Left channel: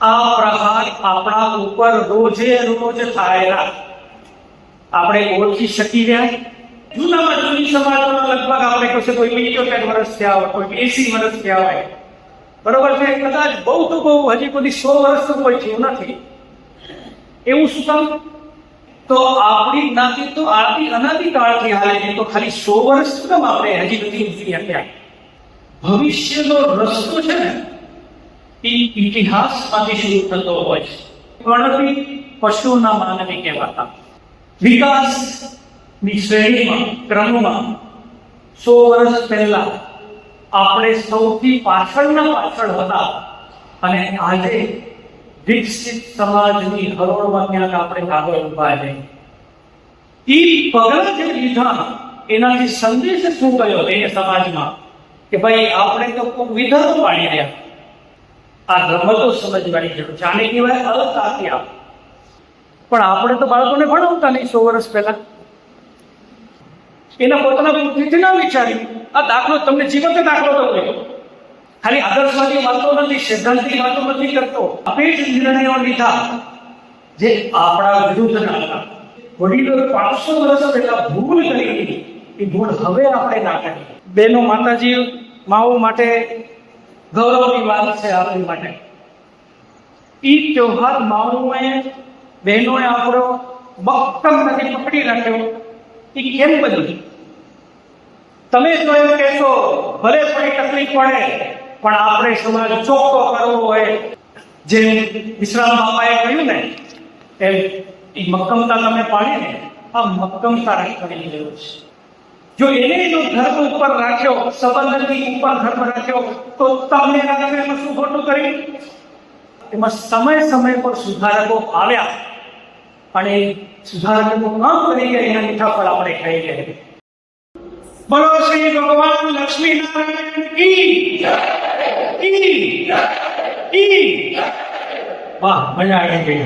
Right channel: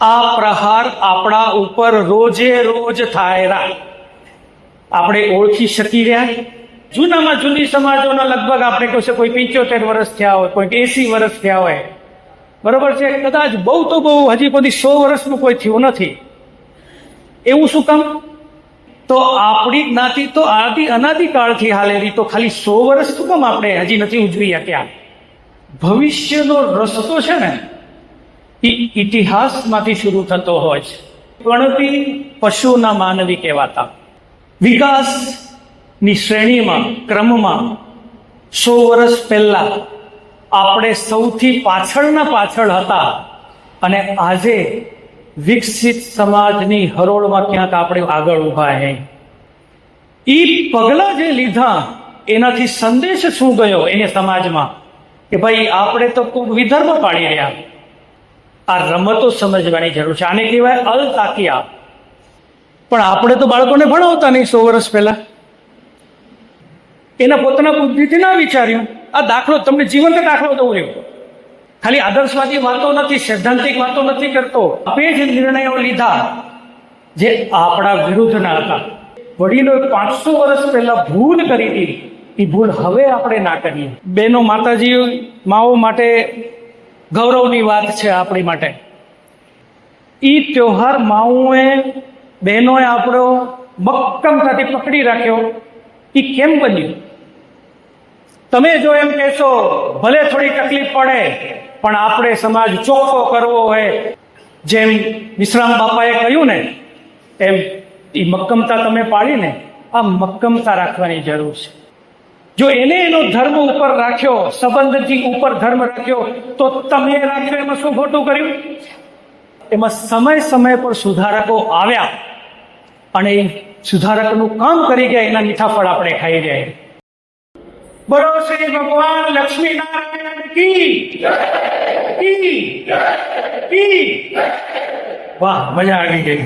આ પ્રહાર આપણા ઉપર રોજે રોજ થાય, આપણે ઓળખી શકી રહ્યા. જૂનામાં જૂની સમાજોના લગભગ આપણે કહ્યું છે કોઈ 75 વર્ષ થયા હોય, કોઈ 80 વર્ષ થયા હોય, બરોબર છે. કદાચ બહુ તો બહુ હજી કોઈ 100 વર્ષનું કોઈ થયું નથી. એવું શું કામ? તો આપણી જ્ઞાતિ તો અનાદિકાળથી હાલેલી, તો ખાલી 100 વર્ષ શું કામ આપણે હજી નથી ઉજવી શક્યા? ભવિષ્યનો રસ્તો છે ને એ ઇતિહાસમાંથી શરૂ થતો હોય છે. ગણતિ પશુના માનવી કહેવાતા. વિકાસની શ્રેણીમાં, ક્રમમાં 100 વર્ષ પહેલા આપણે સૌથી પાછળ હતા, અને આજે વિકસિત સમાજની હરોળમાં ક્યાંક આપણે આગળ ઉભા છે. એ પગલા જે લીધા એનાથી સંદેશ શું ગયો એને સમાજમાં કે ભાઈ આપણે તો ખૂબ વિધર્મ પાડી રહ્યા. આ રમતો સમજવાની જરૂર છે. આને કહેવાય અલતાકિયા. પણ આપણે તો બાળકોને ભણાવતા નહીં 100 વર્ષ પહેલા. એના પોતાના બુદ્ધિથી ના વિચાર્યું. આ દાખલો તમને જીવંત દાખલો દઉં એવો, ખાલી આદર્શવાદી વાતો નથી, સૈદ્ધાંતિક વાતો નથી કરતો. આપણે જ નિર્ણયો લીધા જે આપણા વિરુદ્ધના હતા. વડીલો 500 વર્ષ પહેલા ભૂલ કરી હતી, એ ભૂલ હવે આપણે ના કરીએ. બહેનો, માતાજી, માઓ માટે ગૌરવની વાત છે આપણી માટે. એ ત્યોહાર માઓએ, બહેનોએ આપણો મક્કમતાથી પકડી રાખ્યો. એ કેમ બન્યું? તમે જો એમ કહેશો ભલે થોડી તકલીફ પડે પણ આપણે સમાજ ચોખ્ખો કરવો હોય, જેમ વિશ્રામ બાપાએ કહ્યું ને એમ એ મક્કમતા તમે પાડીને, આ મક્કમતા રાખવાની જરૂર છે. જો એને એનો ધર્મ ઉપર રાખ્યો, સંબંધથી ઉપર ધર્મ રાખ્યો, તો તમે રાખ્યો એમાં શું ખોટું કર્યું? એમાં સમય પર સુધારકો આવ્યા અને સુધારકનું કામ કરી ગયા. એના મીઠા ફળ આપણે ખાઈ જાય. બોલો શ્રી ભગવાન લક્ષ્મી નારાયણ કી વાહ, મજા આવી ગઈ.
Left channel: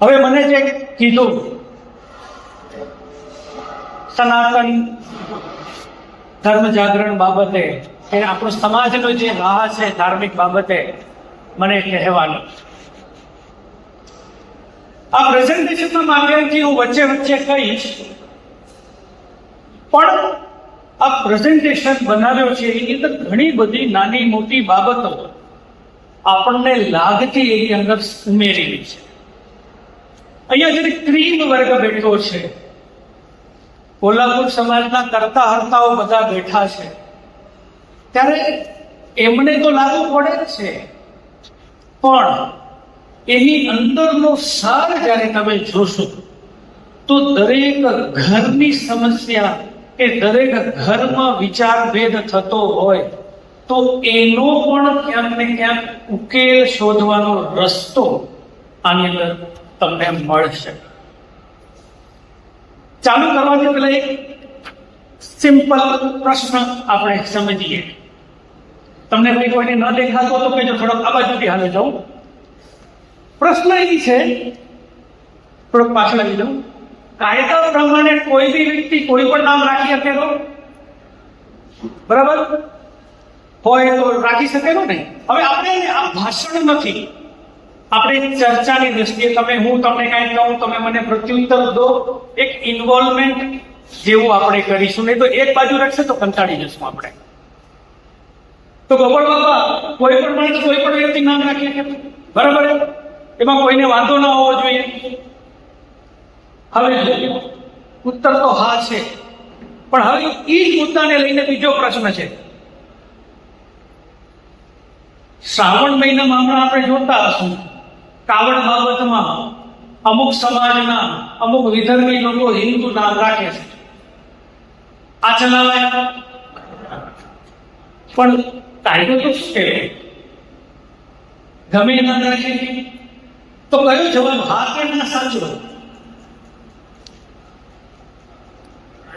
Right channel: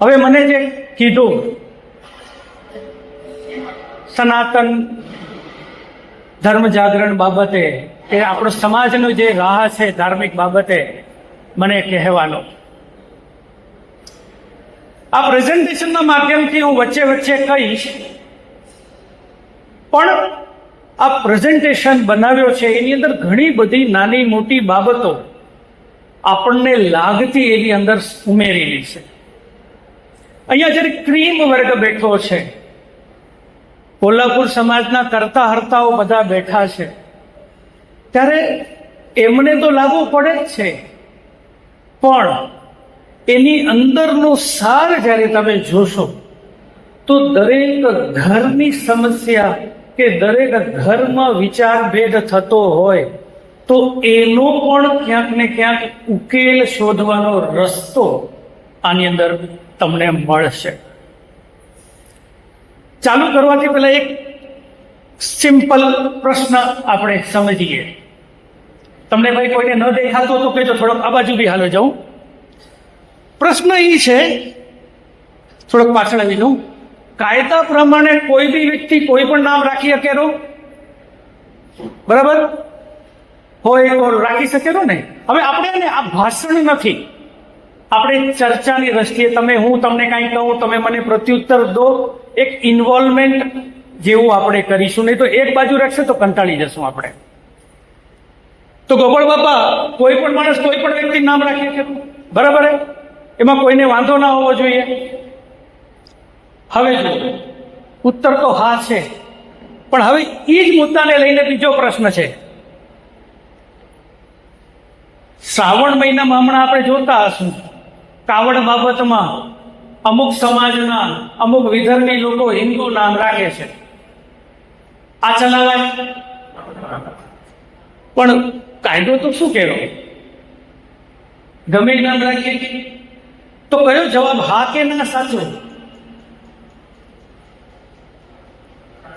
હવે મને જે કીધું સનાતન ધર્મ જાગરણ બાબતે, એ આપણો સમાજનો જે રાહ છે ધાર્મિક બાબતે મને કહેવાનો, આ પ્રેઝન્ટેશનના માધ્યમથી હું વચ્ચે કહીશ. પણ આ પ્રેઝન્ટેશન બનાવ્યો છે એની અંદર ઘણી બધી નાની મોટી બાબતો આપણને લાગતી એની અંદર ઉમેરેલી છે. અહીંયા જ્યારે ક્રીમ વર્ગ બેઠો છે, કોલ્હાપુર સમાજના કરતા હર્તાઓ બધા બેઠા છે, ત્યારે એમને તો લાગુ પડે જ છે, પણ એની અંદરનો સાર જ્યારે તમે જોશો તો દરેક ઘરની સમસ્યા કે દરેક ઘરમાં વિચારભેદ થતો હોય તો એનો પણ ક્યાંક ને ક્યાંક ઉકેલ શોધવાનો રસ્તો આની અંદર તમને મળશે. ચાલુ કરવાથી પહેલા એક સિમ્પલ પ્રશ્ન આપણે સમજીએ. તમને ભાઈ કોઈને ન દેખાતો તો કહેજો, થોડોક આ બાજુ બી હાલે જાઉં. પ્રશ્ન એ છે, થોડોક પાછળ આવી જાઉં. કાયદા પ્રમાણે કોઈ બી વ્યક્તિ કોઈ પણ નામ રાખી શકેલો? બરાબર હોય તો રાખી શકેલો ને? હવે આપણે આ ભાષણ નથી, આપણે ચર્ચાની દ્રષ્ટિએ તમે, હું તમને કાંઈ કહું, તમે મને પ્રત્યુત્તર દો, એક ઇન્વોલ્વમેન્ટ જેવું આપણે કરીશું. નહીં તો એક બાજુ રાખશે તો કંટાળી જશું આપણે. તો ગોપાલ બાપા કોઈ પણ માણસ કોઈ પણ વ્યક્તિ નામ રાખી શકે, બરાબર? એમાં કોઈને વાંધો ન હોવો જોઈએ. હવે જો ઉત્તર તો હા છે, પણ હવે એ જ મુદ્દાને લઈને બીજો પ્રશ્ન છે. શ્રાવણ મહિનામાં હમણાં આપણે જોતા હશું કાવડ બાબતમાં અમુક સમાજના અમુક વિધર્મી લોકો હિન્દુ નામ રાખે છે. આ ચલાવાય? પણ કાયદો તો શું કહેવાય? ગમે નામ રાખીએ તો કયો જવાબ? હા કે ના? સાચો?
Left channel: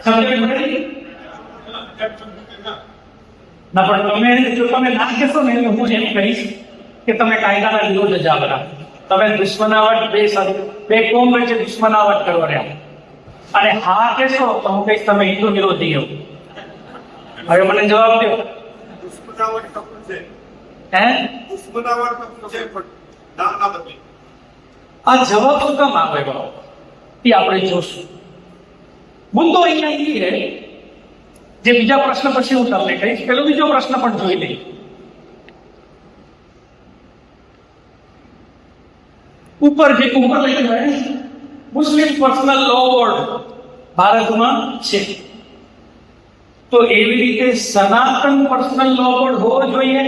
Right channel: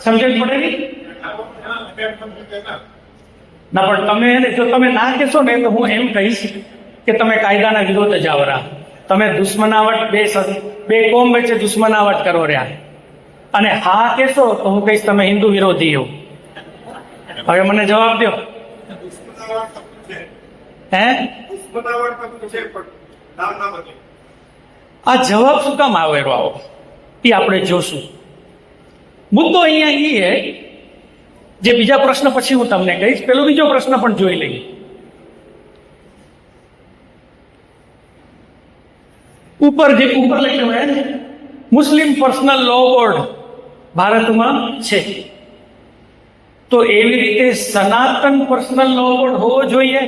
સમજણ પડેલી ના? પણ તમે જો તમે ના કહેશો ને તો હું એમ કહીશ કે તમે કાયદાના વિરોધ જાવરા, તમે દુશ્મનાવટ, બે કોમ વચ્ચે દુશ્મનાવટ કરો રહ્યા. અને હા કહેશો તો હું કહીશ તમે હિન્દુ વિરોધી હો. હવે મને જવાબ દો. હે આ જવાબ શું કામ આવેલો આવો એ આપણે જોશું. મુદ્દો અહીંયા એ જે બીજા પ્રશ્ન પછી હું તમને કહીશ, પેલો બીજો પ્રશ્ન પણ જોઈ લઈએ. ઉપર લખ્યું હે મુસ્લિમ પર્સનલ લો બોર્ડ ભારતમાં છે, તો એવી રીતે સનાતન પર્સનલ લો બોર્ડ હોવો જોઈએ,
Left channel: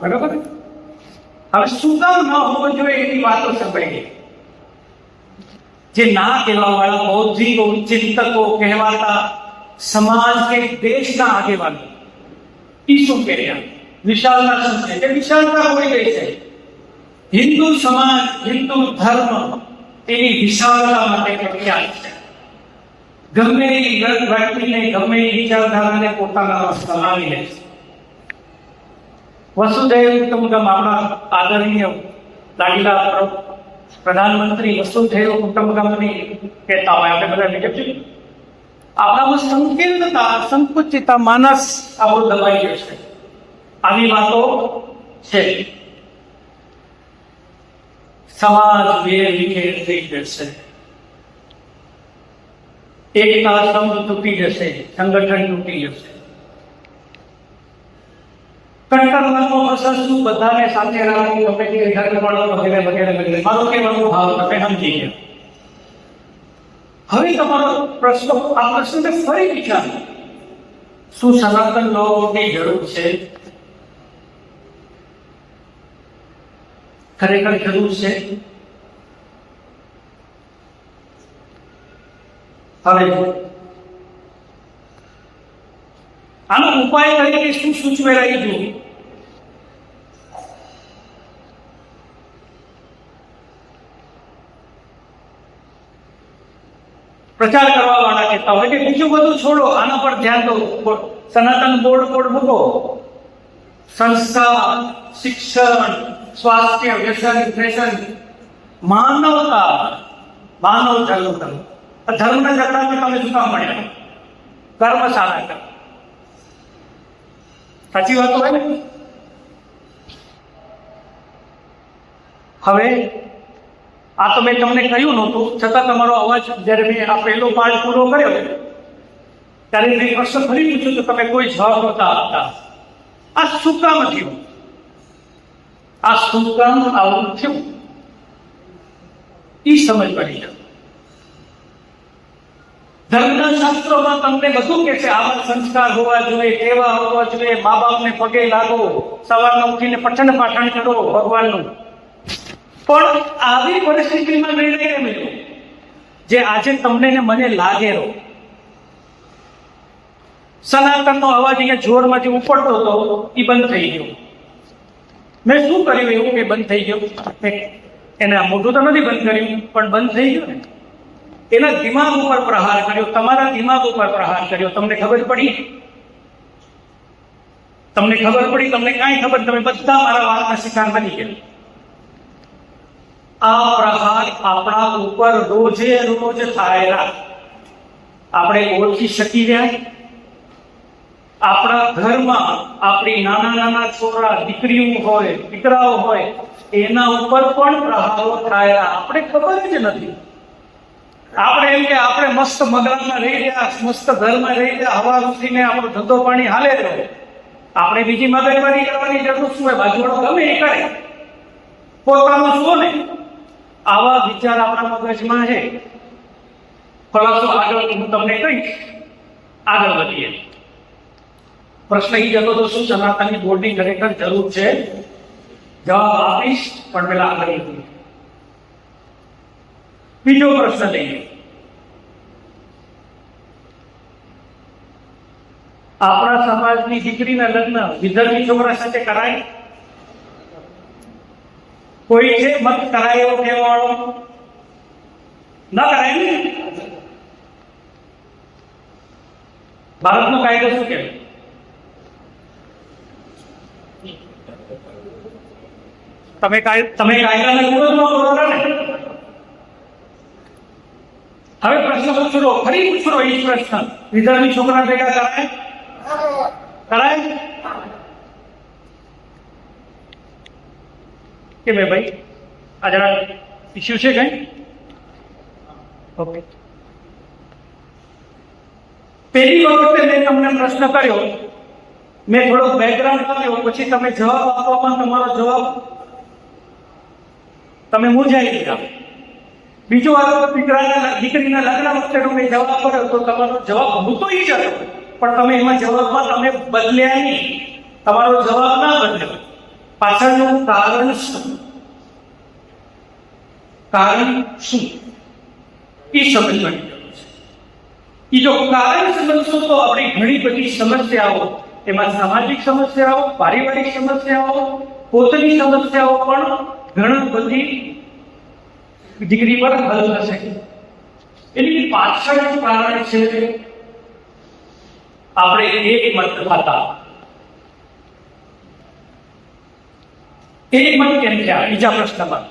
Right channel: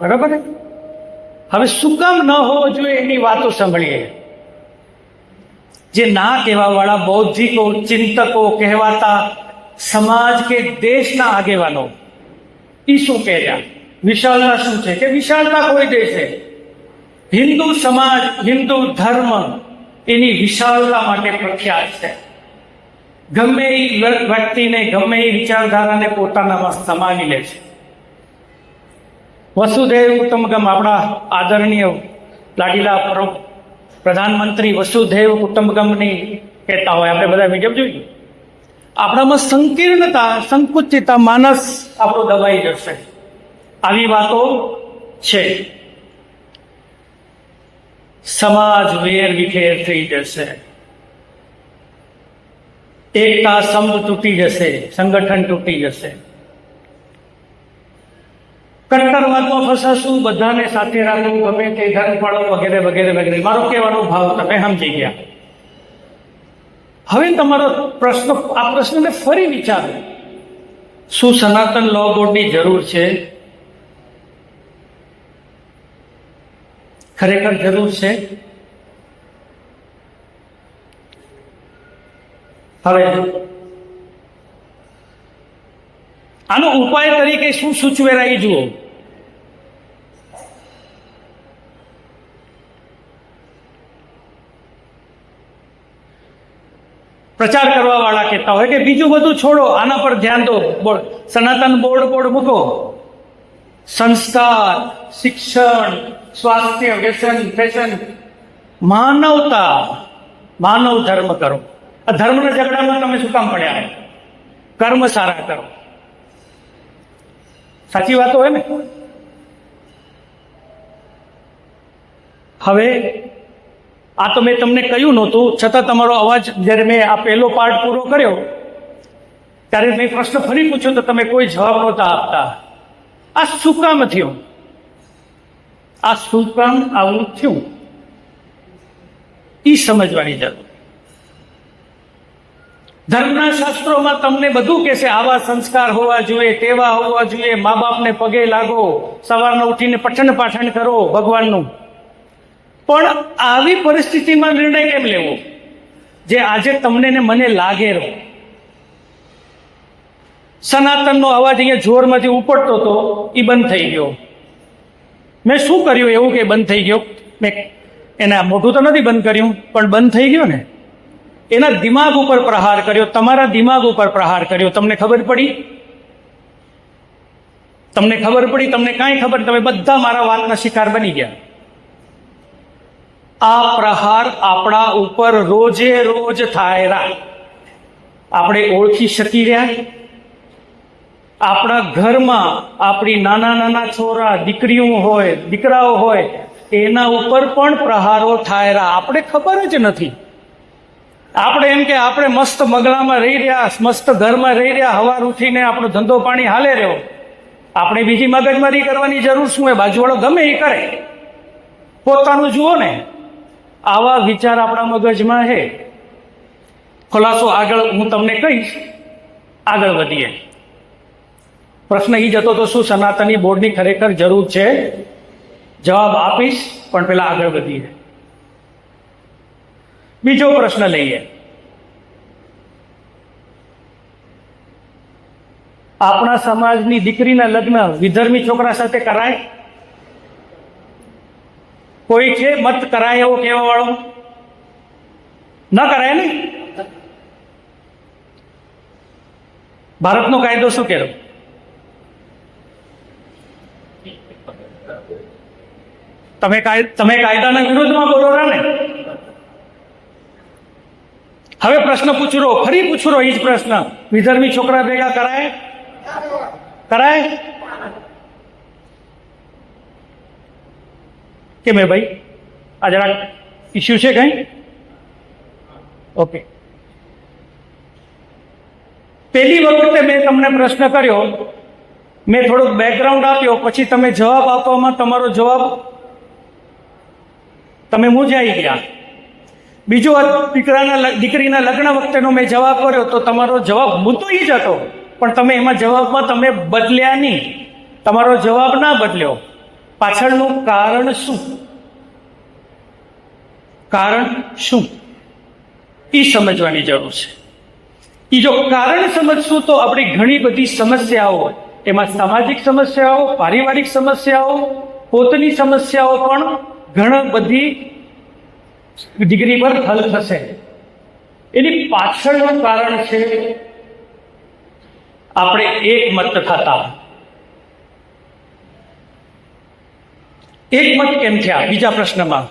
બરાબર? હવે શું કામ ન હોવો જોઈએ એની વાતો સાંભળીએ. જે ના કહેવા વાળા બૌદ્ધિકો ચિંતકો કહેવાતા સમાજ કે દેશના આગેવાનો એ શું કહ્યા, વિશાળતા શું છે કે વિશાળતા કોઈ દેશે, હિન્દુ સમાજ હિન્દુ ધર્મ એની વિશાળતા માટે પ્રખ્યાત છે. ગમે એ વ્યક્તિને ગમે એ વિચારધારાને પોતાનામાં સમાવી લે છે. વસુધૈવ કુટુંબકમ આપણા આદરણીય લાડીલા પ્રધાનમંત્રી વસુધૈવ કુટુંબકમની કહેતા હોય, આપણે બધા બીજા જોઈએ આપણામાં સંકીર્ણતા સંકુચિતતા માનસ આપણું દબાઈ જશે, આવી વાતો છે. સમાજ વેર વિખેર થઈ જશે, એકતા સંઘ તૂટી જશે, સંગઠન તૂટી જશે, કટ્ટરવાદમાં ફસાશું, બધાને સાથે રાખવું, ગમે તે ધર્મ પણ વગેરે વગેરે વગેરે. મારો કહેવાનો ભાવ તમે સમજી ગયા. હવે તમારો પ્રશ્ન, આ પ્રશ્નને ફરી વિચારો, શું સનાતન લો બોર્ડની જરૂર છે? ખરેખર જરૂર છે? હવે આનો ઉપાય તરીકે શું સૂચવેલા એ જુઓ. પ્રચાર કરવા વાળા કહેતા હોય કે બીજું બધું છોડો, આના પર ધ્યાન દો, સનાતન બોર્ડ મૂકો, સંસ્કાર, શિક્ષણ, સ્વાસ્થ્ય, વ્યસન, ફેશન, માનવતા, માનવ ધર્મ કરો. આ ધર્મના ઝઘડામાં તમે શું કામ પડ્યા? કર્મ સારા કરો. સાચી વાતો હોય ને? હવે આ તો મેં તમને કહ્યું નહોતું, છતાં તમારો અવાજ જ્યારે મેં આ પહેલો પાર્ટ પૂરો કર્યો ત્યારે મેં પ્રશ્ન ફરી પૂછ્યો તો તમે કોઈ જવાબ નહોતા આપતા. આ શું કામ થયું? આ શું કામ આવું થયું એ સમજવાની જરૂર. ધર્મના શાસ્ત્રોમાં તમને બધું કહેશે, આવા સંસ્કાર હોવા જોઈએ, તેવા હોવા જોઈએ, મા બાપને પગે લાગો, સવારના ઉઠીને પઠન પાઠણ કરો ભગવાનનું. પણ આવી પરિસ્થિતિમાં નિર્ણય કેમ લેવો જે આજે તમને ને મને લાગે રહો? સનાતનનો અવાજ અહીંયા જોરમાંથી ઉપડતો હતો એ બંધ થઈ ગયો. મેં શું કર્યું એવું કે બંધ થઈ ગયો? મેં એના મોઢું તો નથી બંધ કર્યું, પણ બંધ થઈ ગયો ને. એના દિમાગ ઉપર પ્રહાર કર્યો, તમારા દિમાગ ઉપર પ્રહાર કર્યો. તમને ખબર પડી? તમને કાંઈ ખબર? તમે બધા મારા વાતના શિકાર બની ગયા. આ પ્રહાર આપણા ઉપર રોજે રોજ થાય. આપણે ઓળખી શકી રહ્યા? આપણા ઘરમાં આપણી નાના છોરા, દીકરીઓ હોય, દીકરાઓ હોય, એના ઉપર પણ પ્રહારો થાય. આપણે ખબર જ નથી. આપણે એમ કે આપણે મસ્ત મગલામાં રહી રહ્યા, મસ્ત ઘરમાં રહી રહ્યા, હવાર ઉઠીને આપણો ધંધો પાણી હાલે રહ્યો. આપણે બીજી મગજમારી કરવાની જરૂર શું હોય? બાજુવાળો ગમે એ કરે, પોતાનું જુઓ ને. આવા વિચાર આપણા મગજમાં છે. ખુલાસો આગળ હું તમને કહીશ. આગળ વધીએ. પ્રશ્ન એ જતો તો શું સનાતની બોર્ડની ખરેખર જરૂર છે? જવાબ આપીશ, પણ પેલા આગળ વધીએ. બીજો પ્રશ્ન લઈએ. આપણા સમાજની દીકરીના લગ્ન વિધર્મી છોકરા સાથે કરાય? કોઈ છે મત કરાય એવો કહેવા વાળો? ન કરાય ને. ભારતનો કાયદો શું કહેવો? તમે કાયદાના વિરોધમાં બોલો ને. હવે પ્રશ્ન ફરી પૂછરો એ જ પ્રશ્ન. વિધર્મી છોકરા ભેગા કરાય? કે મેં ભાઈ આ જરા ઇસ્યુ છે કઈ? ઓકે. પહેલી વખતે મેં તમને પ્રશ્ન કર્યો, મેં થોડોક બેકગ્રાઉન્ડ આપ્યો, પછી તમે જવાબ આપવામાં તમારો જવાબ તમે મૂંઝાઈ ગયા. બીજો દીકરીના લગ્ન વખતેનો મેં જવાબ કર્યો તો તમારો જવાબ મૂતોઈ જ હતો, પણ તમે એમાં જવાબમાં તમે બદલ્યા નહીં, તમારો જવાબ ના બદલ્યો. પાછળનું કારણ શું? કારણ શું એ સમજવાની જરૂર છે. એ જો કારણ સમજશું તો આપણી ઘણી બધી સમસ્યાઓ, એમાં સામાજિક સમસ્યાઓ, પારિવારિક સમસ્યાઓ, પોતાની સમસ્યાઓ પણ ઘણા બધી ડિગ્રી પર હલ થશે. એની પાછળનું કારણ છે આપણે એક મત થતા. એક મત કેમ થયા? બીજા પ્રશ્નમાં.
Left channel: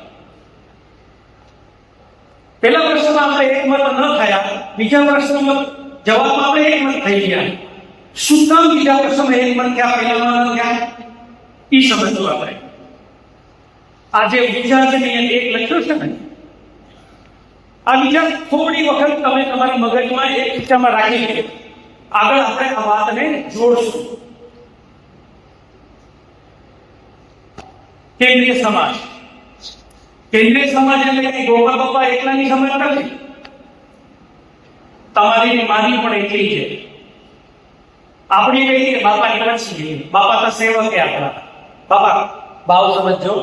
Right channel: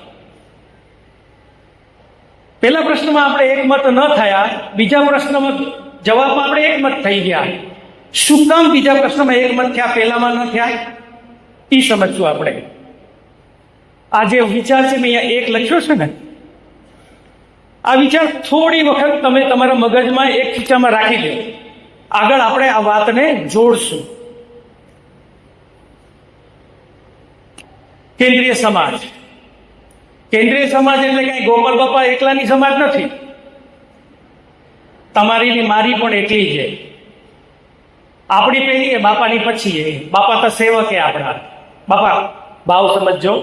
પહેલા પ્રશ્નમાં આપણે એક મત ન થયા, બીજા પ્રશ્નમાં જવાબમાં આપણે એક મત થઈ ગયા. શું કામ બીજા પ્રશ્નમાં એક મત થયા, પહેલામાં ન થયા? એ સમજવું આપણે. આ જે વિચાર છે મેં અહીંયા એક લખ્યો છે ને, આ વિચાર થોડી વખત તમે તમારા મગજમાં એક ખીચામાં રાખી દો. આગળ આપણે આ વાતને જોડશું. કેન્દ્રીય સમાજ. કેન્દ્રીય સમાજ એટલે કઈ ગોપાલ બાપા એકલાની સમાજ નથી. તમારી ને મારી પણ એકલી છે. આપણી પહેલી કે બાપાની પછી. બાપા તો સેવક એ આપણા. બાપા ભાવ સમજો.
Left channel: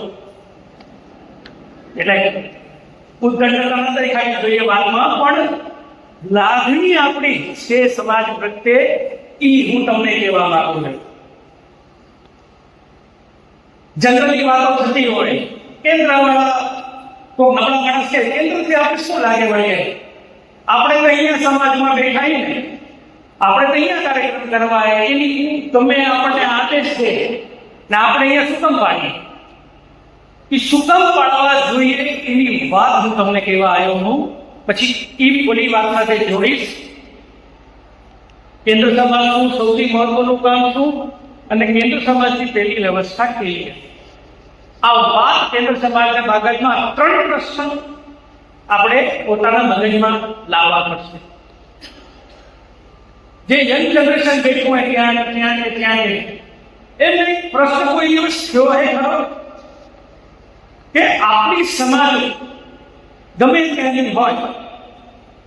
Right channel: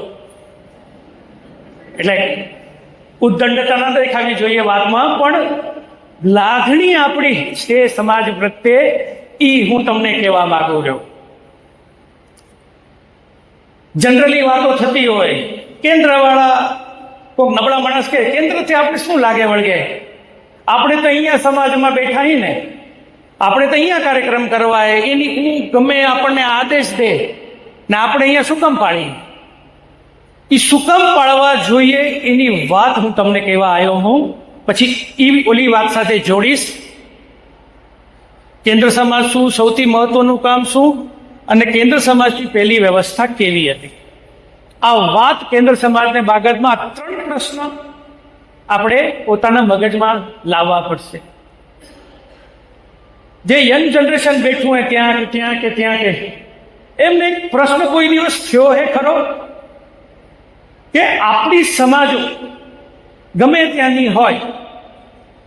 એટલે ઉદ્દંડતા ના દેખાવી જોઈએ વાતમાં, પણ લાગણી આપણી છે સમાજ પ્રત્યે, ઈ હું તમને કહેવા માંગુ છું. જનરલી વાતો થતી હોય, કેન્દ્રવાળા કોઈ નબળા માણસ કે કેન્દ્રથી આપણે શું લાગે વળગે, આપણે તો અહીંયા સમાજમાં બેઠા ને, આપણે તો અહીંયા કાર્યક્રમ કરવા, એની ગમે આપણને આદેશ દે ને આપણે અહીંયા શું કામ પાડીએ? એ શું કામ પાડવા જોઈએ એની વાત હું તમને કહેવા આવ્યો હું. પછી એ ઓલી વાત સાથે જોડીશ. કેન્દ્ર સમાજ શું, સૌથી મહત્વનું કામ શું, અને કેન્દ્ર સમાજની પહેલી વ્યવસ્થા કેવી હતી. આ વાત કેન્દ્ર સમાજને બાબતમાં 3 પ્રશ્ન આપણે પોતાના મગજમાં લાવવા પડશે. જે યંગ જનરેશન બેઠું હોય ત્યાં કે એમને એક પ્રશ્ન કોઈ દિવસ થયો હે ખરો કે આપણી સમાજ ગમે ત્યાંની હોય,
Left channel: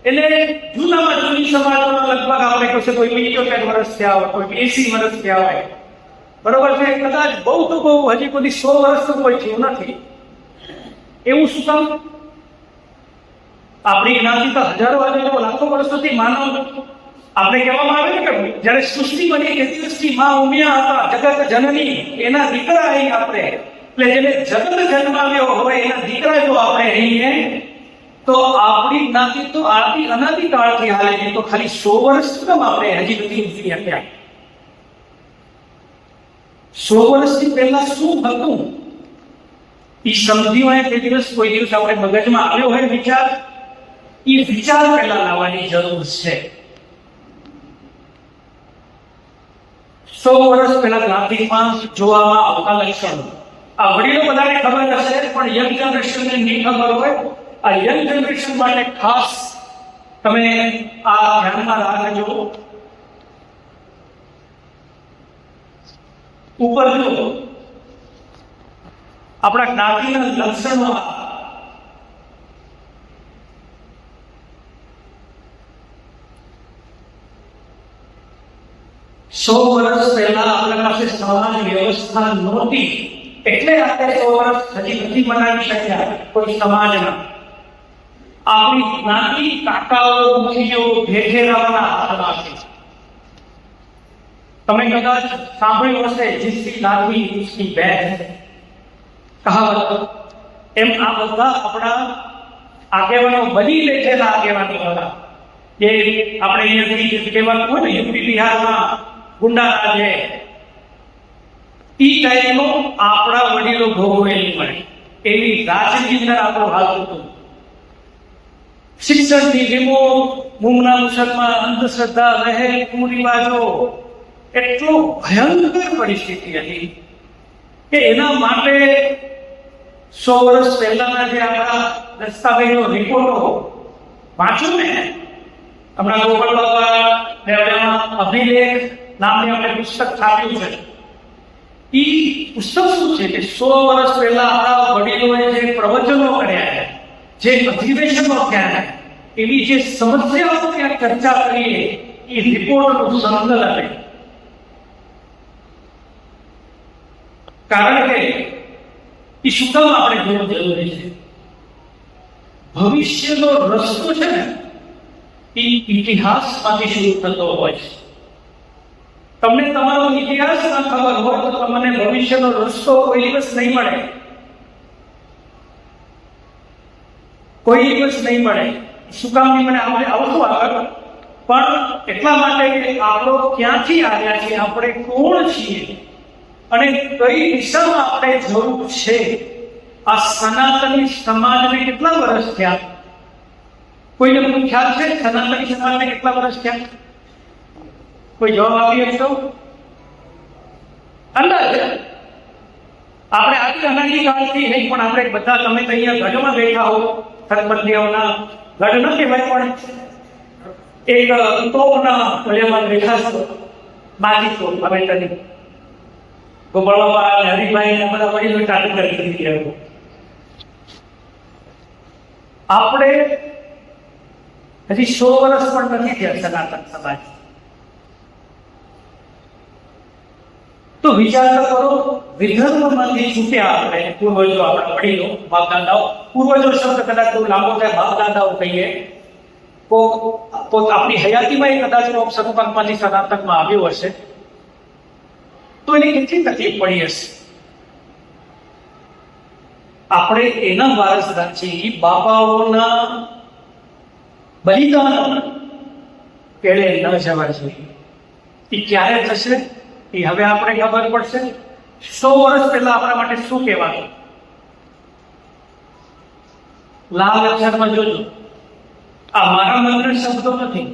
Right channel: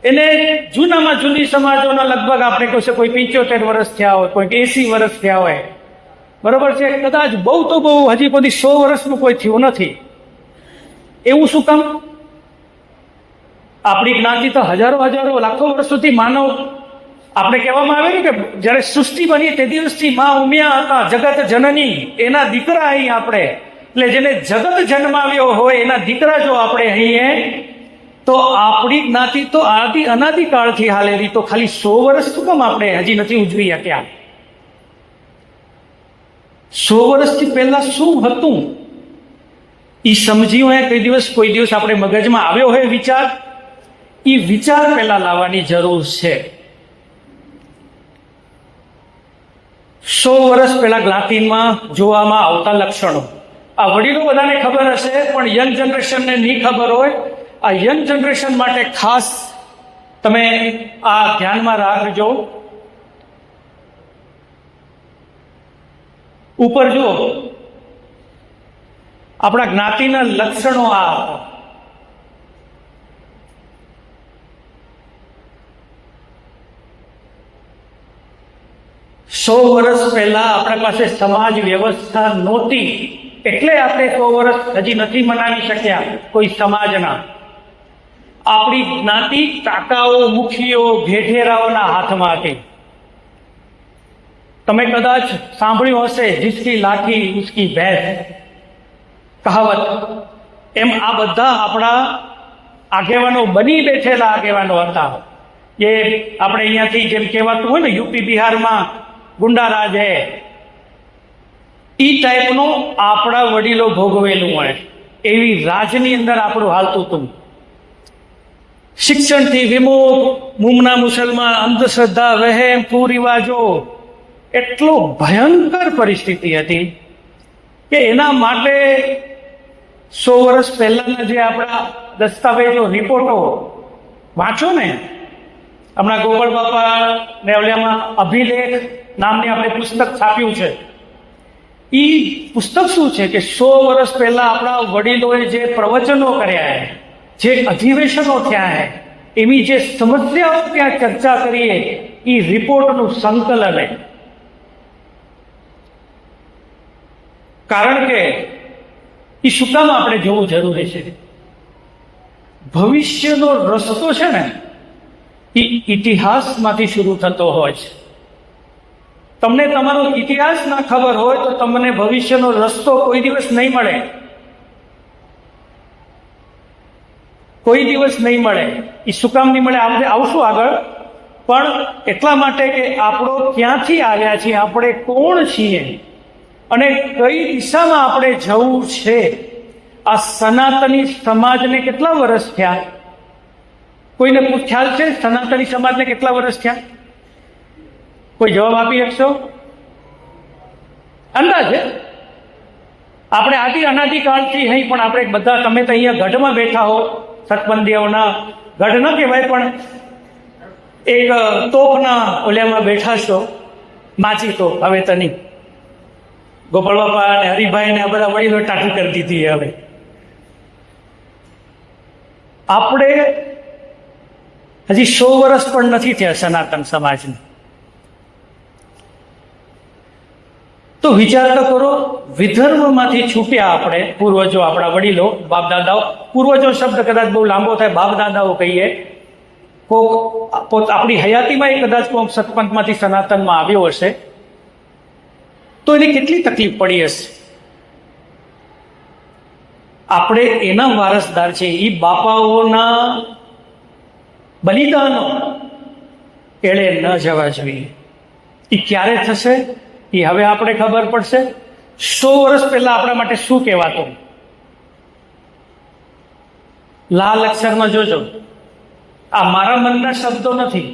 એને જૂનામાં જૂની સમાજોના લગભગ આપણે કહેશે કોઈ 75 વર્ષ થયા હોય, કોઈ 80 વર્ષ થયા હોય, બરોબર છે, કદાચ બહુ તો બહુ હજી સુધી 100 વર્ષનું કોઈ થયું નથી. એવું શું કામ? આપણી જ્ઞાતિ તો હજારો લાખો વર્ષ સુધી માનવ, આપણે કહેવામાં આવે ને કે જયારે સૃષ્ટિ બની તે દિવસથી માં ઉમ્યા હતા, જગત જનની, એના દીકરા અહીં આપણે, એટલે જેને જગત જન્માવ્યો હોય એના દીકરા જો આપણે અહીં, તો આપણી જ્ઞાતિ તો આદિ અનાદિકાળથી હાલેલી, તો ખાલી 100 વર્ષ શું કામ આપણે હજી નથી ઉજવી શક્યા? 100 વર્ષથી પહેલા શું હતું એ સમજ્યું હોય કોઈ દિવસ આપણે મગજમાં આવ્યો હોય વિચાર, એ વિચાર પહેલા લાવવાની જરૂર છે. 100 વર્ષ પહેલા જ્ઞાતિમાં જોવામાં આવતા લક્ષણો આ વડીલો બધાને ખબર હશે, પણ યંગ જનરેશનને નહીં ખબર હોય. આ યંગ જનરેશન માટે ખાસ તમે આ ધ્યાનમાં રાખજો. ઉપર જો આપણા જ્ઞાતિના લક્ષણો આ 100 વર્ષ પહેલા આપણા પાસે સમાજ વ્યવસ્થા નહોતી, એટલે આપણે 100 વર્ષ હજી નથી મનાવી શક્યા કોઈ સમાજના. આપણી જ્ઞાતિ કાકાઓ, મુખીઓ, ભેઠેરાઓના હાથમાં હતી. તમે કદાચ સાંભળ્યું હશે, જીસકી લાઠી ઉસકી ભેંસ કહાવત. એમ આ બધા આપણા આગેવાનો બની બેઠેલા આગેવાનો હતા. એ આપણે અહીંયાથી જેમ કહેવાતું હોય ને, યુપી બિહારમાં ગુંડારાજ હે, ઈ ટાઈપનું આપણા વડીલો ભોગવેલું હોય, એવી રાજની અંદર આપણું હાલતું હતું. શિક્ષણથી વિમુખ, મૂંગના મુસલમાન, અંધશ્રદ્ધા, વહેમ, કુરિવાજો, એટલો ભયંકર પરિસ્થિતિ હતી કે એના માટે 100 વર્ષ પહેલાના જે આપણા દસ્તાવેજો, રિપોર્ટો વાંચો ને, હમણાં ગોપાલ બાપા ને અભિલેખ નામની આપણે પુસ્તક છાપ્યું છે. એ પુસ્તક શું છે કે 100 વર્ષ પહેલા આપણા વડીલોએ જે પ્રવચનો કર્યા, જે અધિવેશનો થયા, એની જે સમસ્યાઓ ત્યાં ચર્ચા કરીએ, એ રિપોર્ટનું સંકલન. કારણ કે એ શું કામ આપણે જોવું જરૂરી છે? ભવિષ્યનો રસ્તો છે ને, એ ઇતિહાસમાંથી શરૂ થતો હોય છે. તમને તમારો ઇતિહાસ ના ખબર હોય તો તમને ભવિષ્યનો રસ્તો કોઈ દિવસ નહીં મળે, કોઈ દિવસ નહીં મળે. એ શું કામ નહીં મળે આપણે આવશું આગળ, પણ એટલા માટે કે આપણો ક્યાંથી આવ્યા છીએ, આપણે કોણ છીએ અને કઈ દિશામાં આપણે જવું છે. આ સનાતની સમાજને કેટલા વર્ષ થયા? કોઈને ખ્યાલ છે સનાતની સમાજને કેટલા વર્ષ થયા? કોઈ જવાબ આપી શકશો? અંદાજે આપણે આદિ અનાદિકાળથી નહીં, પણ આપણે બધા, તમે તો અહીંયા ગઢમાં બેઠા હો, સતબંધીઓના ગઢ ન કહેવાય પણ એક તોપના ઓલેમાં બેઠા છો, માચી તોપ. હવે તની ગોપાલ બાપા અને હરિભાઈ ને બધા વડીલો ટાંકી કરી દીધી. હવે આપણે હજી 100 વર્ષ પણ નથી થયા સનાતન સમાજને. તો વિચાર તો કરો, વિધર્મમાંથી છૂટ્યા આપણે પૂર્વજો, આપણા વડીલો, બાપ દાદાઓ. પૂર્વજો શબ્દ કદાચ બહુ લાંબો થાય, બાપ દાદાઓ કહીએ. આપણી હયાતીમાં એ કદાચ સતપંથમાંથી સનાતનમાં આવ્યો હશે, તો એને કેટલી તકલીફ પડી હશે. આપણે એના વારસદાર છે. એ બાપાઓના બલિદાનો એળે ન જવા જોઈએ. એ ક્યારે થશે એ હવે આપણે ખબર પડશે. 100 વર્ષ પહેલા આપણા માટે શું કહેવાતું? લાલ અક્ષરમાં જોજો, આ મારા મનના શબ્દો નથી.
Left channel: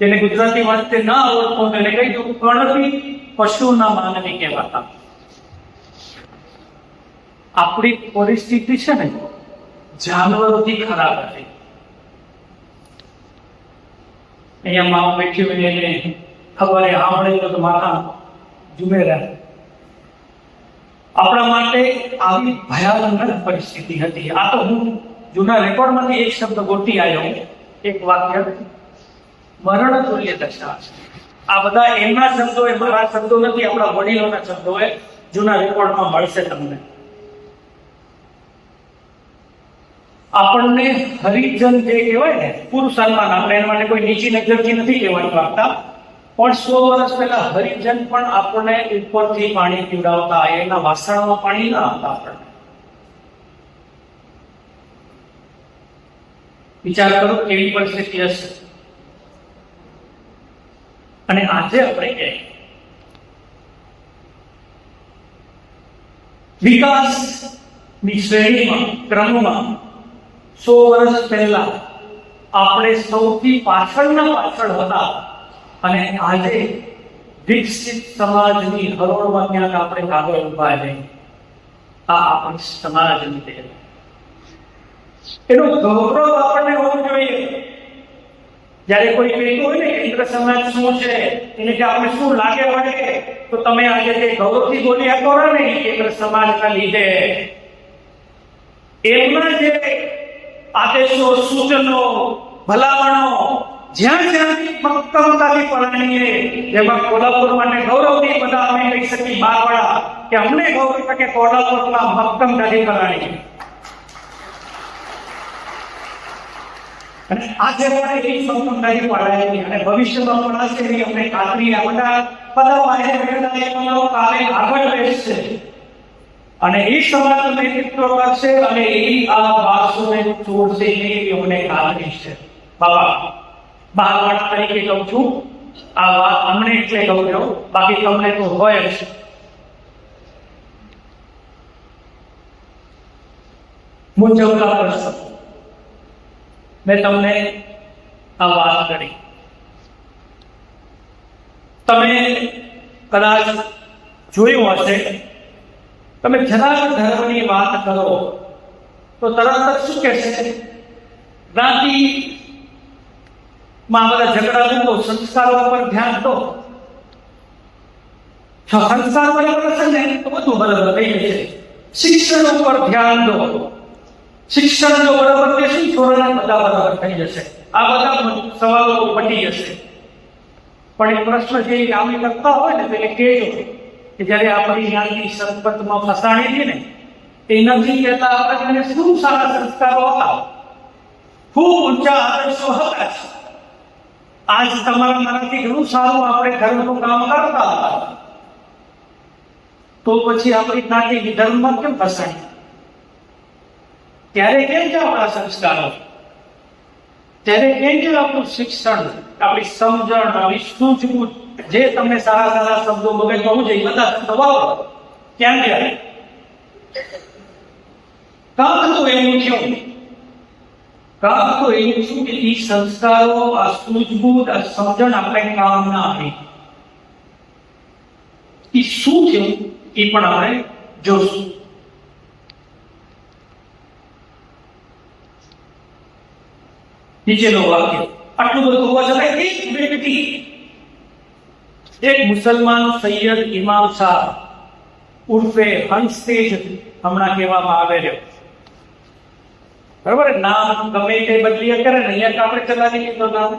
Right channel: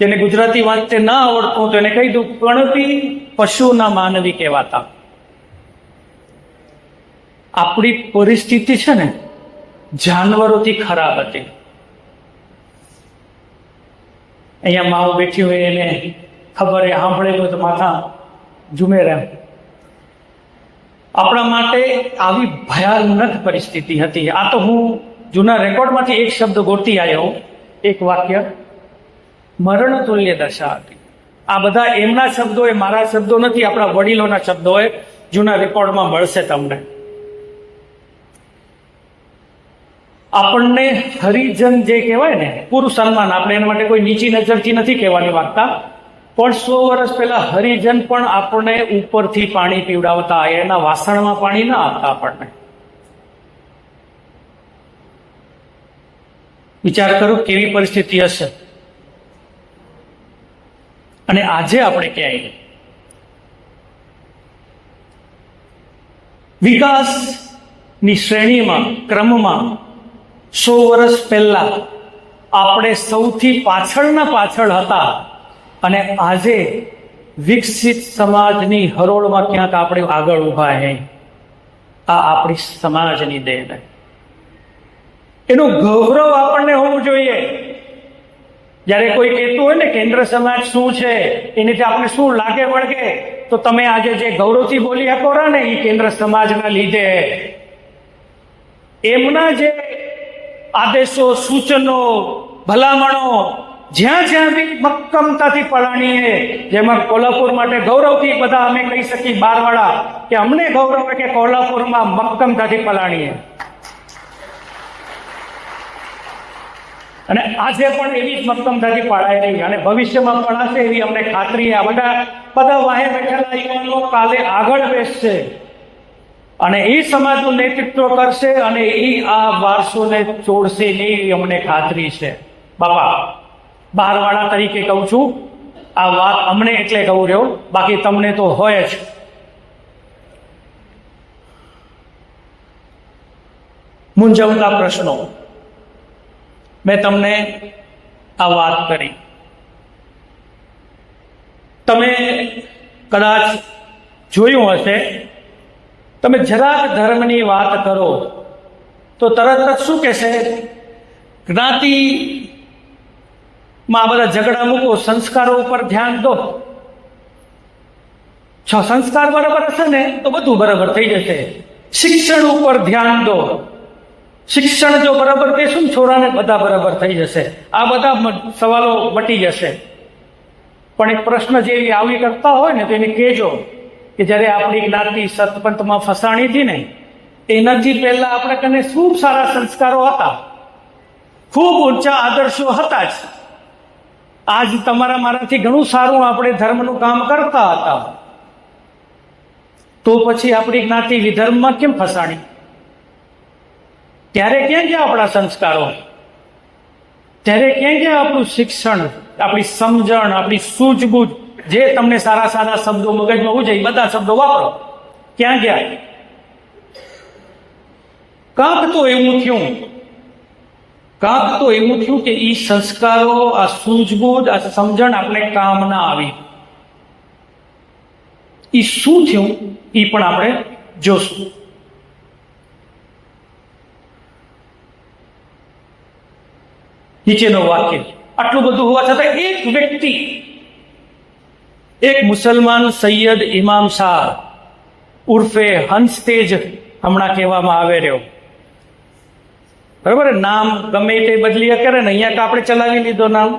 જેને ગુજરાતી વાંચતે ના આવડતું તો એને કહી દઉં, ગણતી પશુના માનવી કહેવાતા. આપણી પરિસ્થિતિ છે ને જાનવરોથી ખરાબ હતી. અહીંયા માઓ બેઠી હોય એને ખબર સાંભળેલો તો માથા ઝૂમે રહે. આપણા માટે આવી ભયાનક પરિસ્થિતિ હતી. આ તો હું જૂના રેકોર્ડમાંથી એક શબ્દ ગોતી આવ્યો, એક વાક્ય, મરણ તુલ્ય દશા હતી. આ બધા એમના શબ્દો, એ મારા શબ્દો નથી, આપણા વડીલોના શબ્દો એ જૂના રેકોર્ડમાં મળશે તમને. આપણને હરિજન જે કહેવાય ને, પુરુષ સન્માન, આપણે એના માટે કોઈ નીચી નજરથી નથી કહેવાની વાર્તા, પણ 100 વર્ષ પહેલા હરિજન પણ આપણને ઉપરથી પાણી પીવડાવતા, એના વાસણમાં પાણી ના આપતા આપણને. વિચાર કરો કેવી પરિસ્થિતિ હશે. અને આજે આપણે ક્યાંય વિકાસની શ્રેણીમાં, ક્રમમાં 100 વર્ષ પહેલા આપણે સૌથી પાછળ હતા, અને આજે વિકસિત સમાજની હરોળમાં ક્યાંક આપણે આગળ ઉભા છે. આ આપણી સમાજની દેન. એનું ગૌરવ આપણને હોવું જોઈએ. જ્યારે કોઈ કહેતું હોય ને કેન્દ્ર સમાજ શું છે, એનાથી આપણે શું લાગે વળગે, તો તમે આજે જે ગૌરવથી બોલી શકો ને, એ કેન્દ્ર સમાજના લીધે. એમના જે આદેશો, સૂચનો, ભલામણો જ્યાં જ્યાં બી મક્કમતાથી પલાણીએ, જેમાં કોલ્હાપુર માટે ગૌરવથી બધા અમે કહી શકીએ, બારવાળા, કે અમને ગૌરવ કે કોલ્હાપુરમાં મક્કમતાથી પલાણીએ. અને આજે પણ એવી જ મક્કમતાથી પાડાયેલી અને ભવિષ્યમાં પડાશે એવી અમને ખાતરી. આ બધા વાહે બેઠેલા કાલે આગળ બેસશે અને એ સમાજનું નેતૃત્વ કરશે અને એ આ વારસોને છોડશે, એવી અમને ખાતરી છે. બાબા બારવાળા તરીકે કહું છું, આ વાત અમને એટલે કહું રહ્યો, બાકી તમને તો હોય જ. મૂંઝવતા પ્રશ્નો મેં તમને આ વાત કરી. તમે કદાચ જોયું હશે તમે જરાક ધર્મની વાત કરો તો તરત જ શું કહેશે? જ્ઞાતિમાં બધા ઝઘડા મૂકો, સંસ્કારો પર ધ્યાન દો. જો સંસ્કાર બરાબર હશે ને તો બધું બરાબર થઈ જશે. શિક્ષણ ઉપર ધ્યાન દો. શિક્ષણ જો બરાબર દેશું ને છોરાને, બધા બરાબર થઈ જશે. આ બધા સવાલો મટી જશે. પણ એક પ્રશ્ન જે આવી કરતા હોય ને તો એને કહેજો કે જ્યારે આપણી જ્ઞાતિ સતપંથમાં ફસાણી હતી ને એનાથી પહેલા આપણે કને શું સારા સંસ્કારો હતા, ખૂબ ઊંચા આદર્શો હતા જ. આજ તમારા મારાથી ઘણું સારું આપણે ધર્મનું કામ કરતા હતા, તો પછી આપણી જ્ઞાતિ વિધર્મમાં કેમ ફસાણી? ત્યારે કેમ કે આપણા સંસ્કારો, ત્યારે કેમ કે આપણું શિક્ષણ, આપણી સમજણ, આપણી સૂઝબૂઝ, જે તમને સારા સારા શબ્દો મગજમાં હોવું જોઈએ બધા શબ્દો વાપરો. ક્યાં ગયા? કાંક તો એવું થયું કે એ સંસ્કારો, આ સૂઝબૂઝ, આ સમજણ આપણે કામ ના આવી. એ શું થયું એ પણ આપણે જોશું. નીચેનો વાક્ય, આટલું બધું હોવા છતાં એક વ્યક્તિ, એક મુસલમાન સૈયદ ઇમામ શાહ ઉર્ફે હંસતેજ હમણાં કહેવામાં આવે રહ્યો. બરાબર, નામ ગમે તે બદલી કરે ને, અહીંયા તો આપણે ચલાવી લીધો નામ.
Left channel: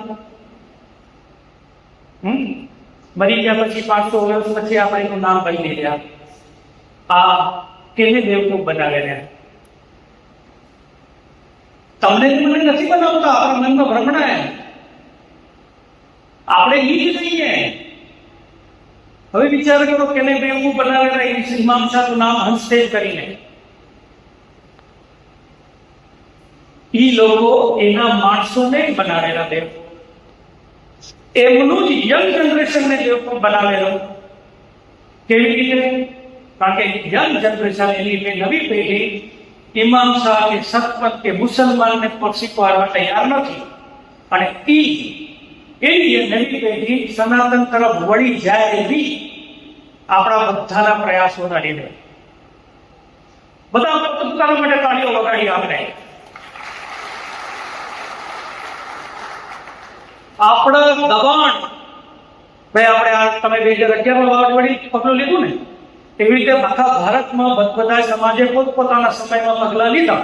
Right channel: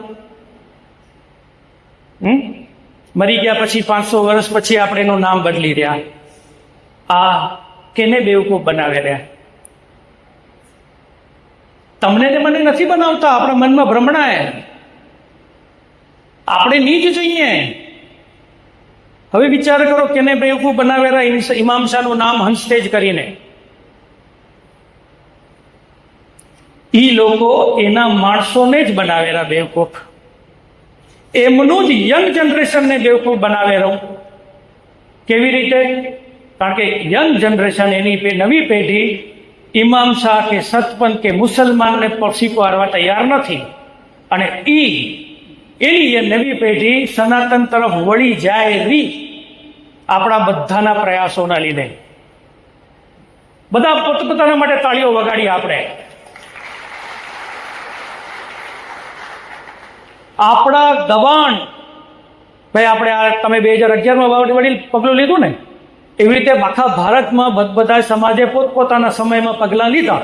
મરી ગયા પછી 500 વર્ષ પછી આપણે એનું નામ બદલી રહ્યા. આ કેને બેવકૂફ બનાવે રહ્યા? તમને ને મને નથી બનાવતા, આપણા મનમાં ભ્રમણા. આપણે ની જ જોઈએ. હવે વિચાર કરો કેને બેવકૂફ બનાવેલા ઇમામ શાહનું નામ હંસતેજ કરીને. ઈ લોકો એના માણસોને જ બનાવેલા બેવકૂફ. એમનું જ યંગ જનરેશનને બેવકૂફ બનાવેલું. કેવી રીતે? કારણ કે યંગ જનરેશન, એની નવી પેઢી ઇમામ શાહ કે સતપંથ કે મુસલમાનને સ્વીકારવા તૈયાર નથી. અને એની નવી પેઢી સનાતન તરફ વળી જાય એવી આપણા બધાના પ્રયાસોના લીધે. બધા પોતપોતાના માટે તાળીઓ વગાડી આપણે. આપણા દબાણ, ભાઈ આપણે તમે 2011માં વડીલ પગલું લીધું ને, એવી રીતે આખા ભારતમાં બધા સમાજે પોતપોતાના સમયમાં પગલાં લીધા.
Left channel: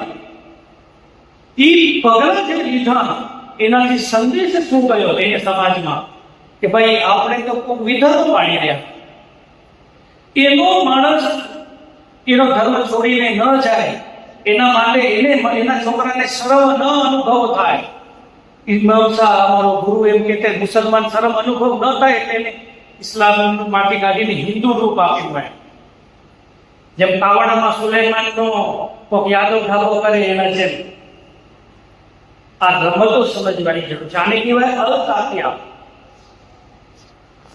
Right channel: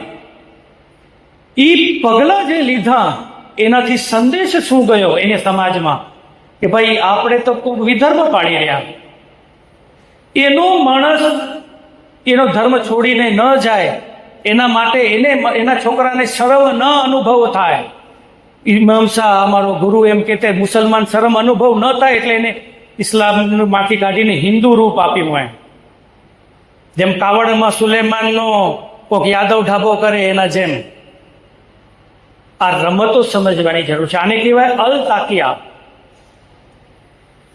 એ પગલાં જે લીધા એનાથી સંદેશ શું ગયો એને સમાજમાં કે ભાઈ આપણે તો વિધર્મ પાડી રહ્યા. એનો માણસ એનો ધર્મ છોડીને ન જાય એના માટે એના છોકરાને શરમ ન અનુભવ થાય. ઇમામ શાહ અમારો ગુરુ એમ કહેતા, મુસલમાન શરમ અનુભવ ન થાય એટલે એને ઇસ્લામમાંથી કાઢીને હિન્દુ રૂપ આપ્યું હોય. જેમ કાવડમાં સુલેમાનનો કોક યાદવ ઢાબો કરે એના જેમ આ રમતો સમજવાની જરૂર છે. આને કહેવાય અલ તાકિયા.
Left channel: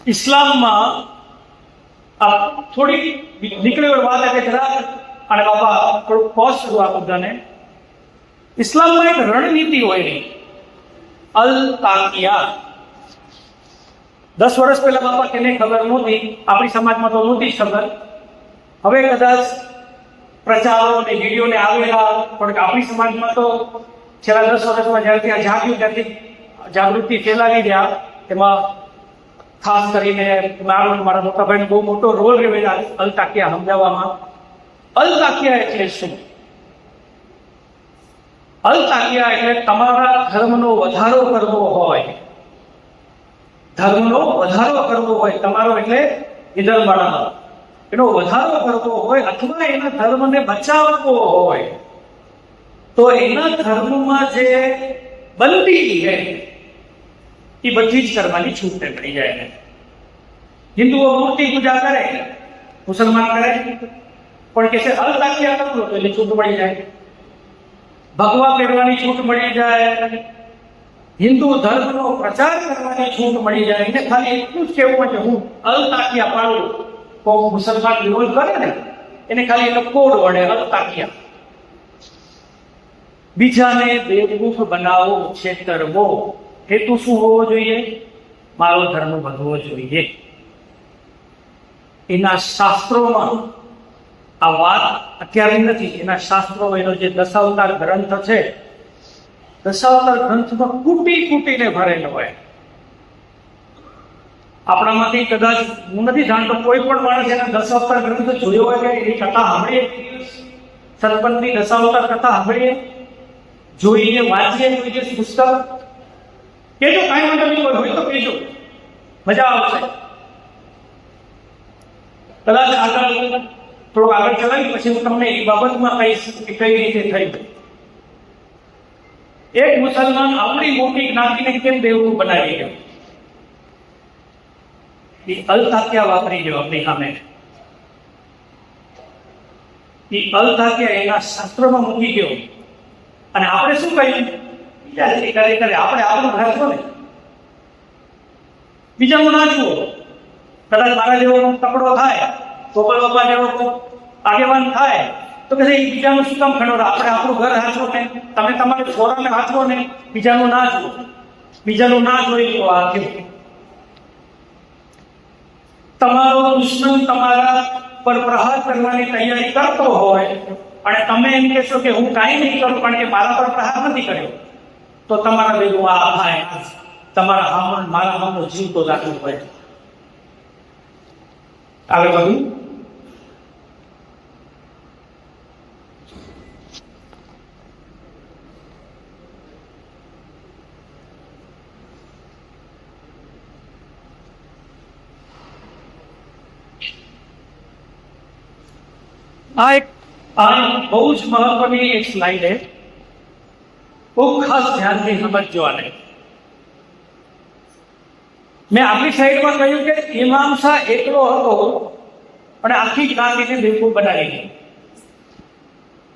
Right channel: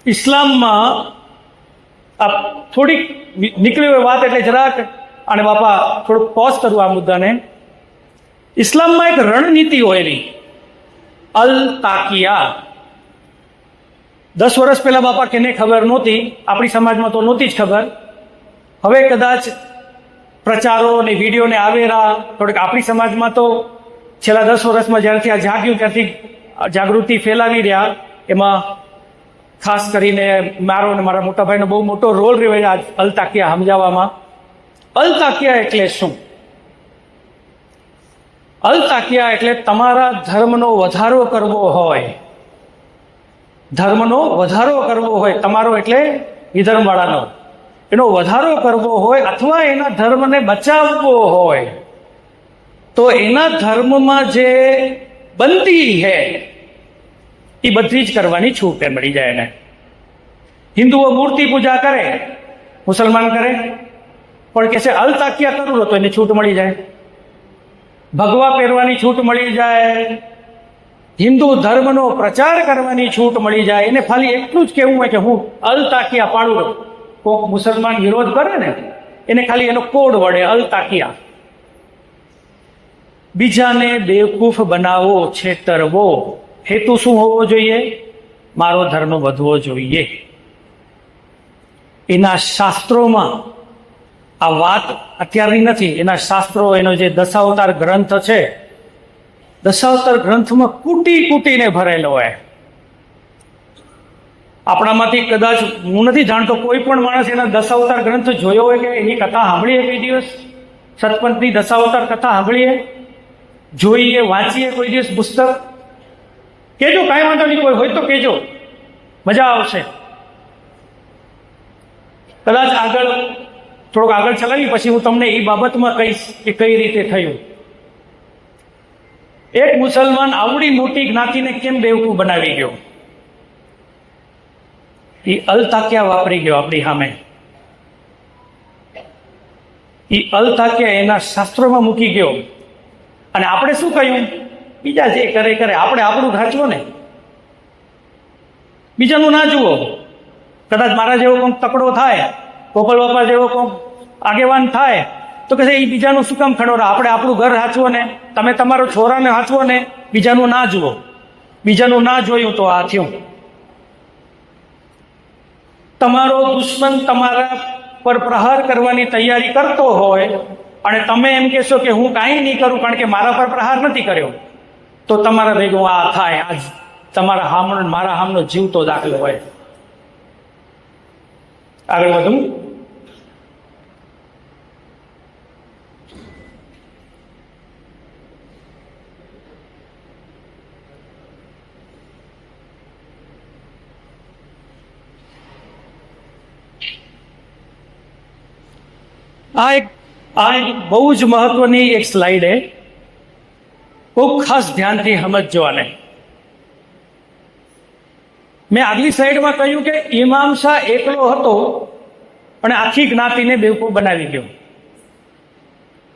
ઇસ્લામમાં આ થોડીક નીકળી હોય વાત એટલે જરાક, અને બાપા થોડુંક પોઝ કરું આ મુદ્દાને. ઇસ્લામમાં એક રણનીતિ હોય એની, અલ તાકિયા. 10 વર્ષ પહેલા બાપા કેને ખબર નહોતી, આપણી સમાજમાં તો નહોતી જ ખબર. હવે કદાચ પ્રચારો અને વિડીયોને આવેલા થોડીક આપણી સમાજમાં તો છેલ્લા 10 વર્ષમાં જ્યારથી આ જાગ્યું ત્યારથી જાગૃતિ ફેલાવી રહ્યા. એમાં ખાસ કરીને મારો અને મારા મોટા ભાઈનો બહુ મોટો રોલ રહ્યો અલ તાકિયા સમજાવવામાં. અલ તાકિયા એટલે શું? અલ તાકિયા એટલે તમારા ધર્મનો વધારો કરવો હોય, ધર્મનો વધારો કરવો હોય, તમારો એટલે વિધર્મવાળાનો, એનો વધારો કરવો હોય અથવા એના ધર્મને બચાવવો હોય તો એના ધર્મમાં જે બંદી છે એ બધી જ કરવાની છૂટ મળી જાય એને. હિન્દુઓ મૂર્તિ પૂજા કરે, મુસલમાન કરે, પણ કે છે અલ તાકિયા કરવું તો એને છૂટ મળી જાય. ભગવા પહેરવાની છૂટ મળી જાય, હિન્દુ ધર્મનો પ્રચાર કરવાની છૂટ મળી જાય. એને ખાલી એટલું જ કહેવું હોય કે હું અલ તાકિયા પાડું. કોક મુસલમાન વિરોધ કરે ને એને ખાલી એનો કોડ વડે અલ તાકિયા. બીજાને બેવકૂફ બનાવો, છેતરવો, હેતુ શું હોવો જોઈએ? મારો ધર્મ વધવો જોઈએ. એના શાસ્ત્રોમાં આ વાત અત્યારની નથી, એના શાસ્ત્રો, એનો જે દશાવતાર ગ્રંથ છે, દશાવતાર ગ્રંથમાં કૂટી કૂટીને ભરેલો હોય. આપણામાંથી કદાચ હું નથી જાણતો કોઈ પણ માણસ એના દશાવતાર ગ્રંથ જોયો હોય કે એની કથા સાંભળીએ કોઈ દિવસ, સતપંથની દશાવતાર કથા સાંભળીએ, જોઈએ, વાંચીએ કોઈ દિવસ પુસ્તક? કેજો, કાંઈ વાંધો નહીં, હોય તો કેજો, મજા આવશે. કદાચ આગળ થોડુંક આગળ ચલાવી પછી હું તમને એ બાબતમાં કહીશ કે કઈ રીતે થયું. એક મુસલમાન આવડી મોટી જ્ઞાતિને કેમ બેવકૂફ બનાવી ગયો? એ અલતાક્યા વાપરી ગયો આપણી સામે. એ અલતાક્યા એના શાસ્ત્રોમાં મૂકી ગયો. અને આપણે શું કહ્યું? બીજા જે કરે કરે, આપણે આપણું ઢાંચવું ને, બીજાનું ના જુઓ. કદાચ મારા જેવો કોઈ તકડો થાય, ગોપાલ બાપા જેવો કોઈ આગેવાન થાય તો કે એ બીજાનું શું કામ ખડો? આપણે આપણું ઘર હાંચવો ને, તમે તમારો છોરાને હાંચવો ને, બીજાનું ના જુઓ. બીજાનું ના જોયું તો આ થયું. તમારો દુશ્મન તમારા પર પ્રહાર કરવાની તૈયારી કરતો હોય અને તમે એમ કહેશો કે હું કાંઈ નહીં કરું કારણ કે મારા પર પ્રહાર નથી કર્યો, તો તમારા ભેગું આ થાય. આજ તમારા હામણ મારા હામનો જીવતો દાખલો હોય. આગળ વધું. આ બહુ જ મહત્વની એક સ્લાઇડ છે, ખૂબ ખાસ ધ્યાનથી સમજજો આને. મેં આગલી સ્લાઇડમાં કહ્યું કે ઇમામ શાહ એકલો હતો અને આખી જ્ઞાતિને બેવકૂફ બનાવી ગયો.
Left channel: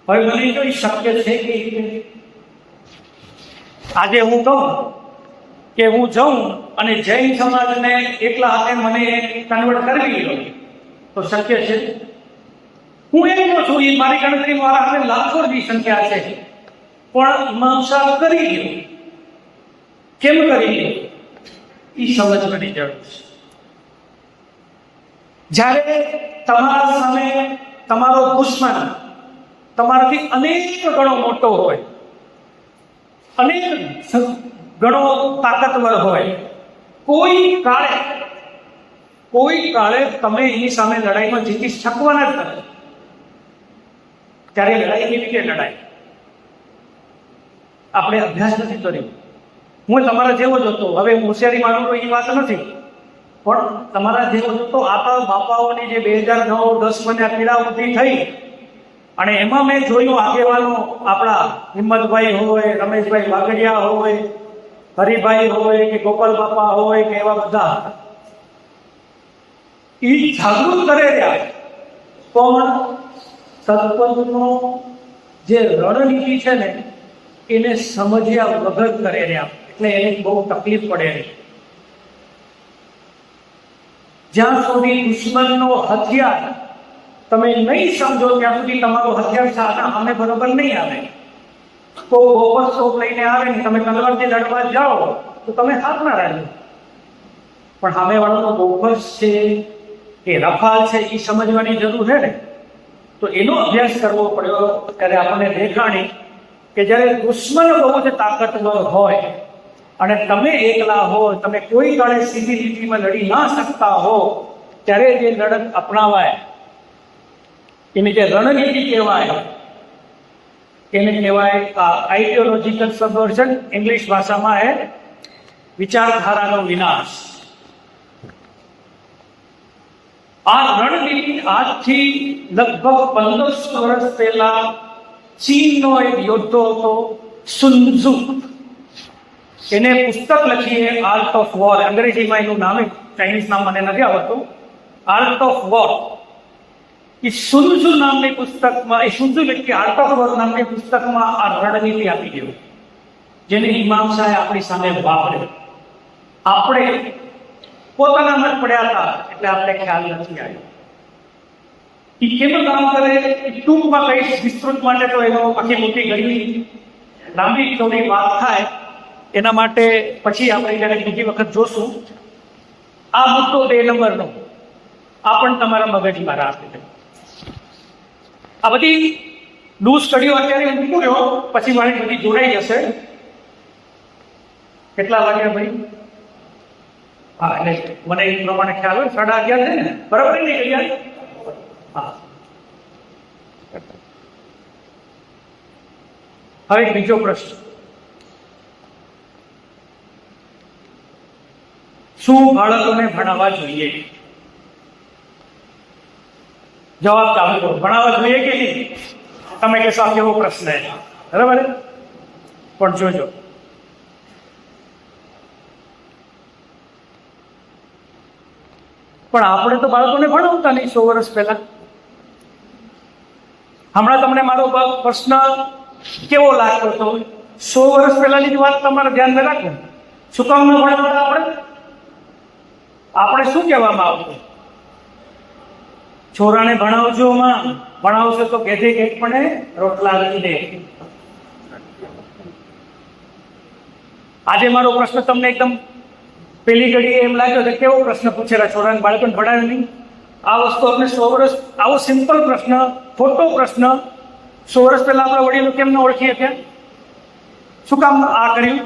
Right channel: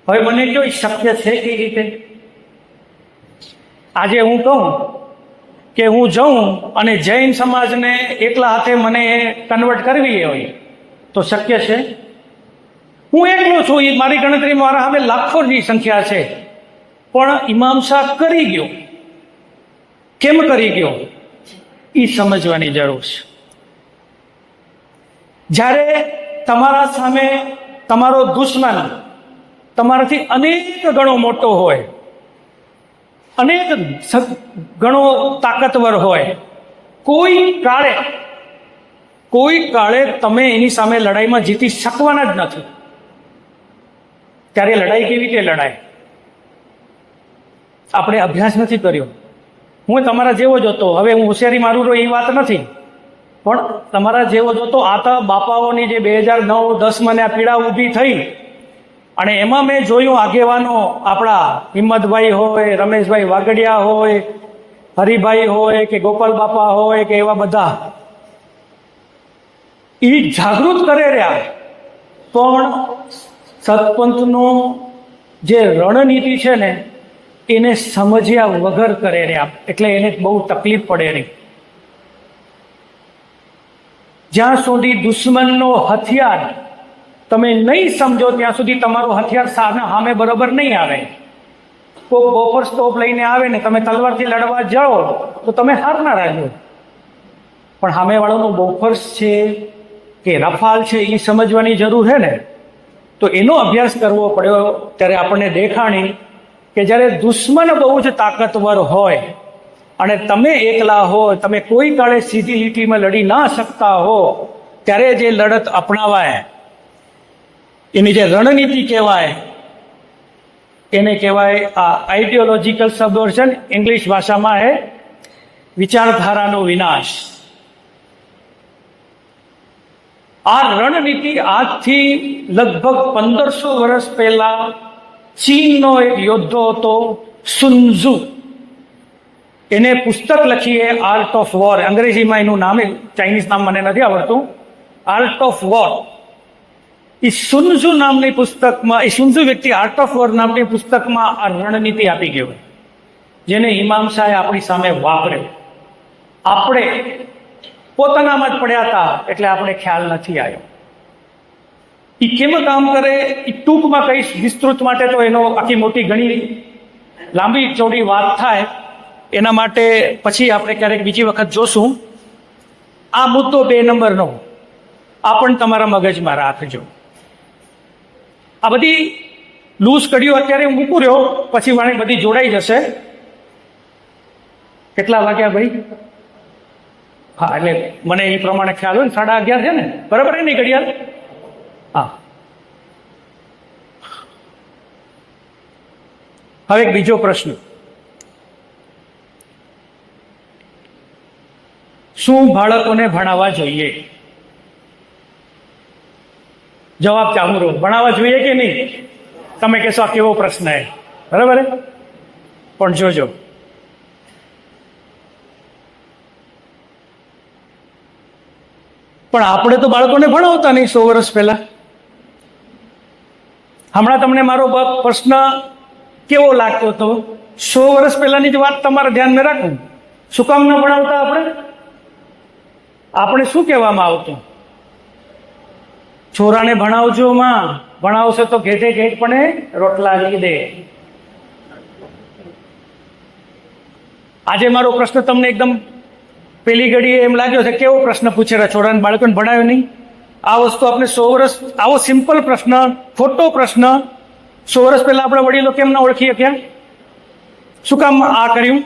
હવે મને જો એ શક્ય છે કઈ રીતે? આજે હું કહું કે હું જાઉં અને જૈન સમાજને એકલા હાથે મને કન્વર્ટ કરવી હોય તો શક્ય છે? હું એકલો છું, એ મારી ગણતરી મારા હવે લાખોની સંખ્યા છે, પણ ઇમામ શાહ કરી ગયો. કેમ કરી ગયો એ સમજવાની જરૂર છે. જ્યારે તમારા સામે તમારો દુશ્મન તમારાથી અનેક ગણો મોટો હોય, અનેક ગણો તાકાતવર હોય, કોઈ કાળે તમે એની સામે લડાઈમાં જીતી શકવાના જ નથી. ત્યારે લડાઈ કેવી રીતે લડાય? આપણે અભ્યાસ નથી કર્યો. હું તમારા જેવો જ હતો, હવે હું હોશિયારી મારું તો એ વાત નથી, પણ તમારા જેવો જ હતો. આતા બાપાઓની જે 2009-10 મને આ પીડા ઊભી થઈ અને એમાં મેં જોયું આગેવાનો આપણા હિંમતભાઈ હોય, રમેશભાઈ વાગડિયા હોય, હરિભાઈ હોય કે ગોપાલ બાપા હોય કે એવા બધા એ જાગૃત કરે રહ્યા, પણ સતપંથનો જે રણનીતિ છે ને એને સમજ્યા વગર કરે રહ્યા, એટલે એને બહુ તકલીફ પડે રહી. જ્યાં સુધી દુશ્મનનો હથિયાર તમે નહીં સમજો ત્યાં સુધી તમારું હથિયાર સામે બરાબર નહીં આવે. કોઈ બોપર સ્ટોપ લઈને આવે ને તમે તલવારથી લડવા જાઓ તો તમે હારના રહેજો, પણ સામેવાળાનો બોફર્સ છે કે રફાલ છે એ સમજવાની જરૂર છે ને. તો એનો અભ્યાસ કરવો પડ્યો. ત્યારે આપણને દેખાણી કે જ્યારે દુશ્મન બહુ જ તાકાતવર હોય અને તમે એકલા હો, તમે કોઈ કાળે સીધી લીટીમાં લડી ના શકતા હો, ત્યારે જે લડત અપનાવાય એની જે રણનીતિ કહેવાય એને કહેવાય આઈડિયોલોજીકલ સબવર્ઝન. ઇંગ્લિશ ભાષામાં એ વિચારધારાનો વિનાશ. આ રણનીતિ આજથી લગભગ 1500 વર્ષ પહેલા ચીનનો એક યોદ્ધો હતો સુન્ઝુ. એને પુસ્તક લખી એ આર્ટ ઓફ વોર. અંગ્રેજીમાં એનું નામ, ચાઇનીઝ નામ મને નથી આવડતું, આર્ટ ઓફ વોર. એ સુન્ઝુ નામની પુસ્તકમાં, એ સુન્ઝુ વ્યક્તિ આર્ટ ઓફ વોર નામની પુસ્તકમાં આ રણનીતિ આપી ગયો, જેને ઇમામ શાહે આપણી સામે વાપર્યો. આપણે પોતાનામાં જ પડ્યા હતા એટલે આપણે ખ્યાલ નથી આવ્યો. એ કેમ કામ કરે એ ટૂંકમાં કહીશ. વિસ્તૃત માટે તો એનો આખી મોટી ઘણી લાંબી ચોડી વાત થાય, એના માટે પછી આપણે ક્યારેક બીજી વખત જોશું. આ મુદ્દો 2 નંબરનો આ પણ તમારા મગજમાં રાખજો. આ બધી લૂઝ કડીઓ અત્યારે હું મૂકું રહ્યો, પછી મારી બધી જોડાઈ જશે. કેટલા વાગ્યા ભાઈ? હા, એટલે મને એ પ્રમાણે ખ્યાલ હોય ને, 11:30 છે ને, બરાબર ને ઘડિયાળ? હા. હવે એક બીજો પ્રશ્ન, શું બાળકોને ભણાવવા જોઈએ? જવાબ ચાલુ રહો. ભણાવવા જોઈએ કે નહીં? તમે કહેશો આ કેવો પ્રશ્ન છે, બરાબર? પણ જોજો, પણ આપણે તો બાળકોને ભણાવતા નહીં 100 વર્ષ પહેલા. હમણાં તમને મારો પ્રશ્ન કેવો લાગતો હતો? 100 વર્ષ પહેલાની જ વાત તમારે ધ્યાનમાં રાખવું. શું કામ ન ભણાવતા? આપણે શું કહેવામાં આવતું? છોરાને ભણાવજો માં, ભણાવશે તો ઘેટે ઘેટ પણ રોટલા લઈ દે. આજે મારો પ્રશ્ન તમને એકદમ પેલી ઘડીએ એમ લાગ્યો છે કેવો પ્રશ્ન પૂછેલા, છોરાને બાળકોને ભણાવ્યો નહીં. આ વસ્તુ આપણે 100 વર્ષ, આવો સિમ્પલ પ્રશ્ન, ખોટો પ્રશ્ન 100 વર્ષ પહેલા આપણા વડીલો કેમ ન ઓળખી શક્યા? શું કામ આ કર્યું?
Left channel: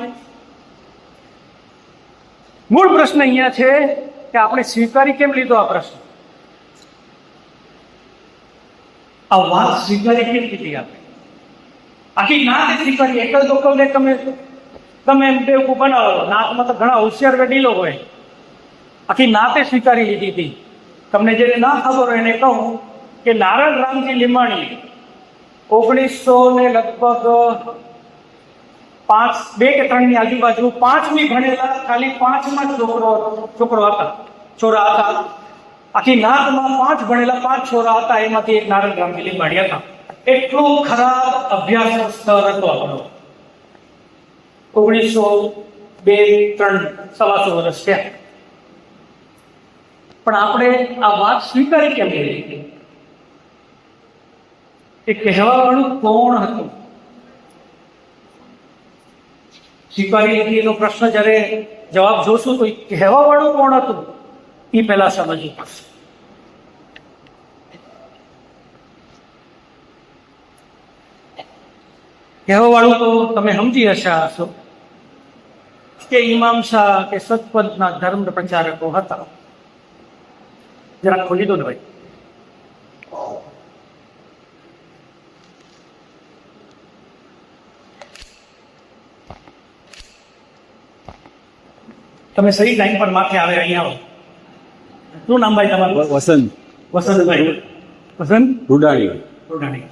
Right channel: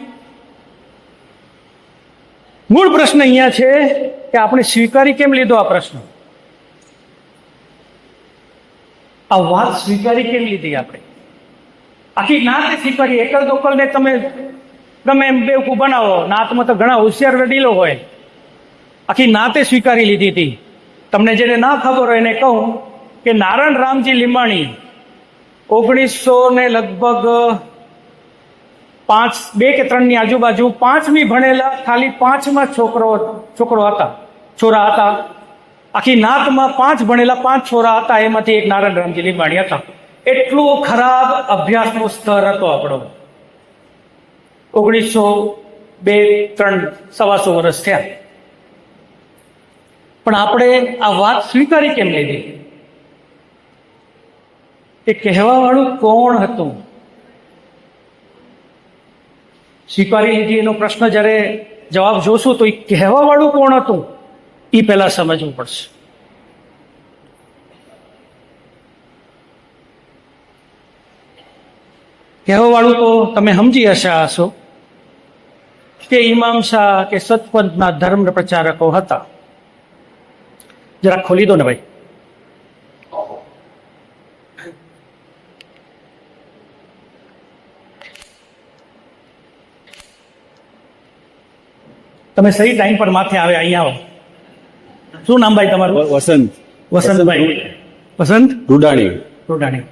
મૂળ પ્રશ્ન અહીંયા છે કે આપણે સ્વીકારી કેમ લીધો આ પ્રશ્ન? આ વાત સ્વીકારી કેમ લીધી આપણે? આખી નાત સ્વીકારી. એકલ દોકલને તમે ગમે એમ બેવકૂફ બનાવો, નાતમાં તો ઘણા હોશિયાર વડીલો હોય. આખી નાતે સ્વીકારી લીધી હતી. તમને જેને ના ખબર હોય એને કહું કે નારાયણ રામજી લીમાણી 1900 ને લગભગ 2 કે 3 ની આજુબાજુ 5મી ભણેલા, ખાલી 5માં છોરા હતા. આખી નાતમાં 5 ભણેલા 5 છોરા હતા, એમાંથી એક નારાયણ રામજી લીમાણી હતા. એટલો ખરાબ અભ્યાસનો સ્તર હતો આપણો. 1902, 3, 125 વર્ષ થયા, પણ આપણે આ વાત સ્વીકારી કેમ લીધી? એ કહેવા વાળું કોણ હતું? સ્વીકારી લીધી એનો પ્રશ્ન જ્યારે જવાબ જોશું તો એ કહેવા વાળું કોણ હતું એ પહેલા સમજવું પડશે. કહેવા વાળું તો તમે સમજી હશો કે ઇમામ શાહ કે સતપંથના ધર્મ પ્રચારકો હતા. જરા ખોલી દો ને ભાઈ. તમે સહી ટાઈમ પર માથે આવે, અહીંયા આવો. શું નામ ભાઈ તમારું? વસંત. વસંતભાઈ. વસંત રૂડાણી. રૂડાણી.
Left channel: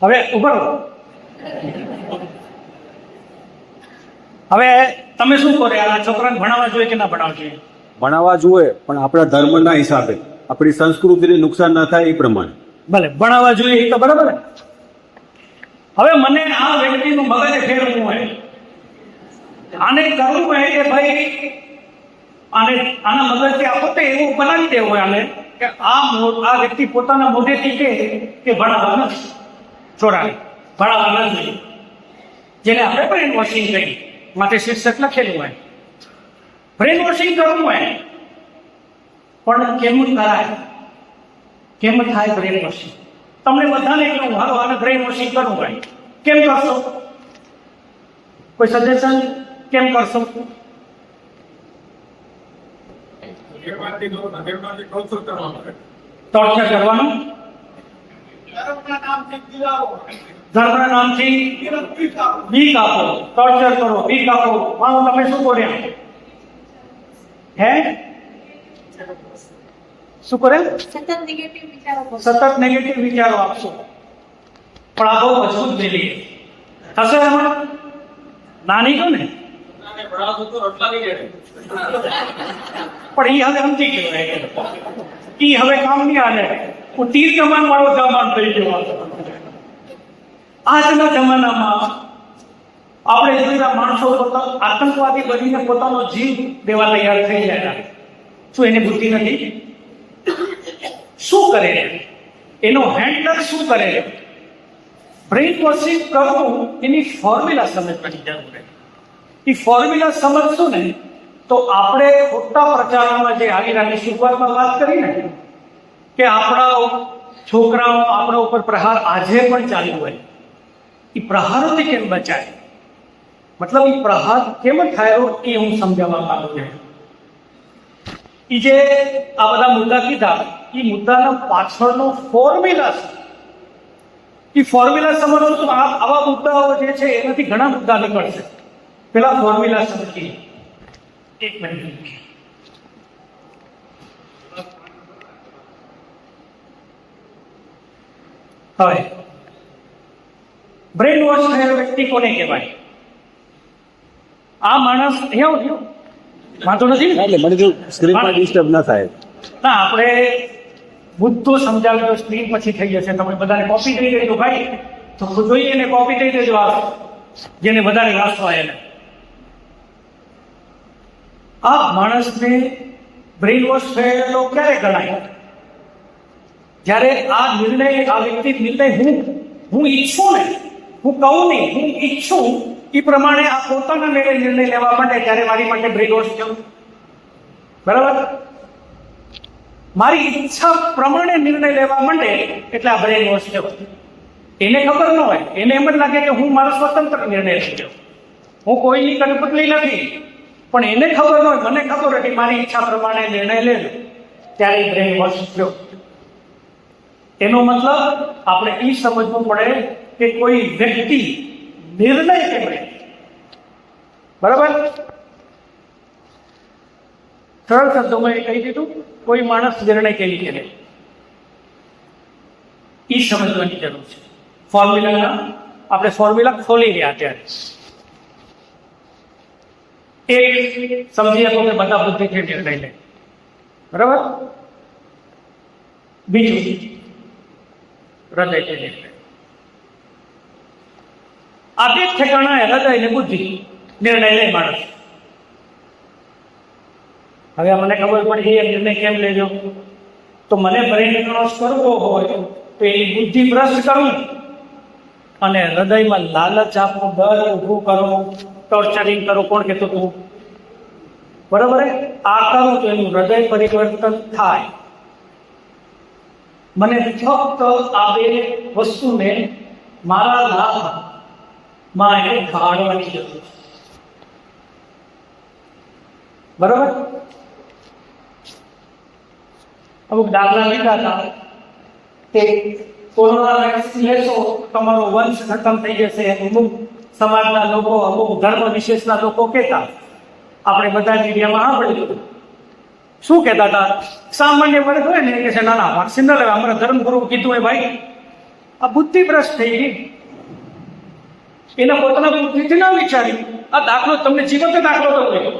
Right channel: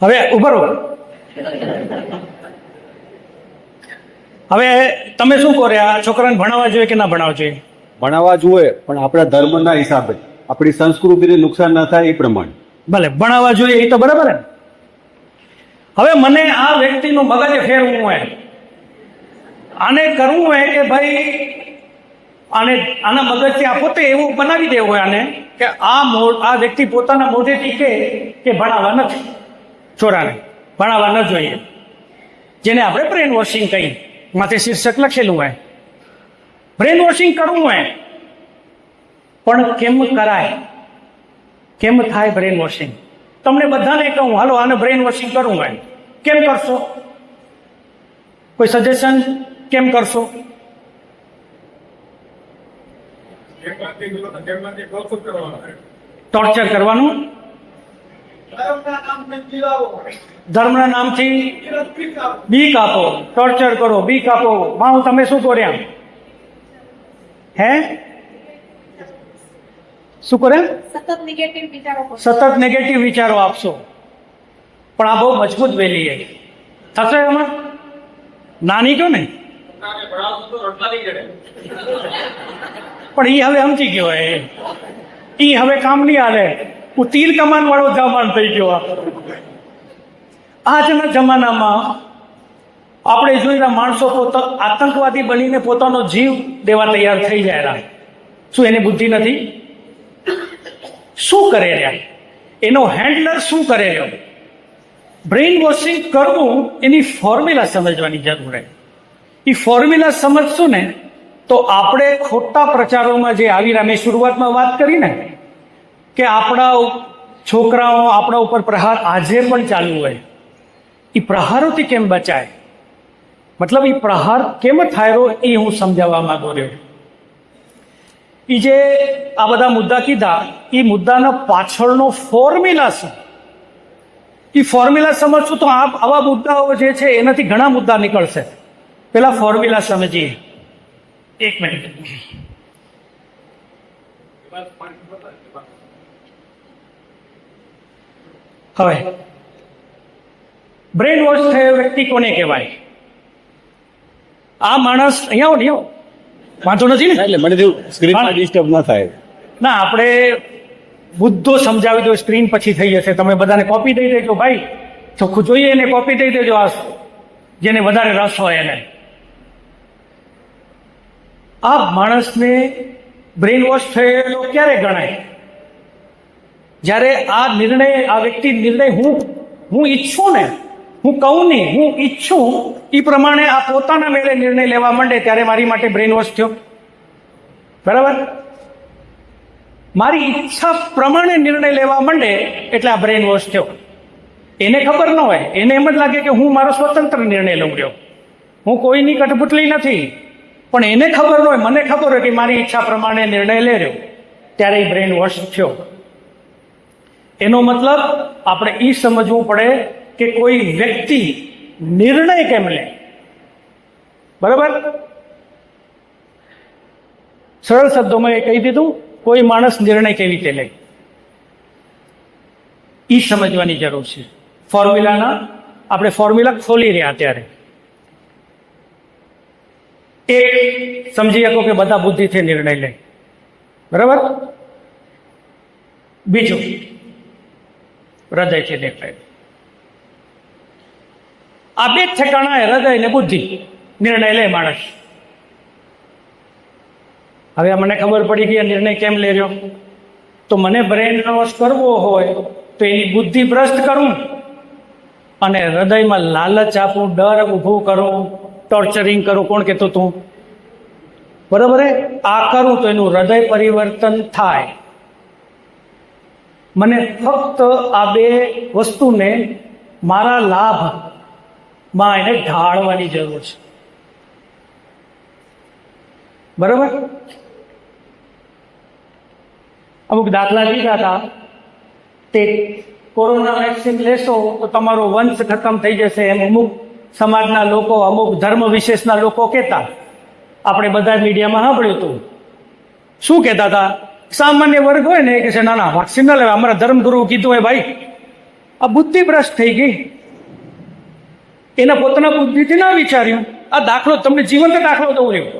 હવે ઉભો રહો. હવે તમે શું કહો રે, આ છોકરાને ભણાવવા જોઈએ કે ના ભણાવવા જોઈએ? ભણાવવા જોઈએ, પણ આપણા ધર્મના હિસાબે, આપણી સંસ્કૃતિને નુકસાન ન થાય એ પ્રમાણે. ભલે ભણાવવા જોઈએ, એ તો બરાબર. હવે મને આ વ્યક્તિનું મગજ ફેરવું હોય, આને કરવું હોય કે ભાઈ આના મગજથી આ પોતે એવું બનાવી દેવું હોય આને કે આ વ્યક્તિ પોતાના મોઢેથી કે ભણાવવા નથી, છોરાને ભણાવવા ન જોઈએ, જેને આપણે બ્રેન વોશિંગ કહીએ. માથે શીર્ષક લખેલું હોય, બ્રેન વોશિંગ કરવું હોય. પણ કેમ કરાય? કેમ થાય બ્રેન વોશિંગ? તમને બધાને કહું, હાલો આને બ્રેન વોશિંગ કરવું હોય, કેમ કરશો? કોઈ સજેશન? કેમ કરશો? ટોર્ચર કરવાનું, ધર્મના નામથી બીક આપો, ટોર્ચર કરો, બીક આપો. માઉ તમે શું કર્યા? હે શું કરે? સતત નેગેટિવ વિચારો આપશો. પણ આ બહુ મજબૂત વેલી થશે. એમાં નાની કહો ને, પણ એ હવે સમજી ગયો, એ હવે કામ નહીં હાલે. હું તીર કમાન વાળો જમાન થઈ ગયો. આજના જમાનામાં આપણે જોયેલા માણસો આતંકવાદી બનીને પોતાનો જીવ દેવા તૈયાર થઈ જાય. શું એની બુદ્ધિ નથી? શું કરે રહ્યા? એનો હેન્ડલર શું કરે રહ્યો? બ્રેઇન વોશિંગ કરવું, એની ફોર્મ્યુલા સમજવાની જરૂર છે. એ ફોર્મ્યુલા સમજશું ને તો આપણે ખોટા પ્રચારોમાં જે આવી રહ્યા, મેં શરૂઆતમાં વાત કરી ને કે આપણા છોકરાઓ આપણા ઉપર પ્રહાર આજે પણ ચાલુ હોય, એ પ્રહારોથી કેમ બચાય, મતલબ એ પ્રહાર કેમ થાય એ હું સમજાવવા માંગુ છું. એ જે આ બધા મુદ્દા કીધા, એ મુદ્દાના પાછળનો ફોર્મ્યુલા છે. એ ફોર્મ્યુલા સમજશું તો આવા મુદ્દાઓ જે છે એનાથી ઘણા મુદ્દા નીકળશે. પેલા ફોર્મ્યુલા સમજીએ. એક મિનિટ. હવે બ્રેન વોશ થયેલો વ્યક્તિ કોને કહેવાય? આ માણસ અહીંયા વાંધો નથી ને? એટલે મને સ્ક્રીનમાં ડિસ્ટર્બ ના થાય. ના, આપણે મુદ્દો સમજાવી દો, સ્ક્રીન પછી થઈ જશે. તમે બધાને કોપી દઈ દેજો ભાઈ, ચોખ્ખું જોઈએ એને કોપી દઈ દેજો, આ જેને વધારે રસ હોય એને. આ માણસને બ્રેન વોશ થયેલો ક્યારે ગણાય? જ્યારે આ નિર્ણય, આ વ્યક્તિ નિર્ણય હું ઈચ્છું ને, હું કહું નહીં, હું ઈચ્છું એ પ્રમાણે આ પોતાના મેળે નિર્ણય લેવા માંડે, ત્યારે મારી માટે બ્રેન વોશ થયો. બરાબર? મારી ઈચ્છા પ્રમાણે નિર્ણય લેવા માંડે એટલે આ બ્રેન વોશ થયો. એને ખબર ન હોય, એને એમ જ લાગે કે હું મારો સ્વતંત્ર નિર્ણય લઉં રહ્યો, હું કોઈની કઠપુતળી નથી. પણ એને ખબર ન હોય, મને ખબર હોય કે મારી ઈચ્છા પ્રમાણે નિર્ણય લે રહ્યો, ત્યારે એ બ્રેન વોશ થયો. એનો મતલબ આપણે એ સમજવું પડે કે કોઈ વ્યક્તિ નિર્ણય કેમ લે. બરાબર? સરળ શબ્દોમાં એ કહી દીધું, કોઈ માણસ નિર્ણય કેવી રીતે લે એ સમજવાની જરૂર છે. ફોર્મ્યુલાના આપણે ફોર્મ્યુલા ખોલી રહ્યા અત્યારે. એક સમજી શકો કે બધા બુદ્ધિથી નિર્ણય લે. બરાબર? બીજું હૃદયથી દેખાય. આ બે ઠેકાણા, હૃદય ને બુદ્ધિ, નિર્ણય લે માણસ. હવે મને ખબર પડી ગઈ નિર્ણય કેમ લે રહ્યો, તો મને બ્રેન વોશ કરવો હોય તો એની બુદ્ધિ ભ્રષ્ટ કરું અને હૃદયમાં લાલચ આપું, ડર ઊભું કરું, ટોર્ચરિંગ કરું. કોણ કહેતો તું? બરાબર? આ કરું તો એનું હૃદય પરિવર્તન થાય. મને ફક્ત આ બે વસ્તુને મારા લાભમાં એને ઢાળવાની જરૂર છે. બરાબર? અમુક દાખલા લીધા હતા તે કોરોના વેક્સિન લેશો તો તમારો વંશ ખતમ થઈ જશે એમ અમુક સમાજના લોકો, અમુક ધર્મ વિશેષના લોકો કહેતા. આપણે બધા મીડિયામાં સાંભળ્યું હતું. શું કહેતા હતા? સામાન્ય વર્ગ હોય ને કે છે ના ના વેક્સિન ના લેવા, અમારા ધર્મગુરુ કીધું હોય. ભાઈ, આ બુદ્ધિ ભ્રષ્ટ થઈ ગઈ. એના પોતાના બુદ્ધિથી ના વિચાર્યું. આ દાખલો તમને જીવંત દાખલો દઉં રહ્યો.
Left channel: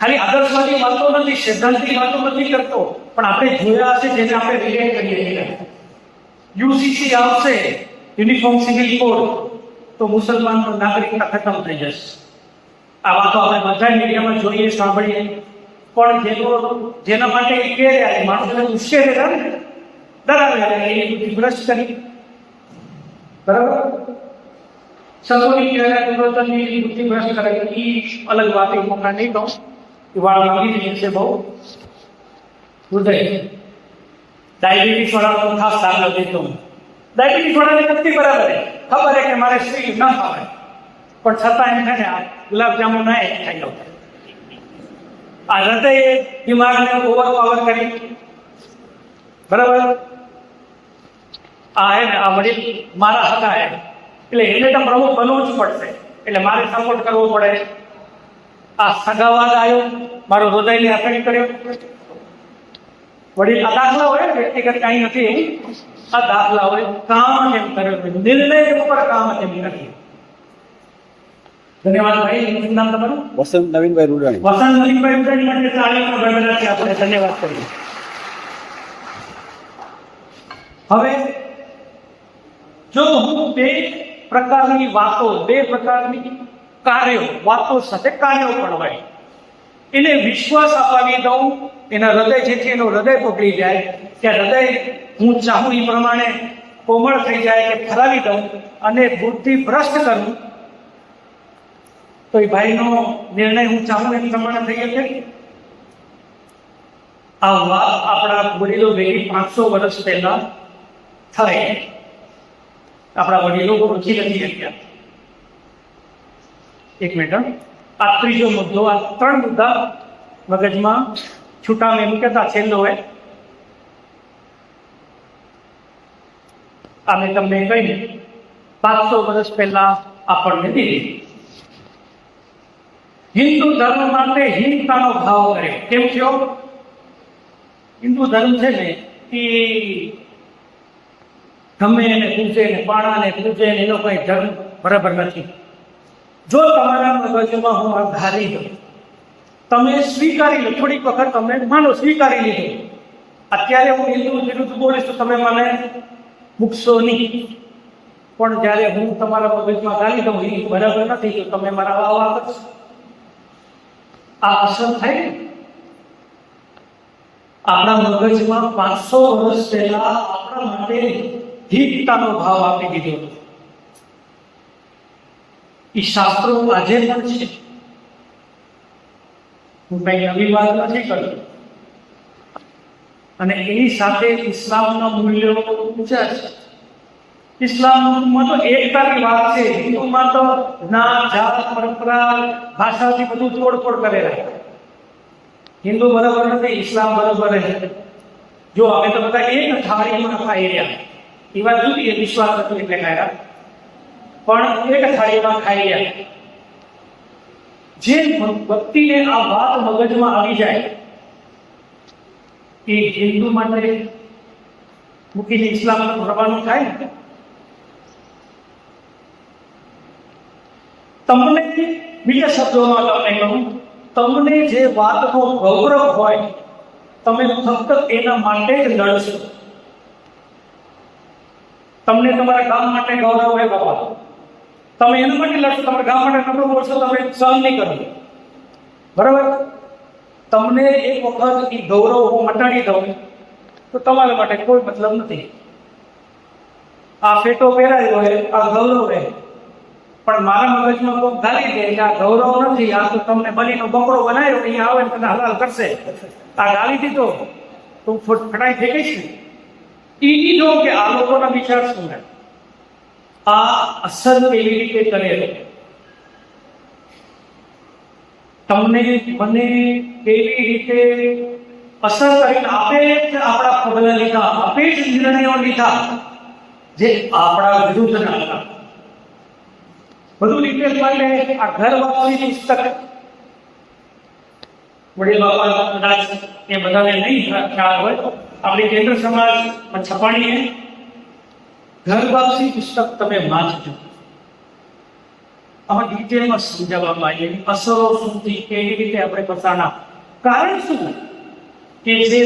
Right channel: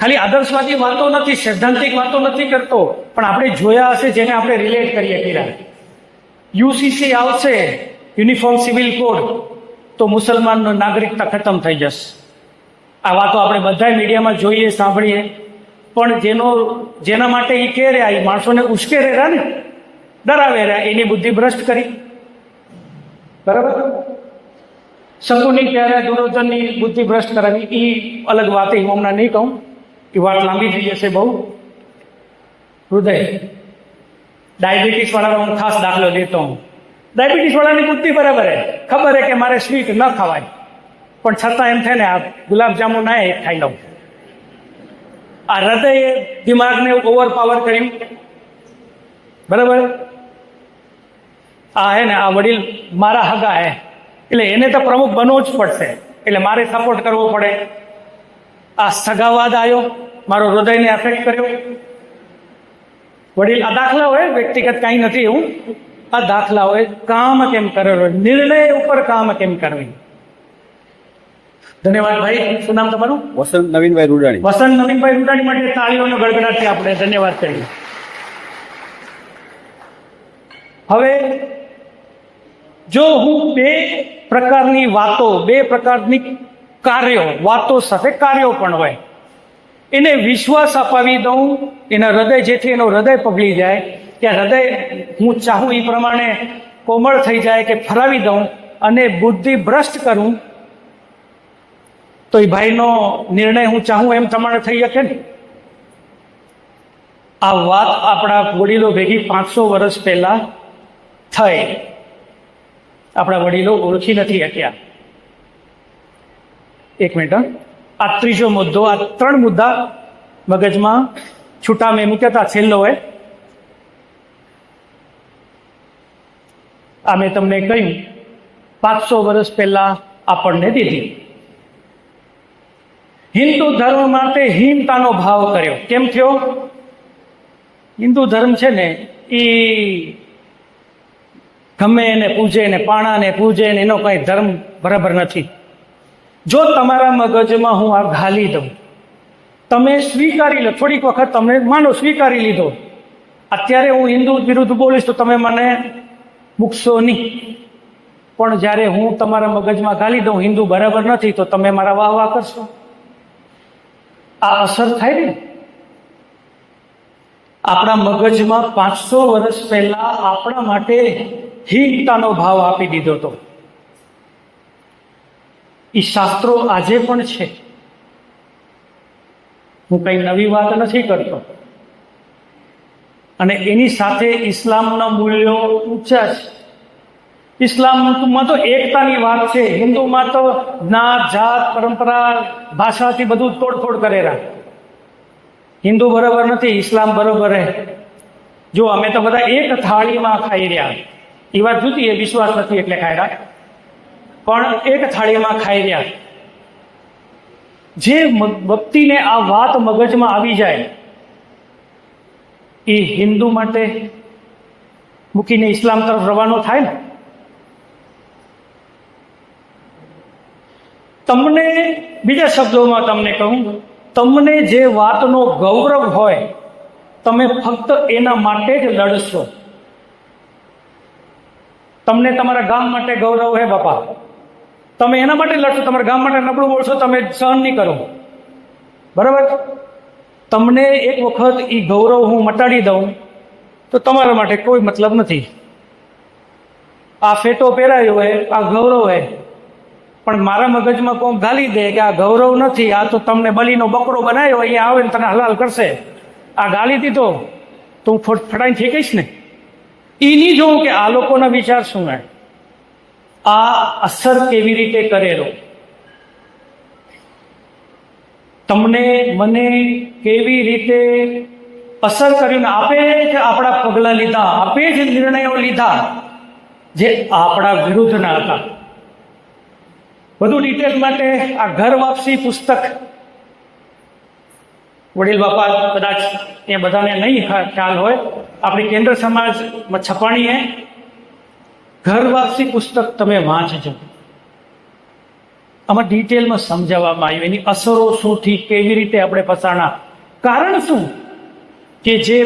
ખાલી આદર્શવાદી વાતો નથી, સૈદ્ધાંતિક વાતો નથી કરતો, પણ આપણે જોયા હશે જેને આપણે રિલેટ કરીએ છીએ. યુસીસી આવશે, યુનિફોર્મ સિવિલ કોડ, તો મુસલમાનનો નાગરિકતા ખતમ થઈ જશે. આ વાતો આપણે બધા મીડિયામાં જોઈએ, સાંભળીએ. પણ જેના માટે એ કહે રહ્યા, એ માણસોને ઉશ્કેરે રહ્યા ને, ડરાવે રહ્યા, એની બુદ્ધિ ભ્રષ્ટ કરી. બરાબર? શકુની ત્યારે દુર્યોધનની બુદ્ધિ ભ્રષ્ટ કરાવી, એ અલગ વાત, એ હમણાં નહીં કહું, એ વાત લાંબી થઈ જશે બહુ. હૃદય, ડાયાબિટીસ વાળાનો ખાસ દાખલો દેતો હું. ડાયાબિટીસ વાળાની બુદ્ધિ બરાબર હે, ખબર હે કે મારે સ્વીટ ન ખવાય, પણ છતાં એમ થાય ને આ ગુલાબજાંબુ ના એ ખાઈ લઉં. આ હૃદય દિમાગને ઓવરપાવર કર્યું. બરાબર? આ હે ને આ વડીલ મારા હગા હે, એટલે એને તો પ્રમુખ બનવું જ પડશે, એટલે મારે સપોર્ટ કરવો પડે. આ સગાવાદ આવ્યો, મારો હૃદયને આથડી કર્યો. વડીલ, આ દાખલા હોય, વ્યક્તિગત કાંઈ નથી એવું. આ દાખલા હોય કામ કેમ કરેલો, નિર્ણય ઉપર કામ કેમ કરવી. ધન્યવાદ ભાઈ. શું નામ તમારું? વસંત નવીનભાઈ રૂડાણી. વસંત નવીનભાઈ રૂડાણી માટે તાળીઓનો ગડગડાટથી આપણે ધન્યવાદ કરીએ. હવે જો હું બે પ્રકારની વાતો, બે પ્રકારની કાર્યો, વાતો સાથે કાર્યો પણ હોય, એને વિશ્વાસ અપાવી દઉં, એના હૃદય, જેથી એનું હૃદય પગળી જાય, કે હૃદય હું ચાહું એ પ્રમાણે કોમળ થઈ જાય, કે ફરાવી દઉં અને બુદ્ધિ ભ્રષ્ટ કરું, તો એ ભાઈનો નિર્ણય હું ચાહું એમ પ્રમાણે થઈ શકે ને. આ વાત આપણા વડીલો ભેગી 500 વર્ષ પહેલા થઈ. આપણા વડીલો ઓળખી નથી શક્યા. એક મિનિટ હં. આ ત્રીજો મુદ્દો, આ 3 મુદ્દા મગજમાં છૂટા મેં મૂક્યા હતા. છેલ્લો હોય આ મેં તમને કહ્યું 500 વર્ષ પહેલા આપણને દીધી. હિન્દુ ધર્મ માટે હીનતાનો ભાવ કર્યો. કેમ થયો? હિન્દુ ધર્મ છે ને એ ગમે એને પૂજે ને પાણાને પૂજે ને એનો કઈ ધર્મ બરાબર નથી. જો તમારા મગજમાં હું આ ઘાલી દઉં, તમે સ્વીકારી લો, થોડીક વખત તમે માનો સ્વીકારી લીધો, અત્યારે હું હિન્દુ વિરુદ્ધ બોલીશ તો તમે મને મૂકશો નહીં. પણ જ્યારે હું તમારા મગજમાં ઘાલી દઉં હિન્દુ બરાબર નથી તો તમે મારા વાહ વાહ કરશો. આ અસર થાય ને. આપણા મગજમાં 500 વર્ષ પહેલા આપણા માટે હીનતાનો ભાવ આપી દીધો હતો. એ શાસ્ત્રો આજે પણ છે. હું કઈ નવી વાત નથી કરતો. અને એની સાથે ઇસ્લામના મૂલ્યો ઊંચા છે. ઇસ્લામમાં તો એકતાની વાત છે. હિન્દુમાં તો જ્ઞાત જાત પરંપરા ભાષાથી બધું તોડફોડ કરેલા. હિન્દુ બરોબર નથી, ઇસ્લામ બરોબર હે. જો અમે તો બધા એક થાળીમાં ખાઈ રહ્યા. એ વાત જુદી, એ વિશ્વાસ નથી એટલે ખાઈ રહ્યા, પણ એક થાળીમાં ખાઈ રહ્યા. જે વ્યક્તિને આ વાત મગજમાં આવી જાય એ હિન્દુ માટે મૂકીને ઇસ્લામ તરફ રવાનો થાય ને. તમને બીજા શબ્દોમાં તમને કહું, તમને જે વાતનો ગૌરવ હોય તમે ફક્ત એના માટે જ લડશો. તમને તમારા ગામ માટે ગૌરવ હોય બાપા, તમે એના માટે લડશો. તમારા ગામ માટે નબળું બોલશો, તમે સહન નહીં કરો. બરાબર? તમને એક વખત એ ગૌરવ હું મટાડી દઉં તો તમારા માટે કોઈ મતલબ નથી. આ ફેટો પહેરાયો હોય, આ ગૌરવ હોય, પણ મારા મગજમાં કોઈ ગાલી દે કે આ ગૌરવ નથી, આ તો તમને બલીનો બંગડો બનાવ્યો, અહીંયા આવે ને તને હલાલ કરશે, આ ગાલી દીધો તો હું ફટાઈ ફેંકીશ ને. એ નહીં જોઉં કે આ લોકોના વિચાર શું હોય, આ અસર કેવી રીતે કરેલો, તમને મને કેવી રીતે અસર કરીને આપે કે આપણા પગલા લીધા, આપે જ નિર્ણયો લીધા જે આપણા વિરુદ્ધના હતા. વધુ ડિટેલ માટે આ ઘર વાપસી પુસ્તક વડીલ બાપા કદાચ એ બધાને નહીં ખ્યાલ હોય, આપણી કેન્દ્ર સમાજમાં છપાણી હે. ઘર વાપસી પુસ્તક તમે વાંચજો. આમાં ડિટેલમાં સમજાવવામાં આવ્યું એની અસરો શું થી, કેવી રીતે આપણે પસારના, કારણ શું કે જે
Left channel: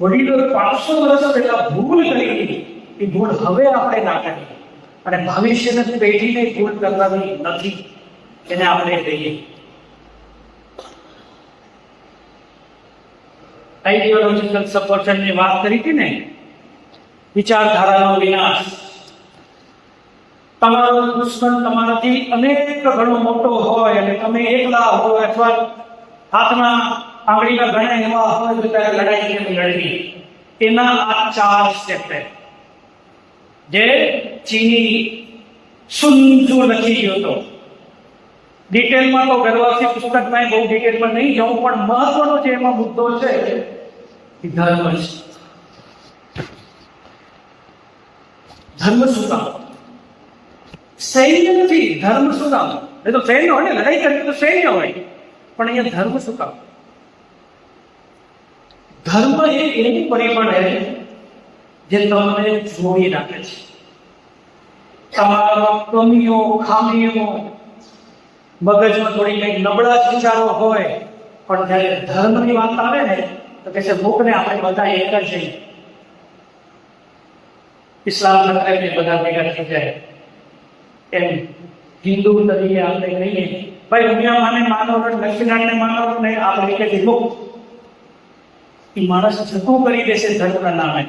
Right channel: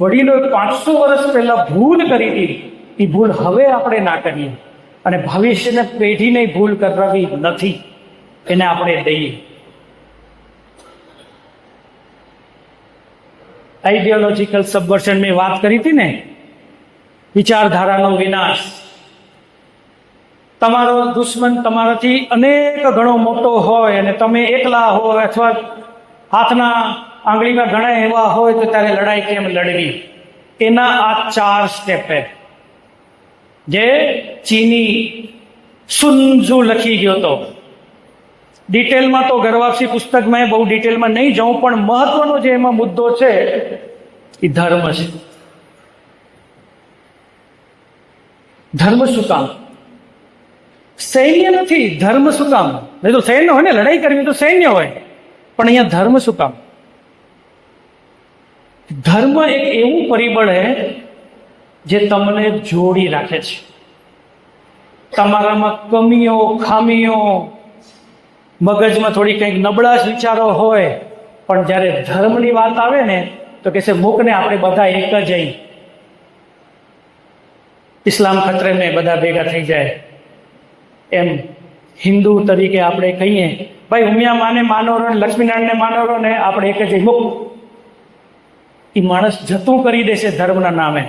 વડીલો 500 વર્ષ પહેલા ભૂલ કરી હતી એ ભૂલ હવે આપણે ના કરીએ અને ભવિષ્યની પેઢીને ભૂલ કરવી નથી, એને આપણે દઈએ. આઈડિયોલોજીકલ સબવર્શન મેં વાત કરી હતી ને, વિચારધારાનો વિનાશ. તમારો દુશ્મન તમારાથી અનેક ગણો મોટો હોય અને તમે એકલા હોય અથવા હાથના આંગળીના ઘણા એવા હોય તો ત્યારે લડાઈ કેમ લડવી, એના આ 4 સ્ટેપ છે જે ચીની સુનઝુ લખી ગયો હતો. ડિટેલમાં તો ઘરવાસી પુસ્તકમાં બહુ ડિટેલમાં નહીં જાઉં, પણ મહત્વનો જે એમાં મુદ્દો છે એ ધર્મ છે. ધર્મ શું કામ? સૈન્ય નથી, ધર્મ શું કામ? નહીં તો સૈન્ય હોય ને, લડાઈ કરવી તો સૈન્ય હોય, પણ અહીંયા ધર્મ શું કામ? ધર્મ એક એવું પરિબળ છે જે તમને જોડી રાખે છે. તમારામાં કમીઓ ખામીઓ, મગજમાં થોડી કંઈક નબળા જ વિચારો હોય, પણ જ્યારે ધર્મની વાત આવે ને તો કે છે મૂકને આપણે બધા એક જ જઈ. ઇસ્લામ ખતરે ને બધા ભેગા થઈ જાય. એમ હિન્દુ તરીકે આપણે કહીએ ભાઈ ઉમિયા માને માનો ને લક્ષ્મીનારાયણને માનો ને આપણે એક જ મૂક. એ માણસ જતું કરી દેશે ધર્મના નામે.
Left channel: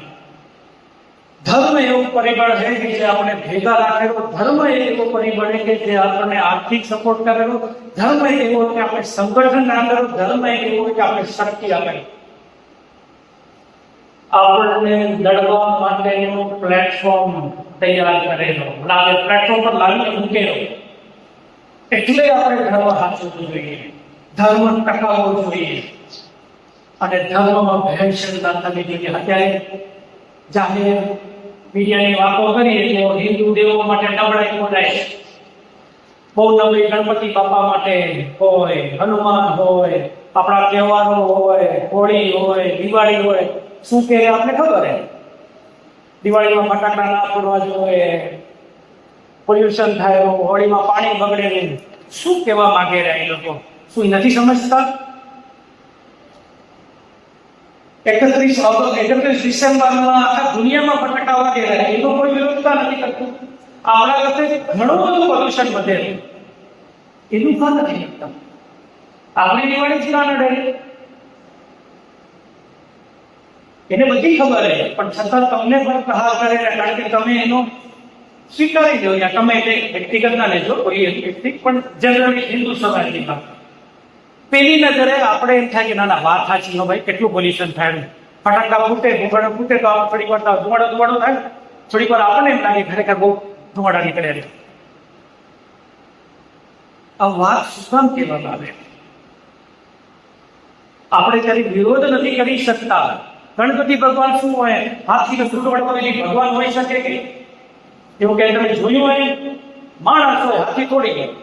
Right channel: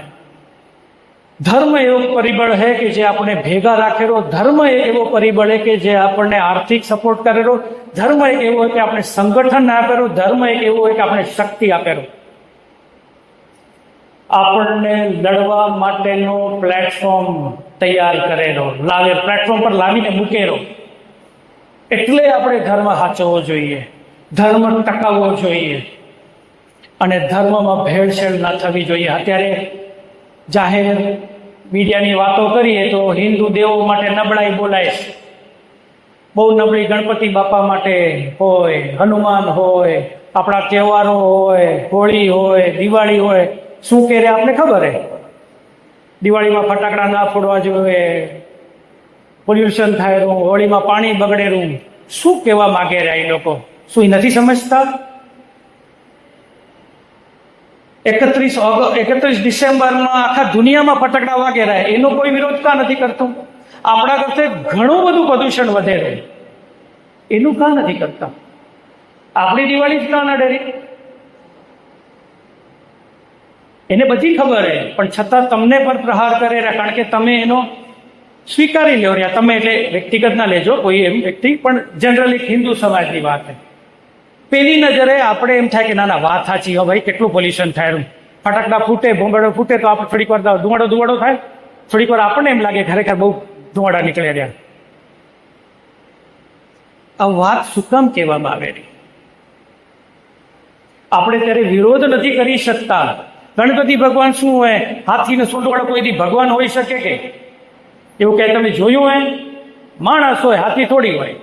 ધર્મ એવું પરિબળ છે કે જે આપણે ભેગા રાખેલો. ધર્મ એવો પરિબળ છે કે જે આપણને આર્થિક સપોર્ટ કરેલો. ધર્મ એક એવું હોય કે આપણે સંગઠન ના કરેલું. ધર્મ એક એવું હોય કે આપણે શક્તિ આપેલું. આપણને લડવા માટેનો પ્લેટફોર્મ તૈયાર કરેલો, પ્લેટફોર્મ પર લાવીને મૂકેલો. એટલે આપણે ધર્મ સાચવવો જોઈએ, ધર્મ ટકાવવો જોઈએ અને ધર્મમાં ભેળસેળ ના થવી જોઈએ. અત્યારે જાહેર મીડિયાની વાતો કરીએ તો હિન્દુ દેવો માટે નબળાઈ બોલાય છે. બહુ નબળી ગણપતિ બાપા માટે હોય, હનુમાન હોય, આપણા તહેવારો હોય, હોળી હોય, દિવાળી હોય. શું કે રે આપને ખબર હે, દિવાળીમાં ફટાકડા ના ફોડવા જોઈએ, પોલ્યુશન થાય, હોળીમાં પાણી બગડેલું. શું કહેવા માંગે રહ્યા એ લોકો? શું એ નથી સમજતા? 31 ડિસેમ્બરમાં આખા દુનિયામાં ફટાકડા વાગે રહ્યા, એનો કોઈ વિરોધતા નથી કરતું. આપણા કરતે ઘણું બધું પ્રદૂષણ વધે છે, એનું કા નથી કરતા? આપણી દિવાળી જ ના નડે, એને બધી ખબર હે, પણ છતાં તમને પર પ્રહાર કરે રહ્યા, કારણ કે તમે એનો સ્વીકારી લો રહ્યા. તમે એટલે વ્યક્તિગત ના લેજો કોઈ એમ વ્યક્તિ, પણ જનરલી હિન્દુ સમાજની વાત છે. પેલી નજરે આપણે એમ થાય કે ના ના વાત સાચી, હો ભાઈ કેટલું પોલ્યુશન થાય, ફટાકડા ફૂટે, ભૂંગળો ફૂટે તો આપણે થોડીક વાર ધુવાડો થાય, થોડીક વાર આપણને એમ લાગે ખરેખર બહુ ધુવાડા નીકળે રહ્યા. આ વાત શું કામ કહેવામાં આવે? આપણે ત્યારે વિરોધ નથી કરી શકતા. ગણપતિ ભગવાન શું હોય, હાથીને સુટવાડો કોઈ ભગવાન હોઈ શકે કે? એવું કે તમે જોયું હોય? માણસ હોય, હાથી થોડી હોય.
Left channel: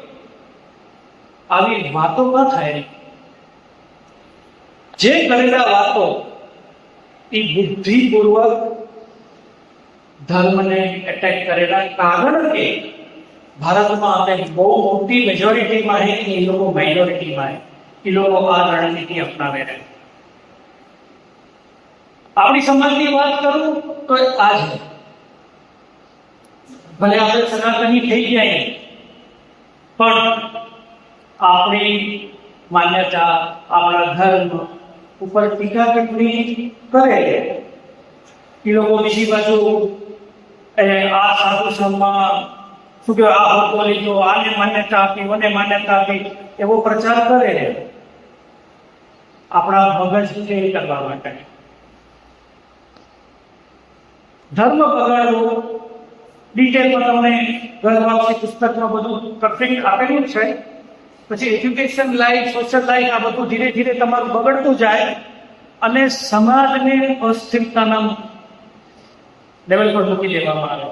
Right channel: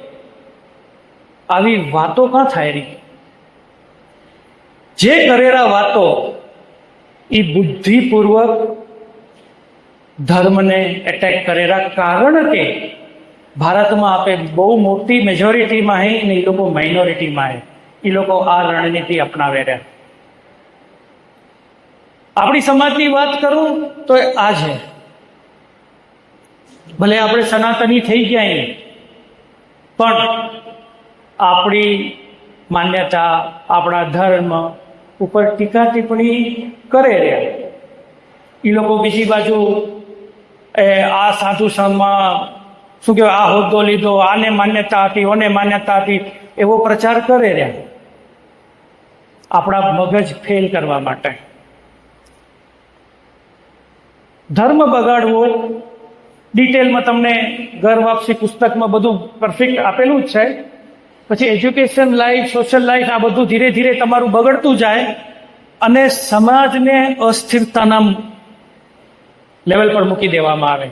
આવી વાતો કાં થાય રહી? જે કરેલા વાતો એ બુદ્ધિપૂર્વક ધર્મને એટેક કરેલા, કારણ કે ભારતમાં આપણે બહુ મોટી મેજોરિટીમાં હે ને એ લોકો માઇનોરિટીમાં હે. એ લોકો આ રણનીતિ અપનાવે રહ્યા. આપણી સમાજની વાત કરું તો આ છે, ભલે આપણે સનાતની થઈ ગયા પણ આપણી માન્યતા, આપણા ધર્મ ઉપર ટીકા ટિપ્પણી કરે છે. એ લોકો બીજી બાજુ આ સાધુ સંઘમાં શું કહેવાય, આ હોદ્દો લીધો, આને માન્યતા આપી, ઓને માન્યતા આપી, એવો પ્રચાર કરે છે આપણા મગજ ફેલ કરવા માટે. ધર્મ બગાડવો ડિટેલમાં તમને ઘર વાપસી પુસ્તકમાં બધું પરફેક્ટ આપેલું જ છે. પછી એજ્યુકેશન લાઈફ, સોશિયલ લાઈફ, આ બધું ધીરે ધીરે તમારું બગડતું જાય અને સમાજને અસ્થિરતાના લેવલ પર મૂકી દેવામાં આવે.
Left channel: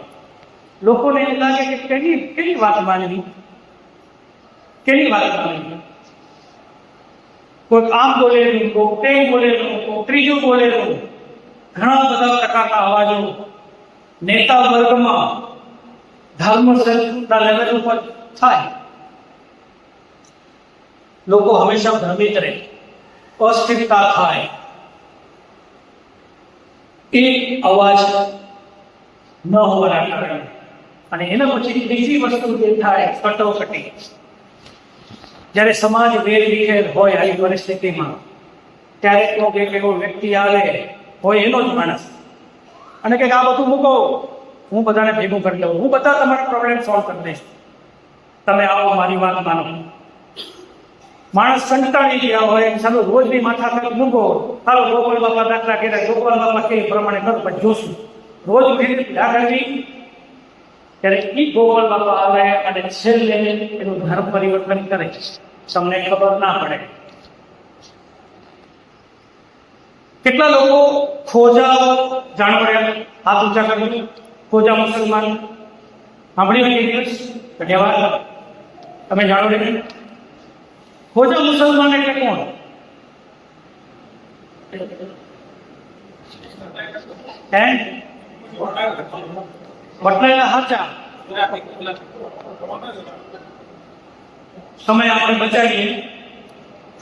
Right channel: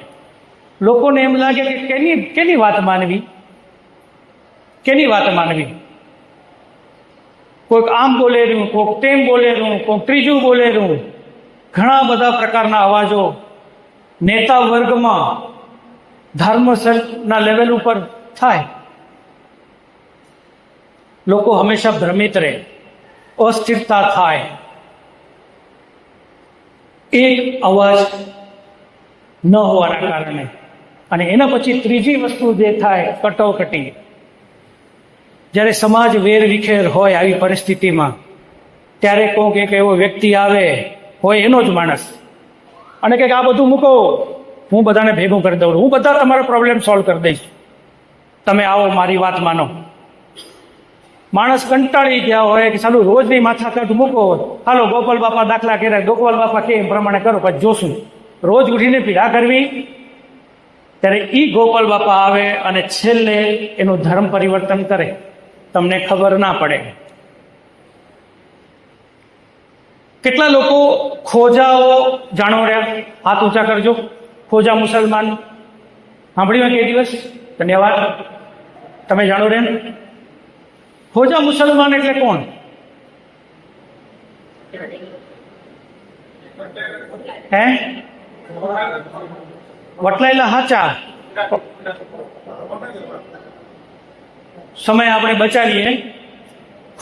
લોકોને એમ લાગે કે કેની વાત માનવી, કેની વાત માનવી. કોઈક આમ બોલેલું, કોઈક તેમ બોલેલું, કોઈક ત્રીજું બોલેલું. ઘણા બધા પ્રકારના અવાજો નેતા વર્ગમાં ધર્મના લેવલ ઉપર થાય. લોકો હંમેશા ભ્રમિત રહે, અસ્થિરતા થાય. એક અવાજ ન હોવાના કારણે. અને એના પછી ત્રીજી વસ્તુ જે થાય, કટોકટી. જ્યારે સમાજ વેરવિખેર હોય આવી પરિસ્થિતિમાં, ત્યારે કોઈક એક એવો વ્યક્તિ આવે, હોય એનો જ માણસ, અને કંઈક આ બધું મૂકો, હું બધાને ભેગું કરી દઉં, હું બધા તમારા પ્રોબ્લેમ સોલ્વ કરી દઈશ, તમે આવો મારી વાત માનો. માણસ કંટાળી ગયા હોય કે ચાલો રોજની માથાકૂટ મૂકો, ચાલો ગોપાલ બાપા દાખલા કર્યા, ગોપાલ બાપા કે પ્રમાણે કરો, પછી જોશું. રોજ ઉઠીને પીડા કરવી. ત્યારે ઈ ગોપાલ બાપા આવે અને છેલ્લે એનું ધર્મ પરિવર્તન કરે, તમને ખબર ના પડે. કેટલા લોકો ખોજાઓ જાણો રહ્યા? હાથ ઊંચા કરજો. ખોજા મુસલમાન સાંભળ્યું કે દિવસ? ધન્યવાદ. તમે જાણો રહ્યા? ખોજા મુસલમાન એટલે કોણ? હે? વટલાયેલા હાચા. સમય આપણે બચાવીએ.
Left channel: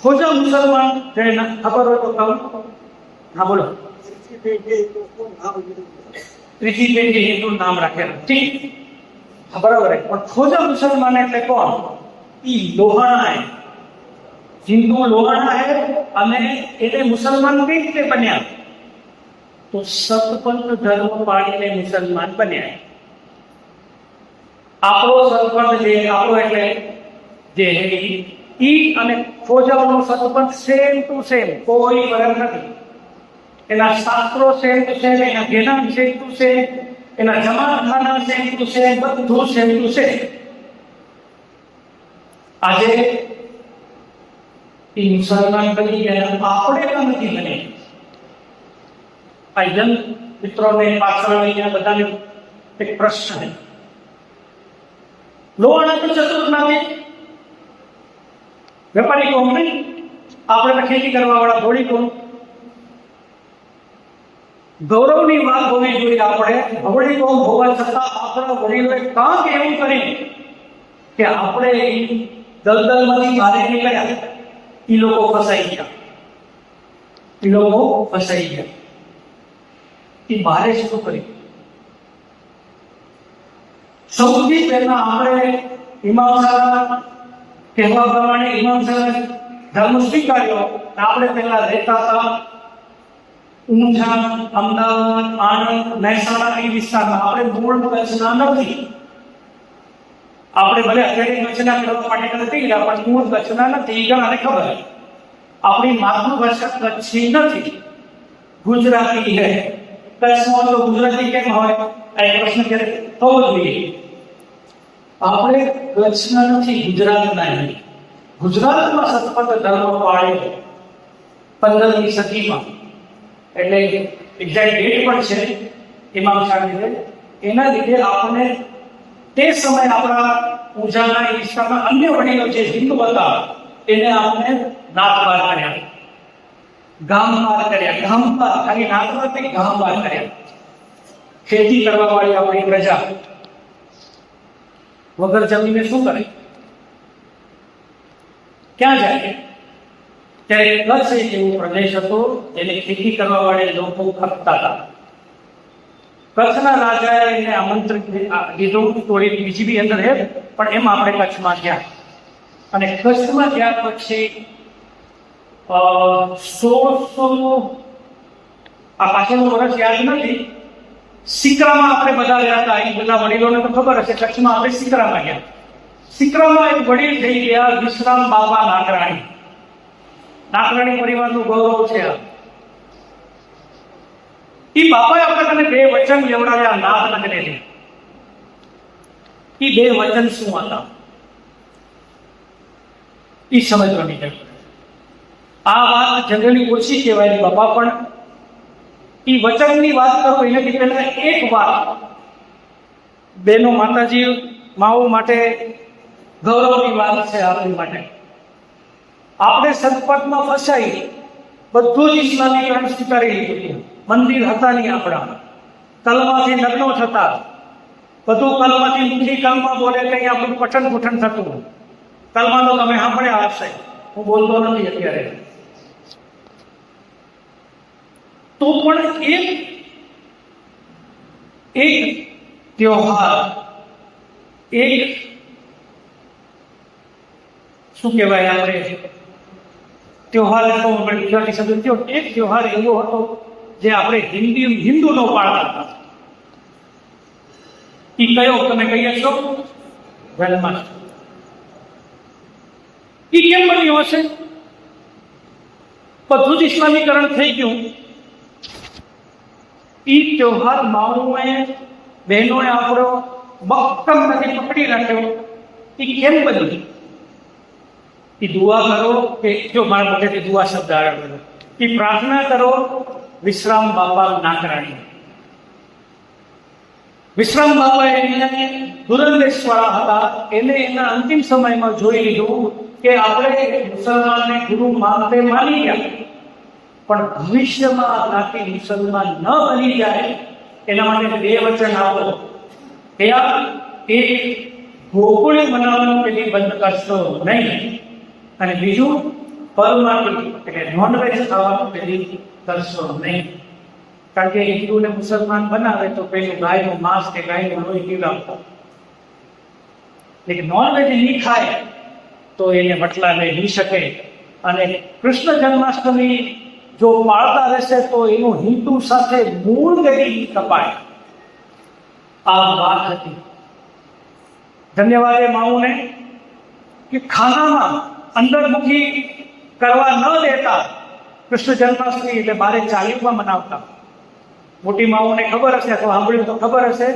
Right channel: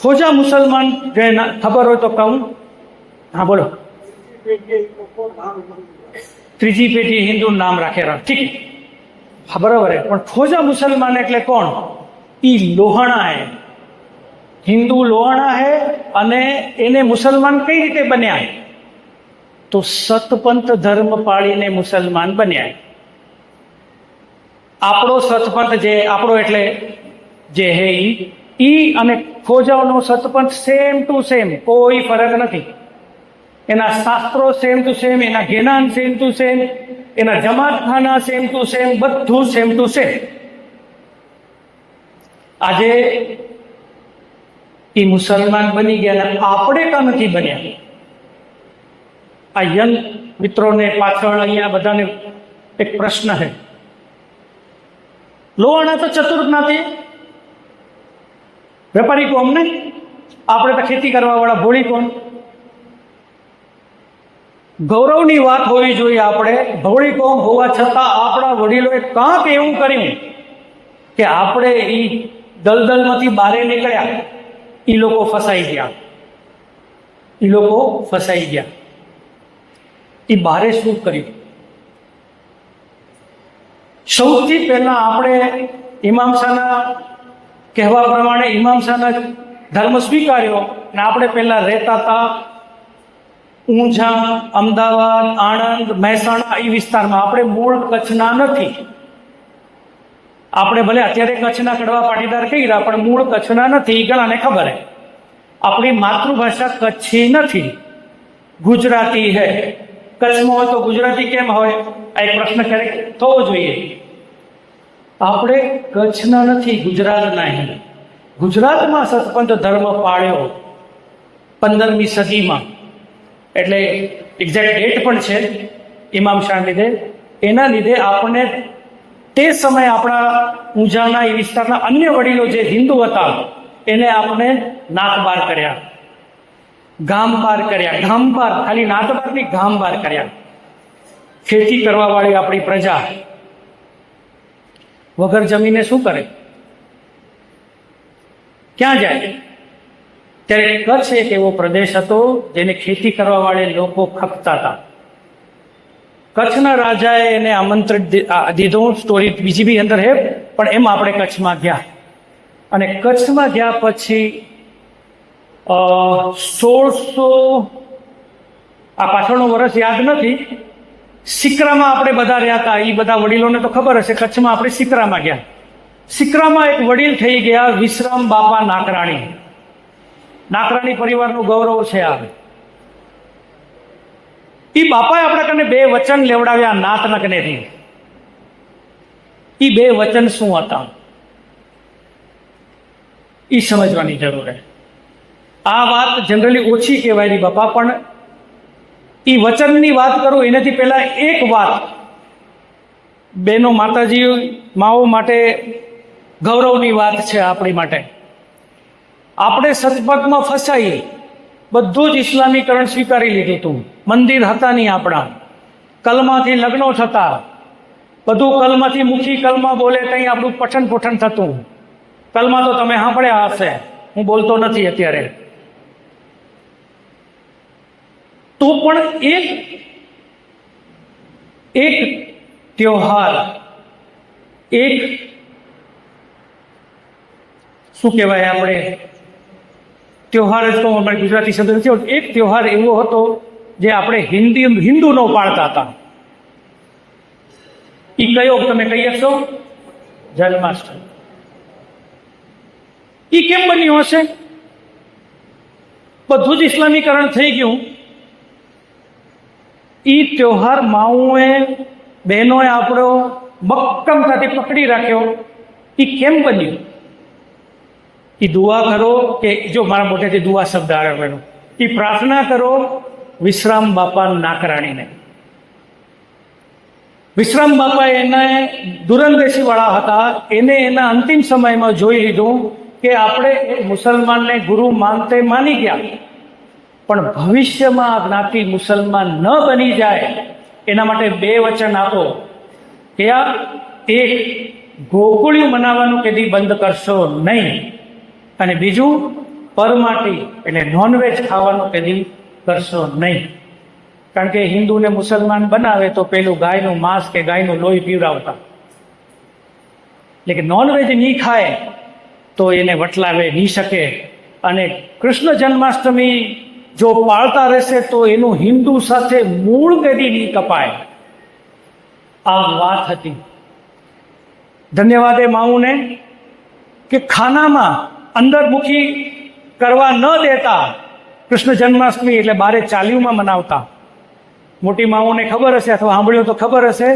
ખોજા મુસલમાન જે ખબર હોય તો કહું. હા બોલો. ત્રીજી પેઢી હિન્દુ નામ રાખેલા, ઠીક, હા બરોબર. પણ ખોજા મુસલમાન એટલે કોણ? ઈ લોહાણા હે, હિન્દુ લોહાણા હે, અને એને મુસલમાન કઈ રીતે બન્યા? તો સતપંથ ધર્મ પાળીને મુસલમાન બન્યા. આપણો સતપંથ જે આપણો એટલે જે હે ઈ અને ખોજાઓનો સતપંથ સેમ ટુ સેમ, કોઈ ફરક નથી. એના શાસ્ત્રો સેમ ટુ સેમ, એના જ્ઞાન સેમ ટુ સેમ, એના જમાતખાના સેમ ટુ સેમ, બધું સેમ ટુ સેમ. આજે એ મુસલમાન બની ગયા, આપણે કાં નથી બન્યા? આ યંગ મિત્રોને પાછળ અહીંયા બધાને એક પ્રશ્ન છે. લોહાણા તો ચતુર જ્ઞાતિ, વેપારી કોમ નહીં, આપણે તો ખેતી કરવા વાળા ભોળી કોમ. ગૌરવની વાત હોવી જોઈએ. આપણે ભોળી કોમ હોવા છતાં આપણા વડીલોએ કાંક એવું કર્યું કે આપણે એ દલદલમાંથી બહાર નીકળ્યા. એ લોકો ફસાઈ ગયા. એ બારે શું કર્યું? સૌથી પહેલા આપણે ઇમામ શાહના કહેવા પ્રમાણે ઇમામ શાહના ધર્મ સ્વીકાર્યો અને આપણે પહેલા રહેતા હતા ઊંઝા, અમદાવાદ, આણંદ, મહેસાણા એ વિસ્તારમાં. આપણે મૂળ કચ્છના નથી. આપણે ભલે અત્યારે કચ્છના કડવા પાટીદાર કહીએ પણ મૂળ કચ્છના નથી. એ ઘણાને ખબર છે. આપણી માતૃભાષા કચ્છી નથી, ગુજરાતી છે. કચ્છમાં હોય તો ગુજરાતી કેમ હોય? આ એક પ્રશ્ન ક્યારેક થવો જોઈએ. આપણે કચ્છના નથી, ગુજરાતના. ગુજરાતમાં સતપંથ ધર્મ પાળ્યો 15મી સદીમાં, એટલે એક્ઝેક્ટ ડેટ પણ છે ઇમામ શાહ લીધે. એના લીધે આપણને તે સમયે આપણા ઊંઝાના એ વિસ્તારના અન્ય વડીલો જે હિન્દુ હતા એને આપણને નાત બાર કર્યા, ગામ બાર કર્યા. ગામ બાર, ખાલી નાત બાર નહીં, ગામ બાર કર્યા. ખેતી કરવા વાળી આપણી પ્રજા વગર જમીને શું કરે? ક્યાં જાય? ત્યારે કચ્છ એક એવો પ્રદેશ હતો જેને ખેતી કરવા વાળે લોકો ખપતા હતા. કચ્છના રાજાએ એને આમંત્રણ દીધું. સ્ટોરી બીજી બી અંદર છે, પણ એમ આપણે કચ્છમાં ગયા. અને કચ્છમાં ગયા પછી 1600, આ પાછળનું વર્ષ યાદ નથી, સિકરામાં આપણે બધા રહ્યા હતા. એ બધા વડીલોને તો ખબર હશે. કચ્છમાં આપણે સિકરામાં ગયા. સિકરામાં એક વડીલ થઈ ગયા, વિશ્રામ બાપા નાકરાણી. નાકરાણી પરિવારનું ગૌરવ છે આ. એ બાપાએ આપણા કને 2 વચન લેવડાવ્યા નાથના કનેથી. એ 2 વચન શું હતા એ સમજવાની જરૂર છે. આ વાત જનરલી ઓછી કહેવાય બાપા, પણ એ વચનની વાત કરું એનાથી પહેલા એક વાત બેનો, માતાજી, માઓ માટે ગૌરવની વાત છે આપણી માટે. આપણે સતપથમાં ફસાઈ બધું જ ઇસ્લામીકરણ સ્વીકારી લીધું હતું. મંદિર હતા નહીં આપણા, કલમાથી લગ્નો થતા, બધું કલમાથી મુખી કલમા બોલે ત્યાં આપણું પઠન પુઠન થતું. કલમા તો તમે સાંભળ્યા હશે, હું બોલતો નથી અત્યારે. તો પણ એક ત્યોહાર, એક શું કહેવાય, આપણે ત્યોહાર જ કહું, આપણે ગુજરાતી શબ્દ નથી. એક ત્યોહાર એવો હતો જે આપણે હિન્દુનો પાળતા હતા. એ કયો તમે કહી શકશો? જન્માષ્ટમી. એ કેમ બન્યું હશે? બધું જ ઇસ્લામીકરણ થઈ ગયું. એ ત્યોહાર માઓએ, બહેનોએ આપણો મક્કમતાથી પકડી રાખ્યો. એ કેમ બન્યું? એ દુઆ કરો કે, જો મારા મોટેથી દુઆ શબ્દ આવેલો, એ પ્રાર્થના કરો વિશ્રામ બાપા નાકરાણીને. વિશ્રામ બાપા એને દૂરંદેશી વાળા હતા. એને એના અંતિમ સમયમાં જોઈ લીધું કે આપણે મુસલમાનને ગુરુ માની ગયા, પણ ભવિષ્યમાં આ જ્ઞાતિ મુસલમાન ન બની જાય એના માટે 2 વચન આપો. કે આ એક, ગોકુળિયું મનાવવાનું કદી બંધ કરશો નહીં, અને બીજું પરમાટી એટલે નોનવેજ ખાવાનું કદી કરશો નહીં. કારણ કે હિન્દુને મુસલમાન બનાવે તો પેલું ગાયનું માંસ કે ગાયનું લોહી પીવડાવતા. એટલે કે નોનવેજ નહીં ખાય તો એને વટલાવે નહીં શકે. અને કૃષ્ણ જન્માષ્ટમી જો પાળતા રહેશે તો એનું હિન્દુ સાથે મૂળ કદી નહીં કપાય. આ વાત હતી. ધન્યવાદ એ માઉને કે ખાનામાં અંદર મુખી કરવા ન દેતા કૃષ્ણ જન્માષ્ટમી એટલે બારે ચાલીમાં મનાવતા. મોટી માઓને ખબર હશે અથવા સાંભળ્યું તો ખબર હશે,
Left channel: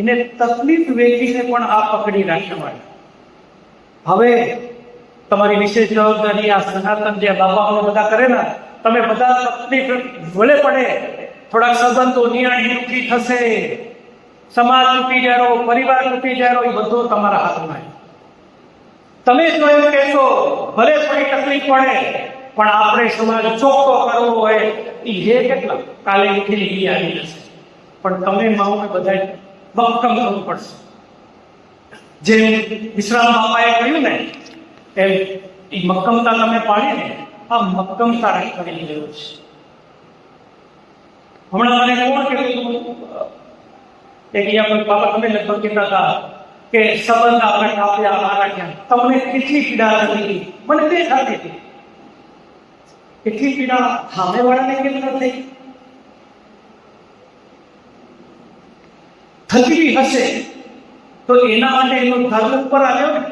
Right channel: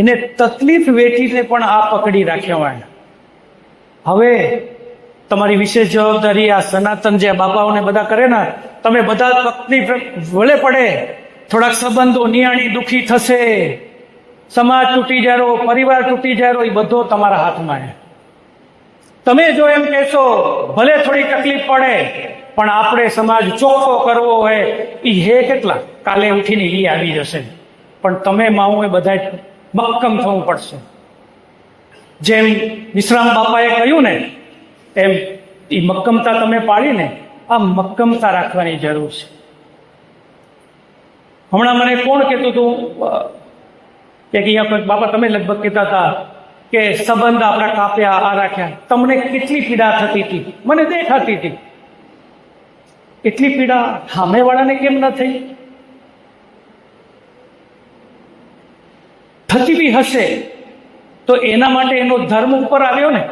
એને તકલીફ વેચીને પણ આ પકડી રાખ્યા હોય. હવે તમારી વિશેષ જવાબદારી આ સનાતન જે બાબાઓને બધા કરે ને, તમે બધા તકલીફ વળે પડે, થોડાક સંબંધો નિયાણી દુઃખી થશે, સમાજ તૂટી જાય, પરિવાર તૂટી જાય, એ બધો તમારા હાથમાં છે. તમે જો એમ કહેશો ભલે થોડી તકલીફ પડે પણ આપણે સમાજ ચોખ્ખો કરવો હોય, એ હે કેટલા કાલે ઉઠીને એ આવી જશે. પણ તમે માઓએ બધા મક્કમ થવું પડશે. જેમ વિશ્રામ બાપાએ કહ્યું ને એમ એ મક્કમતા તમે પાડીને આ મક્કમતા રાખવાની જરૂર છે. હમણાં મને કોણ કહેતું હતું કે બાપા તમે લગભગ કહેતા હતા કે સંબંધ આપણે કાપ્યા, આ રાખ્યા, તમને કેટલી પીડા થતી હતી? મને તે થતી હતી. એટલી પીડા સામેવાળાને કેમ ન થઈ? થતી બી હશે તો એના માટે એનો ધર્મ ઉપર આવ્યો ને.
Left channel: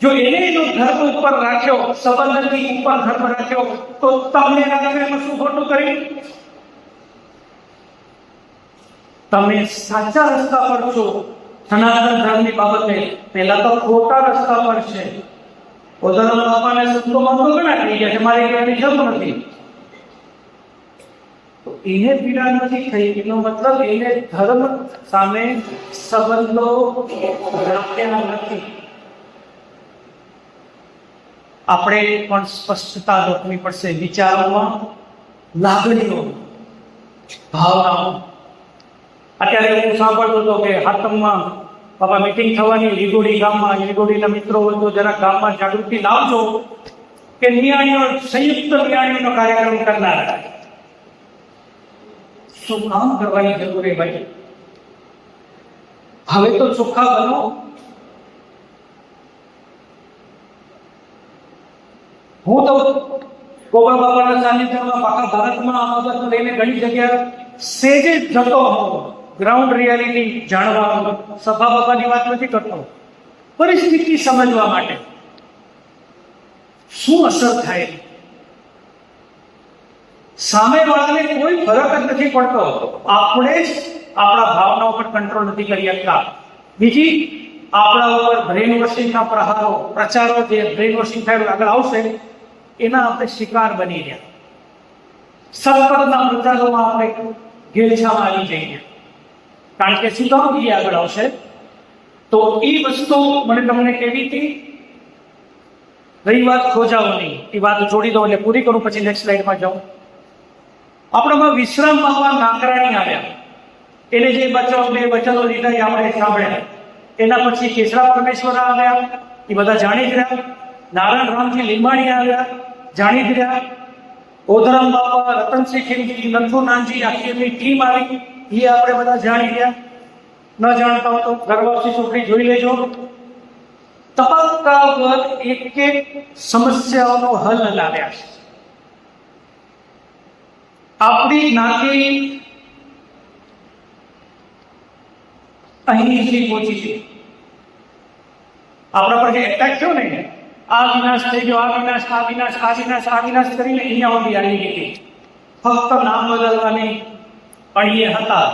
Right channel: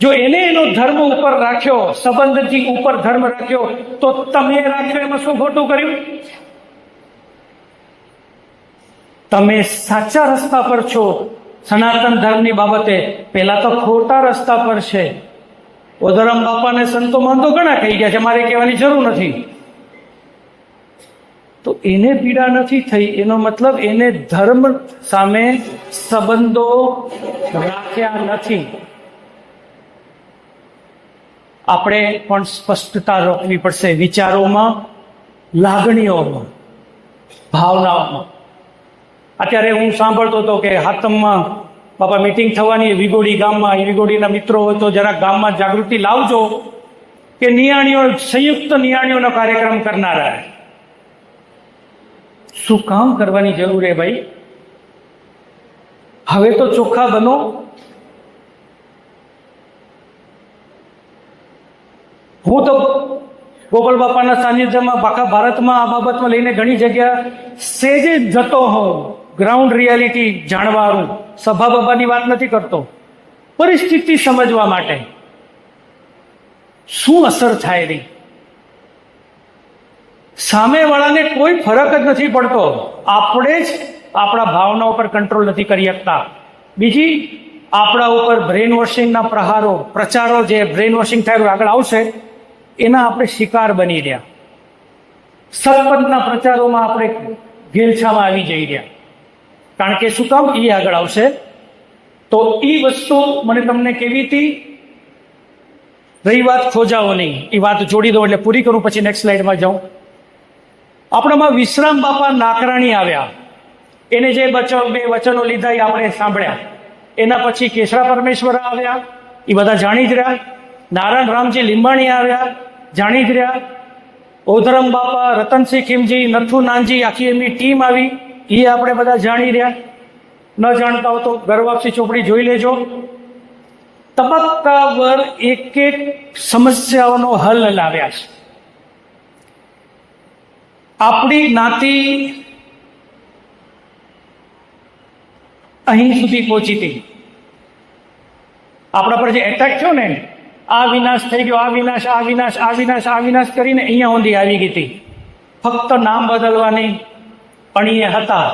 જો એને એનો ધર્મ ઉપર રાખ્યો, સંબંધથી ઉપર ધર્મ રાખ્યો, તો તમે રાખ્યો એમાં શું ખોટું કર્યું? તમે સાચા રસ્તા પર છો. સનાતન ધર્મની બાબતે પહેલા તો ખોટા રસ્તા પર છે. ઓધરામ બાપાને સંતો મંતો ઘણા કહી ગયા છે, મારે કહેવાની જરૂર નથી. તો એને પીડા નથી થઈ, એનો મતલબ એને ધર્મ સામે સંબંધો રાખ્યા નથી. આપણે પણ સ્પષ્ટતા રોકવી પડશે વિચારોમાં, લાગણીઓમાં, ભાવનાઓમાં. અત્યારે હું સાંભળતો હતો કે હાતમમાં બાપા મીટિંગ થવાની વિગોડી ગામમાં, એ વિગોડીના મિત્રો હોય તો જરાક ગામમાં જાગૃતિ લાવજો કે નિયાણીઓ, સંયુક્ત નિયાણીઓનો કાર્યક્રમ કરનારા. શું કામ કરવાની જરૂર છે ભાઈ? હવે તો ચોખ્ખા બનો. હું તો ગોપાલ બાપાના સાનિધ્યમાં આખા ભારતમાં આ બાબતમાં લઈને ઘણી જગ્યા સેજે જતો હોઉં, ગ્રાઉન્ડ રિયાલિટી જાણવાનું. સભા બાબાની વાત નથી કરતો, પરિસ્થિતિ સમજવા માટે શું અસર થાય રહી. સામેવાળાને કોઈ ફરક જ નથી પડતો. આપણે જ આપણા ભાવના ઉપર કંટ્રોલ નથી કરી શકતા. બીજી, આપણા ઉપર બ્રેન વોશિંગના પ્રહારો, પ્રચારો, જે બ્રેન વોશિંગ થાય આગળ આવશે, એના આપણે શિકાર બની રહ્યા. સતપથના પ્રચારોમાં આપણે ઘેલછામાં આવી જઈ રહ્યા. કારણ કે શું કામ? એ આગળ આવશે. તો એ વસ્તુ મને તમને કેવી હતી? રહી વાત ખોજાઓ નહીં, એ વાત જોડી દો એટલે પૂરી કરું, પછી નેક્સ્ટ સ્લાઇડમાં જાઉં. આપણામાં વિશ્રામ બાપા નાકરાણી આવ્યા. એને જે બે વચનો લીધા એ આપણે સાંભળ્યા. એના પછી કેશરા પરમેશ્વરા આવ્યા, એ બધા જાણી જ રહ્યા. નારાયણ રામજી લીંબાણી આવ્યા, જાણી જ રહ્યા. ઓધરમ બાપા, રતનસિંહ ખીમજી, નથુ નાનજી, આખી એમની ટીમ આવી, એ આપણે બધા જાણી રહ્યા. ન જાણતા હો તો ગર્વાપસી ચોપડી જોઈ લેજો. તબક્કાવાર એક એક સમસ્યાઓનો હલ લાવ્યા છે. આપણી જ્ઞાતિ અહીં સુધી પહોંચી હતી. આપણા પર જે એટેક થયો ને, આ વિનાશ થઈ ગયો, આ વિનાશ, આ વિનાશ, આ વિનાશ, આ વિનાશ કરીને અહીંયા સુધી આવી ગઈ હતી. ફક્ત નામ બદલવાની અણીએ હતા.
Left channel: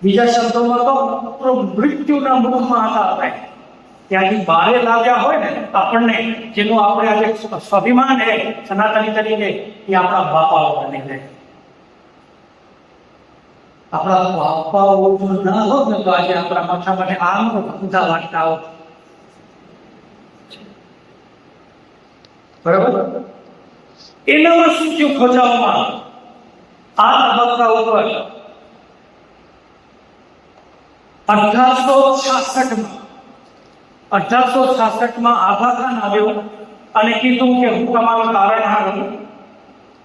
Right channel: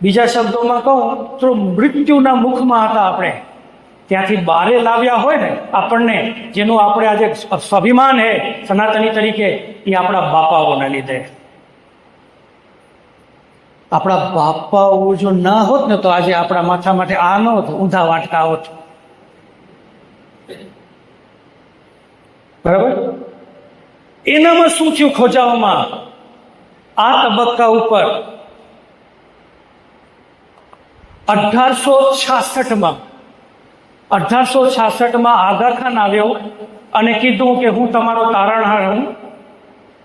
બીજા શબ્દોમાં કહો તો મૃત્યુના મુખમાં હતા આપણે. ત્યાંથી બહાર લાવ્યા હોય ને આપણને, જેનું આપણે આજે સ્વાભિમાન છે સનાતની તરીકે, એ આપણા બાપાઓના લીધે. આપણા બાપાઓ જો ના હોત ને તો આજે આપણા માથા માટે આ ન હોત, ઊંધા વાટકા હોત. બરાબર? એનામાં શું થયું ખોજાઓમાં? આ તબક્કા ઉપર 1866માં આઘા ખાન આવ્યો અને કીધું કે હું તમારો તારણહાર હું.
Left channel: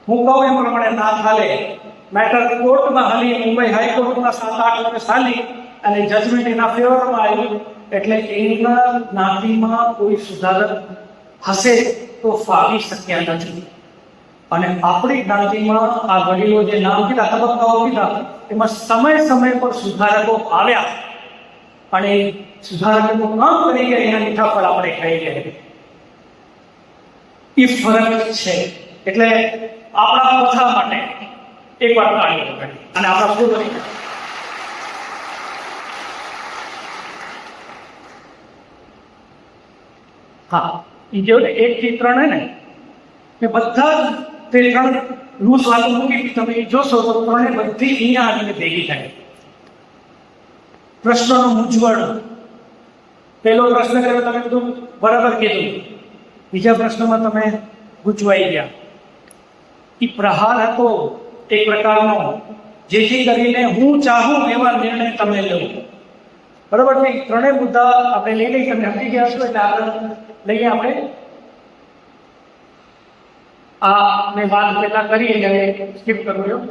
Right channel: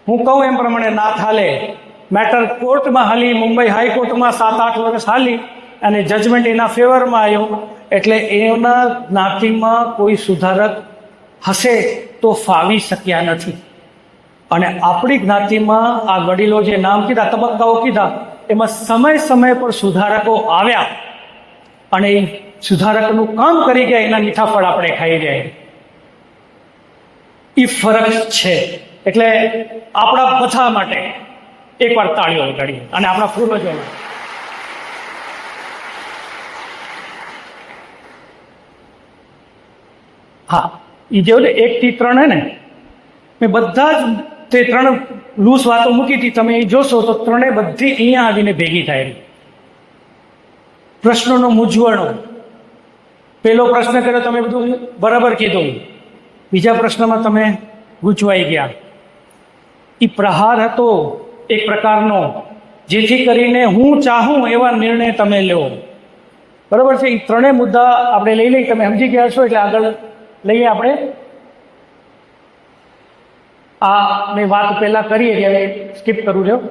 હું કહું એમ પ્રમાણે ના ચાલે. મેટર કોર્ટમાં હાલી, મુંબઈ હાઈકોર્ટમાં 7-8 વર્ષ હાલી અને જજમેન્ટ એના ફેવરમાં આવ્યો. એટલે એના જ્ઞાતિમાં કોઈ સુધારક હશે તો ફાવી શક્યા નથી. અને આપણી જ્ઞાતિમાં આ વડીલો જે નામ કીધા, તબક્કાઓ કીધા, એમાં સમય પર સુધારકો આવ્યા અને એ સુધારકનું કામ કરી ગયા. એના મીઠા ફળ આપણે ખાઈ રહ્યા. એ ફરક છે. એટલે આપણા બધા માટે એકવાર તાળીઓ વગાડીએ અને આપણા પૂર્વજો. હા, એ જેવું 1 થી 3 હે ને, મેં બધા જ તે 3 લૂસ વાતો મૂકી હતી. તમે એ જોશો તો 3 બધી અહીંયા આવીને ભેગી થાય. પ્રશ્નોનો મૂંઝવણો. પહેલો પ્રશ્ન કર્યો તમે બધું બરાબર કીધું, બીજા પ્રશ્નમાં તમે ગૂંચવાઈ ગયા. એ પ્રહાર હતો એક પ્રકારનો, જેથી કરીને હું ચાહું એવા નિર્ણય તમે લો. બરાબર છે. એ 3 મુદ્દા આપણે લઈ લઈએ. તમે સમજી ગયા છો એટલે આગળ લઈએ આપણે. આ મેં વાત પહેલા કરી એટલે સ્કીપ કરું છું.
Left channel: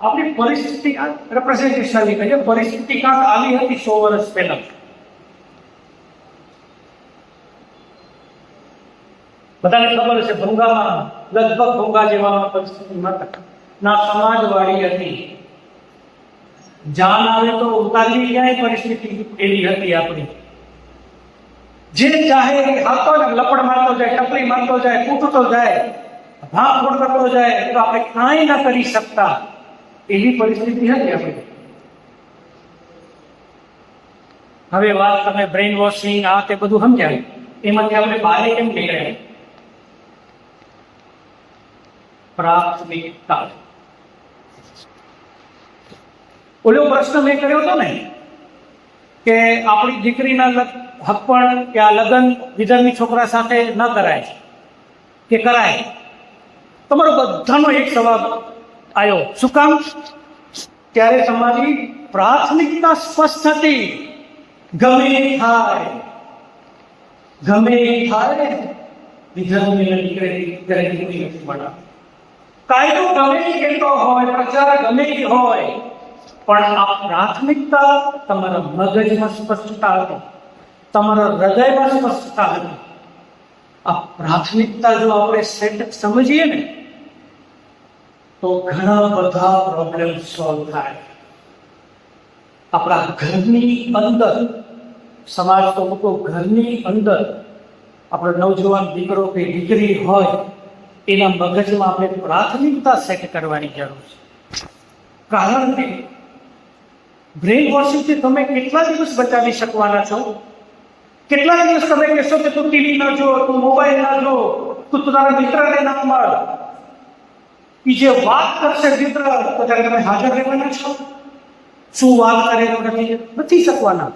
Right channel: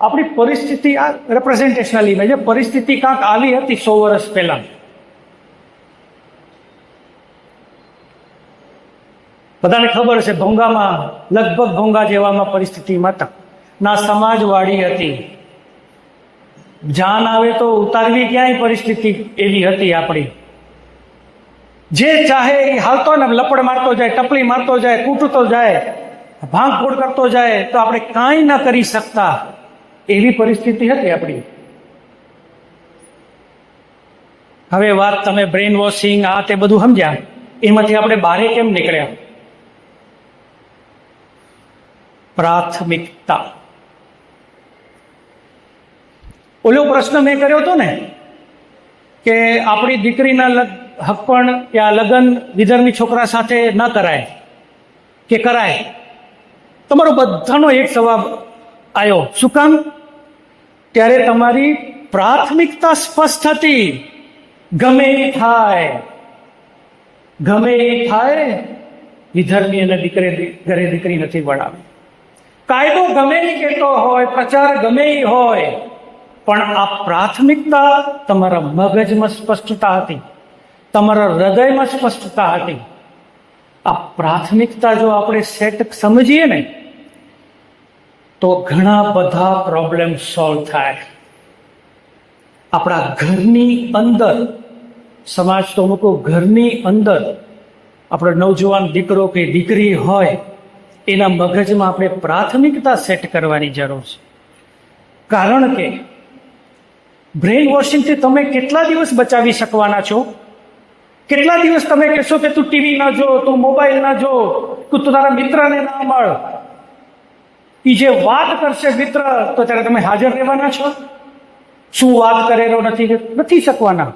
આપણી પરિસ્થિતિ આ રિપ્રેઝેન્ટેશનલ ઇમેજ છે. પરિસ્થિતિ કાંક આવી હતી 100 વર્ષ પહેલા. બધાને ખબર છે ભોંગામાં, લગભગ ભોંગા જેવામાં પરિસ્થિતિમાં ના સમાજવાળી હતી. જાન આવે તો ઉતારવી ક્યાંય પરિસ્થિતિ એવી હતી આપણી. જે ચાહે એ હાલતો ને લપડ મારતો જાય, ટપલી મારતો જાય, કૂટતો જાય, ભાંગફોડ કરતો જાય તો આપણે કાંઈ ના કરી શકતા એવી પરિસ્થિતિ હતી આપણી. હવે વાત તમે બ્રેઇન વોશિંગ આ તે બધું સમજ્યા, એમાંથી આપણે બહાર કેમ નીકળ્યા? પ્રાથમિકતા. ઓલો પ્રશ્ન મેં કર્યો હતો ને કે આપણી દીકરીના હપ્પણ કે આ લગ્ન વિધર્મી છોકરા સાથે ન કરાય કે કરાય. તમારો બધાનો એક જવાબ આવ્યો. શું કામ? ત્યારે તમારી પ્રાથમિકતા સ્પષ્ટ હતી. ગમે એ થાય વિધર્મી અને ઘરે દીકરી નથી ભણાવી. કાયદો ગમે એ કહેતો હોય, પ્રચાર ગમે એ હોય, પણ આ પ્રાથમિકતા તમારા મગજમાં સ્પષ્ટતા હતી, તમારા હૃદયમાં સ્પષ્ટતા હતી. આ પ્રાથમિકતા જો આપણે સેટ સમજીએ ને તો ઘણા બધા પ્રોબ્લેમ સોલ્વ થાય. આપણા ઘરની અંદર, સમાજ તો મૂકો, ઘરની અંદર આપણો નવજવાન દીકરો કે દીકરી હોય એના મગજમાં આપણે પ્રાથમિકતા સેટ કરવાની જરૂર છે. કારણ કે બ્રેઇન વોશિંગથી તમે કેટલા દિવસ બચાવી શકવાના છો? કેટલા દિવસ તમે કહેશો કે તું ટીવી ના જો, તું મોબાઈલ ના જો, તું તારા મિત્રને ના મળ? એ જે વાત કરશે મિત્ર તો ત્યારે તમે હાજર રહેવાના છો? શું વાત કરેલો નથી શકવાના.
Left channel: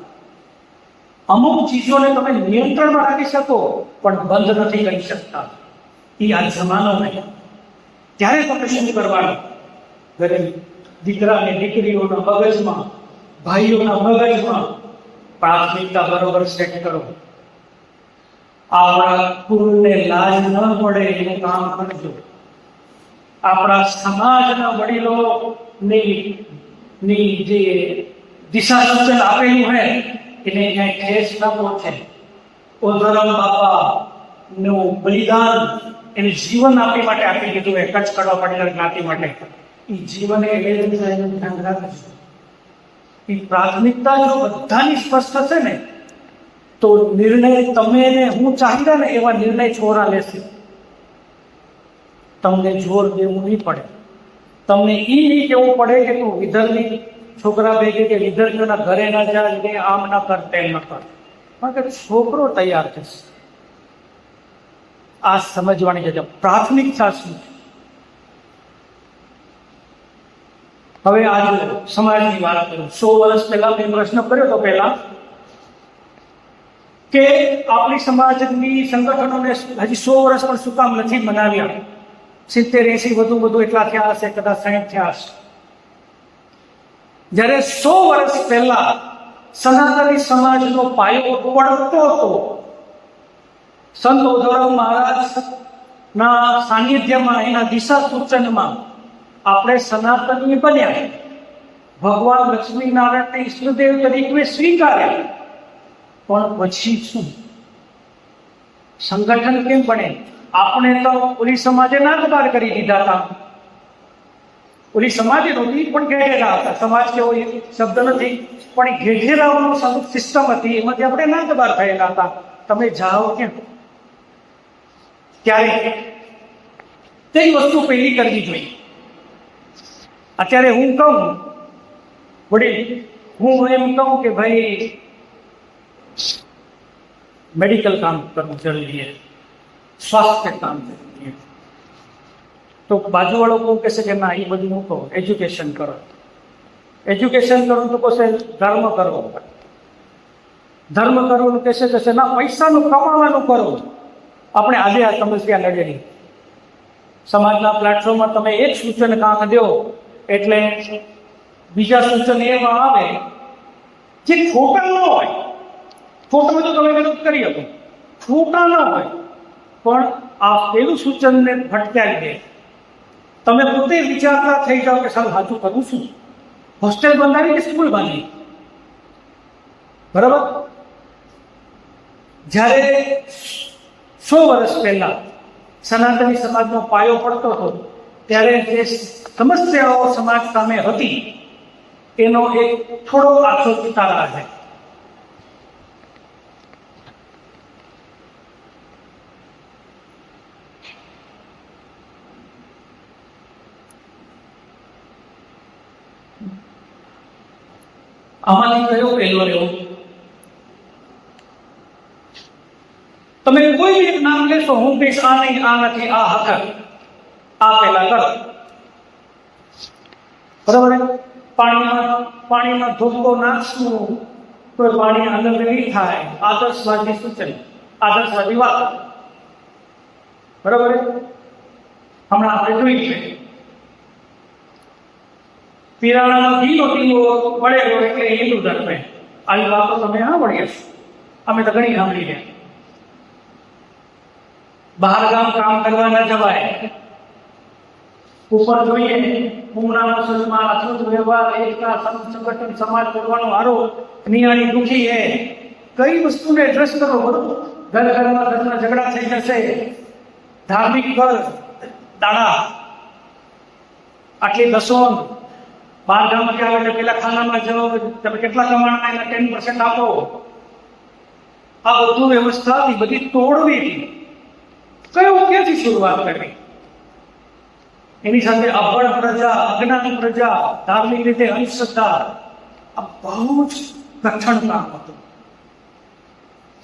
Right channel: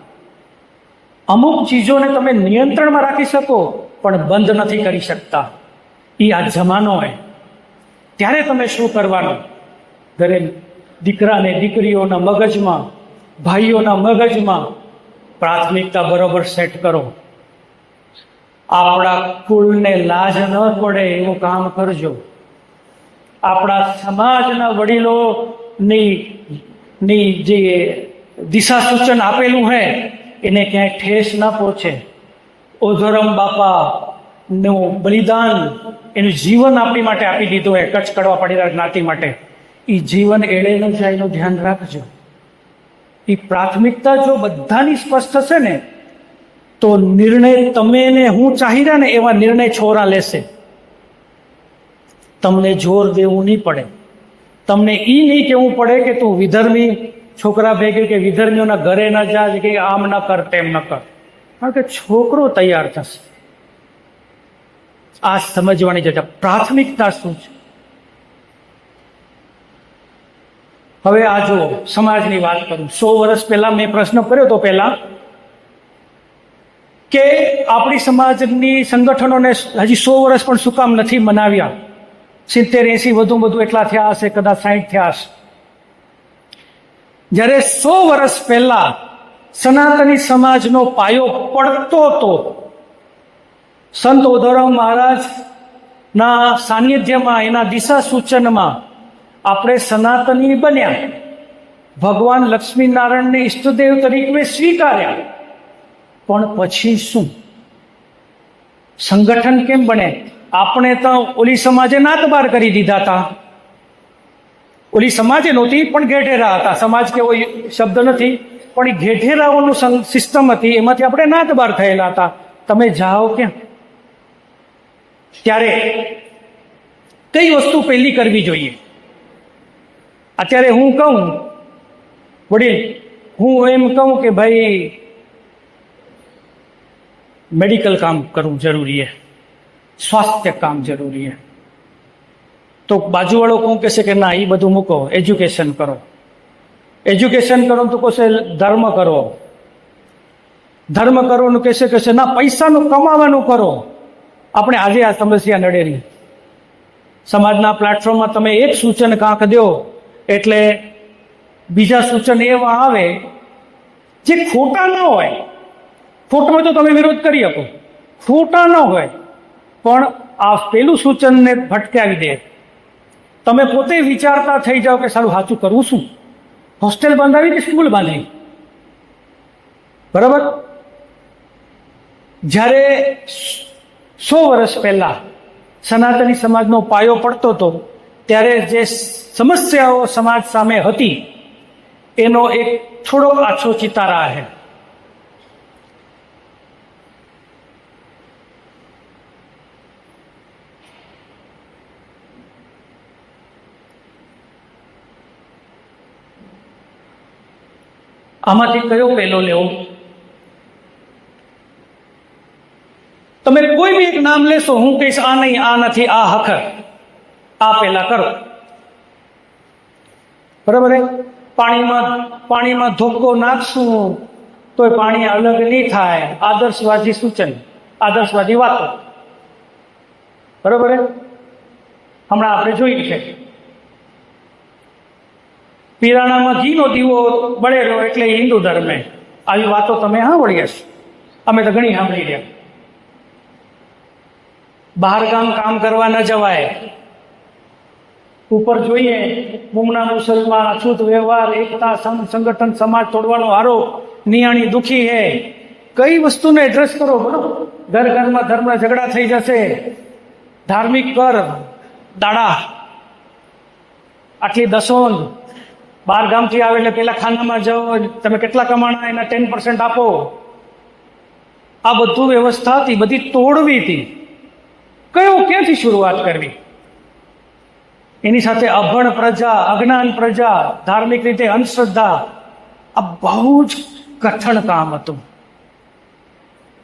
અમુક ચીજોને તમે નિયંત્રણમાં રાખી શકો પણ બંધ નથી કરી શકતા. એ આ જમાનો હોય ત્યારે તમે શું કરવાનું? ઘરે દીકરાને દીકરીઓના મગજમાં, ભાઈઓના મગજમાં પ્રાથમિકતા બરોબર સેટ કરો. આપણા કુળને લાજ ન પડે એવું કામ કરજો. આપણા સમાજના વડીલોની જે દિશા સૂચન આપેલું હોય એને ક્યાંય ઠેસ ન પહોંચે. ઓધોરામ બાપાનું બલિદાન, એનું જીવન આપણી માટે આપી દીધું હોય, કચ્છ કડવા પાટીદાર જ્ઞાતિ માટે. એ જીવન એળેલું છે, એનું ધ્યાન રાખજો. એ પ્રાથમિકતા જો બધાની સ્પષ્ટ હશે ને તો નિર્ણય તમે ને હું ચાહી રહ્યા ને એવા નિર્ણય છોરા લેશે. તમને જોર દેવું નહીં પડે. તમને એ નહીં કહેવું પડે કે તું વિધર્મી છોકરા ભેગે કે વિધર્મીઓના ઘરે ના જા, કે આમ ન કર તેમ ન કર. કારણ કે છોકરો તૈયાર થશે. આ સમજવાની જગ્યા પ્રાથમિકતા શું છે. હવે આ જો સમાજની વાત કરું, 100 વર્ષ પહેલા મેં પ્રશ્ન કર્યો તો પહેલા કે આપણી સમાજની સંગઠનોને હજી 100 વર્ષ પણ શું કામ નથી મનાવ્યા? 70-80 વધુ એટલા થયા હશે, કદાચ 60 થયા હશે. જ્યારે 100 વર્ષ પહેલા સનાતની સમાજનો પાયો પડતો હતો, સંત ઓધવરામ મહારાજના સાનિધ્યમાં, એના દિશા સૂચનમાં આપણે સનાતની બન્યા. ભગવાન લક્ષ્મીનારાયણને ઈષ્ટદેવ તરીકે સ્વીકાર્યા. પણ પછી શું? સંગઠન કેમ બને? આપણે તો ઓલી સમાજે નાતબાર કરી દીધા હતા. ઓલી સમાજે નહોતી પણ ઘેઢેરા હતા. સમાજ કેવો શબ્દ નથી પણ એ ઘેઢેરાઓનું સિસ્ટમ હતી, એમાંથી આપણે નાતબાર થયેલા હતા. તમે જાઓ કેમ? ત્યારે કઈ વસ્તુ પહેલી કરવી જોઈએ? અત્યારે હું કહું વડીલ, હું એમ કહું કે ભાઈ મેડિકલ કામ કરવું જરૂરી છે, સ્વાસ્થ્ય કામ જરૂરી છે, તો બાજુવાળો કોણ કહેશે કે ના એ બધું મૂકો, એજ્યુકેશન કરો. એજ્યુકેશન કરો તો કહેશે ધર્મ કરો. ધર્મ કરવાનું કહેશે ના પૈસાનું કમાવાનું કરો. આપણે આજે આ સમસ્યા નડેલી. સમાજના પ્લેટફોર્મમાં તમે એક સૂચન કાંક દો એટલે બીજા સૂચન એવા આવે જે ખોટા ન હોય. ખોટા હોય તો તમે વિરોધ કરી શકો, ખોટા ન હોય પણ આ પેલું સૂચનને ભટકાવી દે. તમે પોતે વિચારતા થઈ જાઓ કે સારું સાચું કરવું શું, હોસ્ટેલ બાંધાવી કે સ્કૂલ બાંધાવી? બરાબર. જ્યારે 100 વર્ષ પહેલા સનાતની સમાજનો પાયો પડતો હતો ત્યારે જે સમસ્યાઓ સમાજ સામે હતી એનો એક થોડો આછો ચિતારા છે. આમાંથી કયો પહેલો લેવો? તમે કોઈ બી એક નામ લેશો, હું કહીશ આ નહીં, આ નથી, આ હખર, આ પહેલા કરો. બરાબર. પાણીમાં ધોકો નાખશું તો પાણી અલગ નહીં થાય. આદર્શવાદી સૂચન, આદર્શવાદી વાતો. બરાબર. હમણાં આપણે જોઈ છે પીરાણામાં ઘીનો દીવો બળેલો એટલે હિન્દુ ધર્મે. આવી વાતો તમે સાંભળી હશે, અમે તો ઘણી સાંભળી રહ્યા. બહાર ગામ કામ કરવા ન જવાય. ઉપર જોઈએ મુમના મુસલમાન, અછૂત વ્યવહાર, એકતા, સંગઠન, સમાજ તોડવાનો આરોપ, નિયાણી દુખી હે. કઈ વસ્તુને એડ્રેસ કરો? બરોબર. ઘર ઘરમાં ધર્મના ઝઘડા થઈ જશે. ધાર્મિક કર દાણા, આટલી દસોન. બહાર ગામથી આવે એટલે પેલા ખાનામાં જાઓ, તમે કેટલા કમાણા એના 10% આપો. આ બધું વ્યવસ્થા હતી, બધી તોડવી હતી. ક્યાંથી શરૂઆત કરવી? એની સાથે અભણ પ્રજા, અજ્ઞાન પ્રજા, ધાર્મિક રીતે અંધશ્રદ્ધા, આ બહુ જ કઠણ કામ હતું.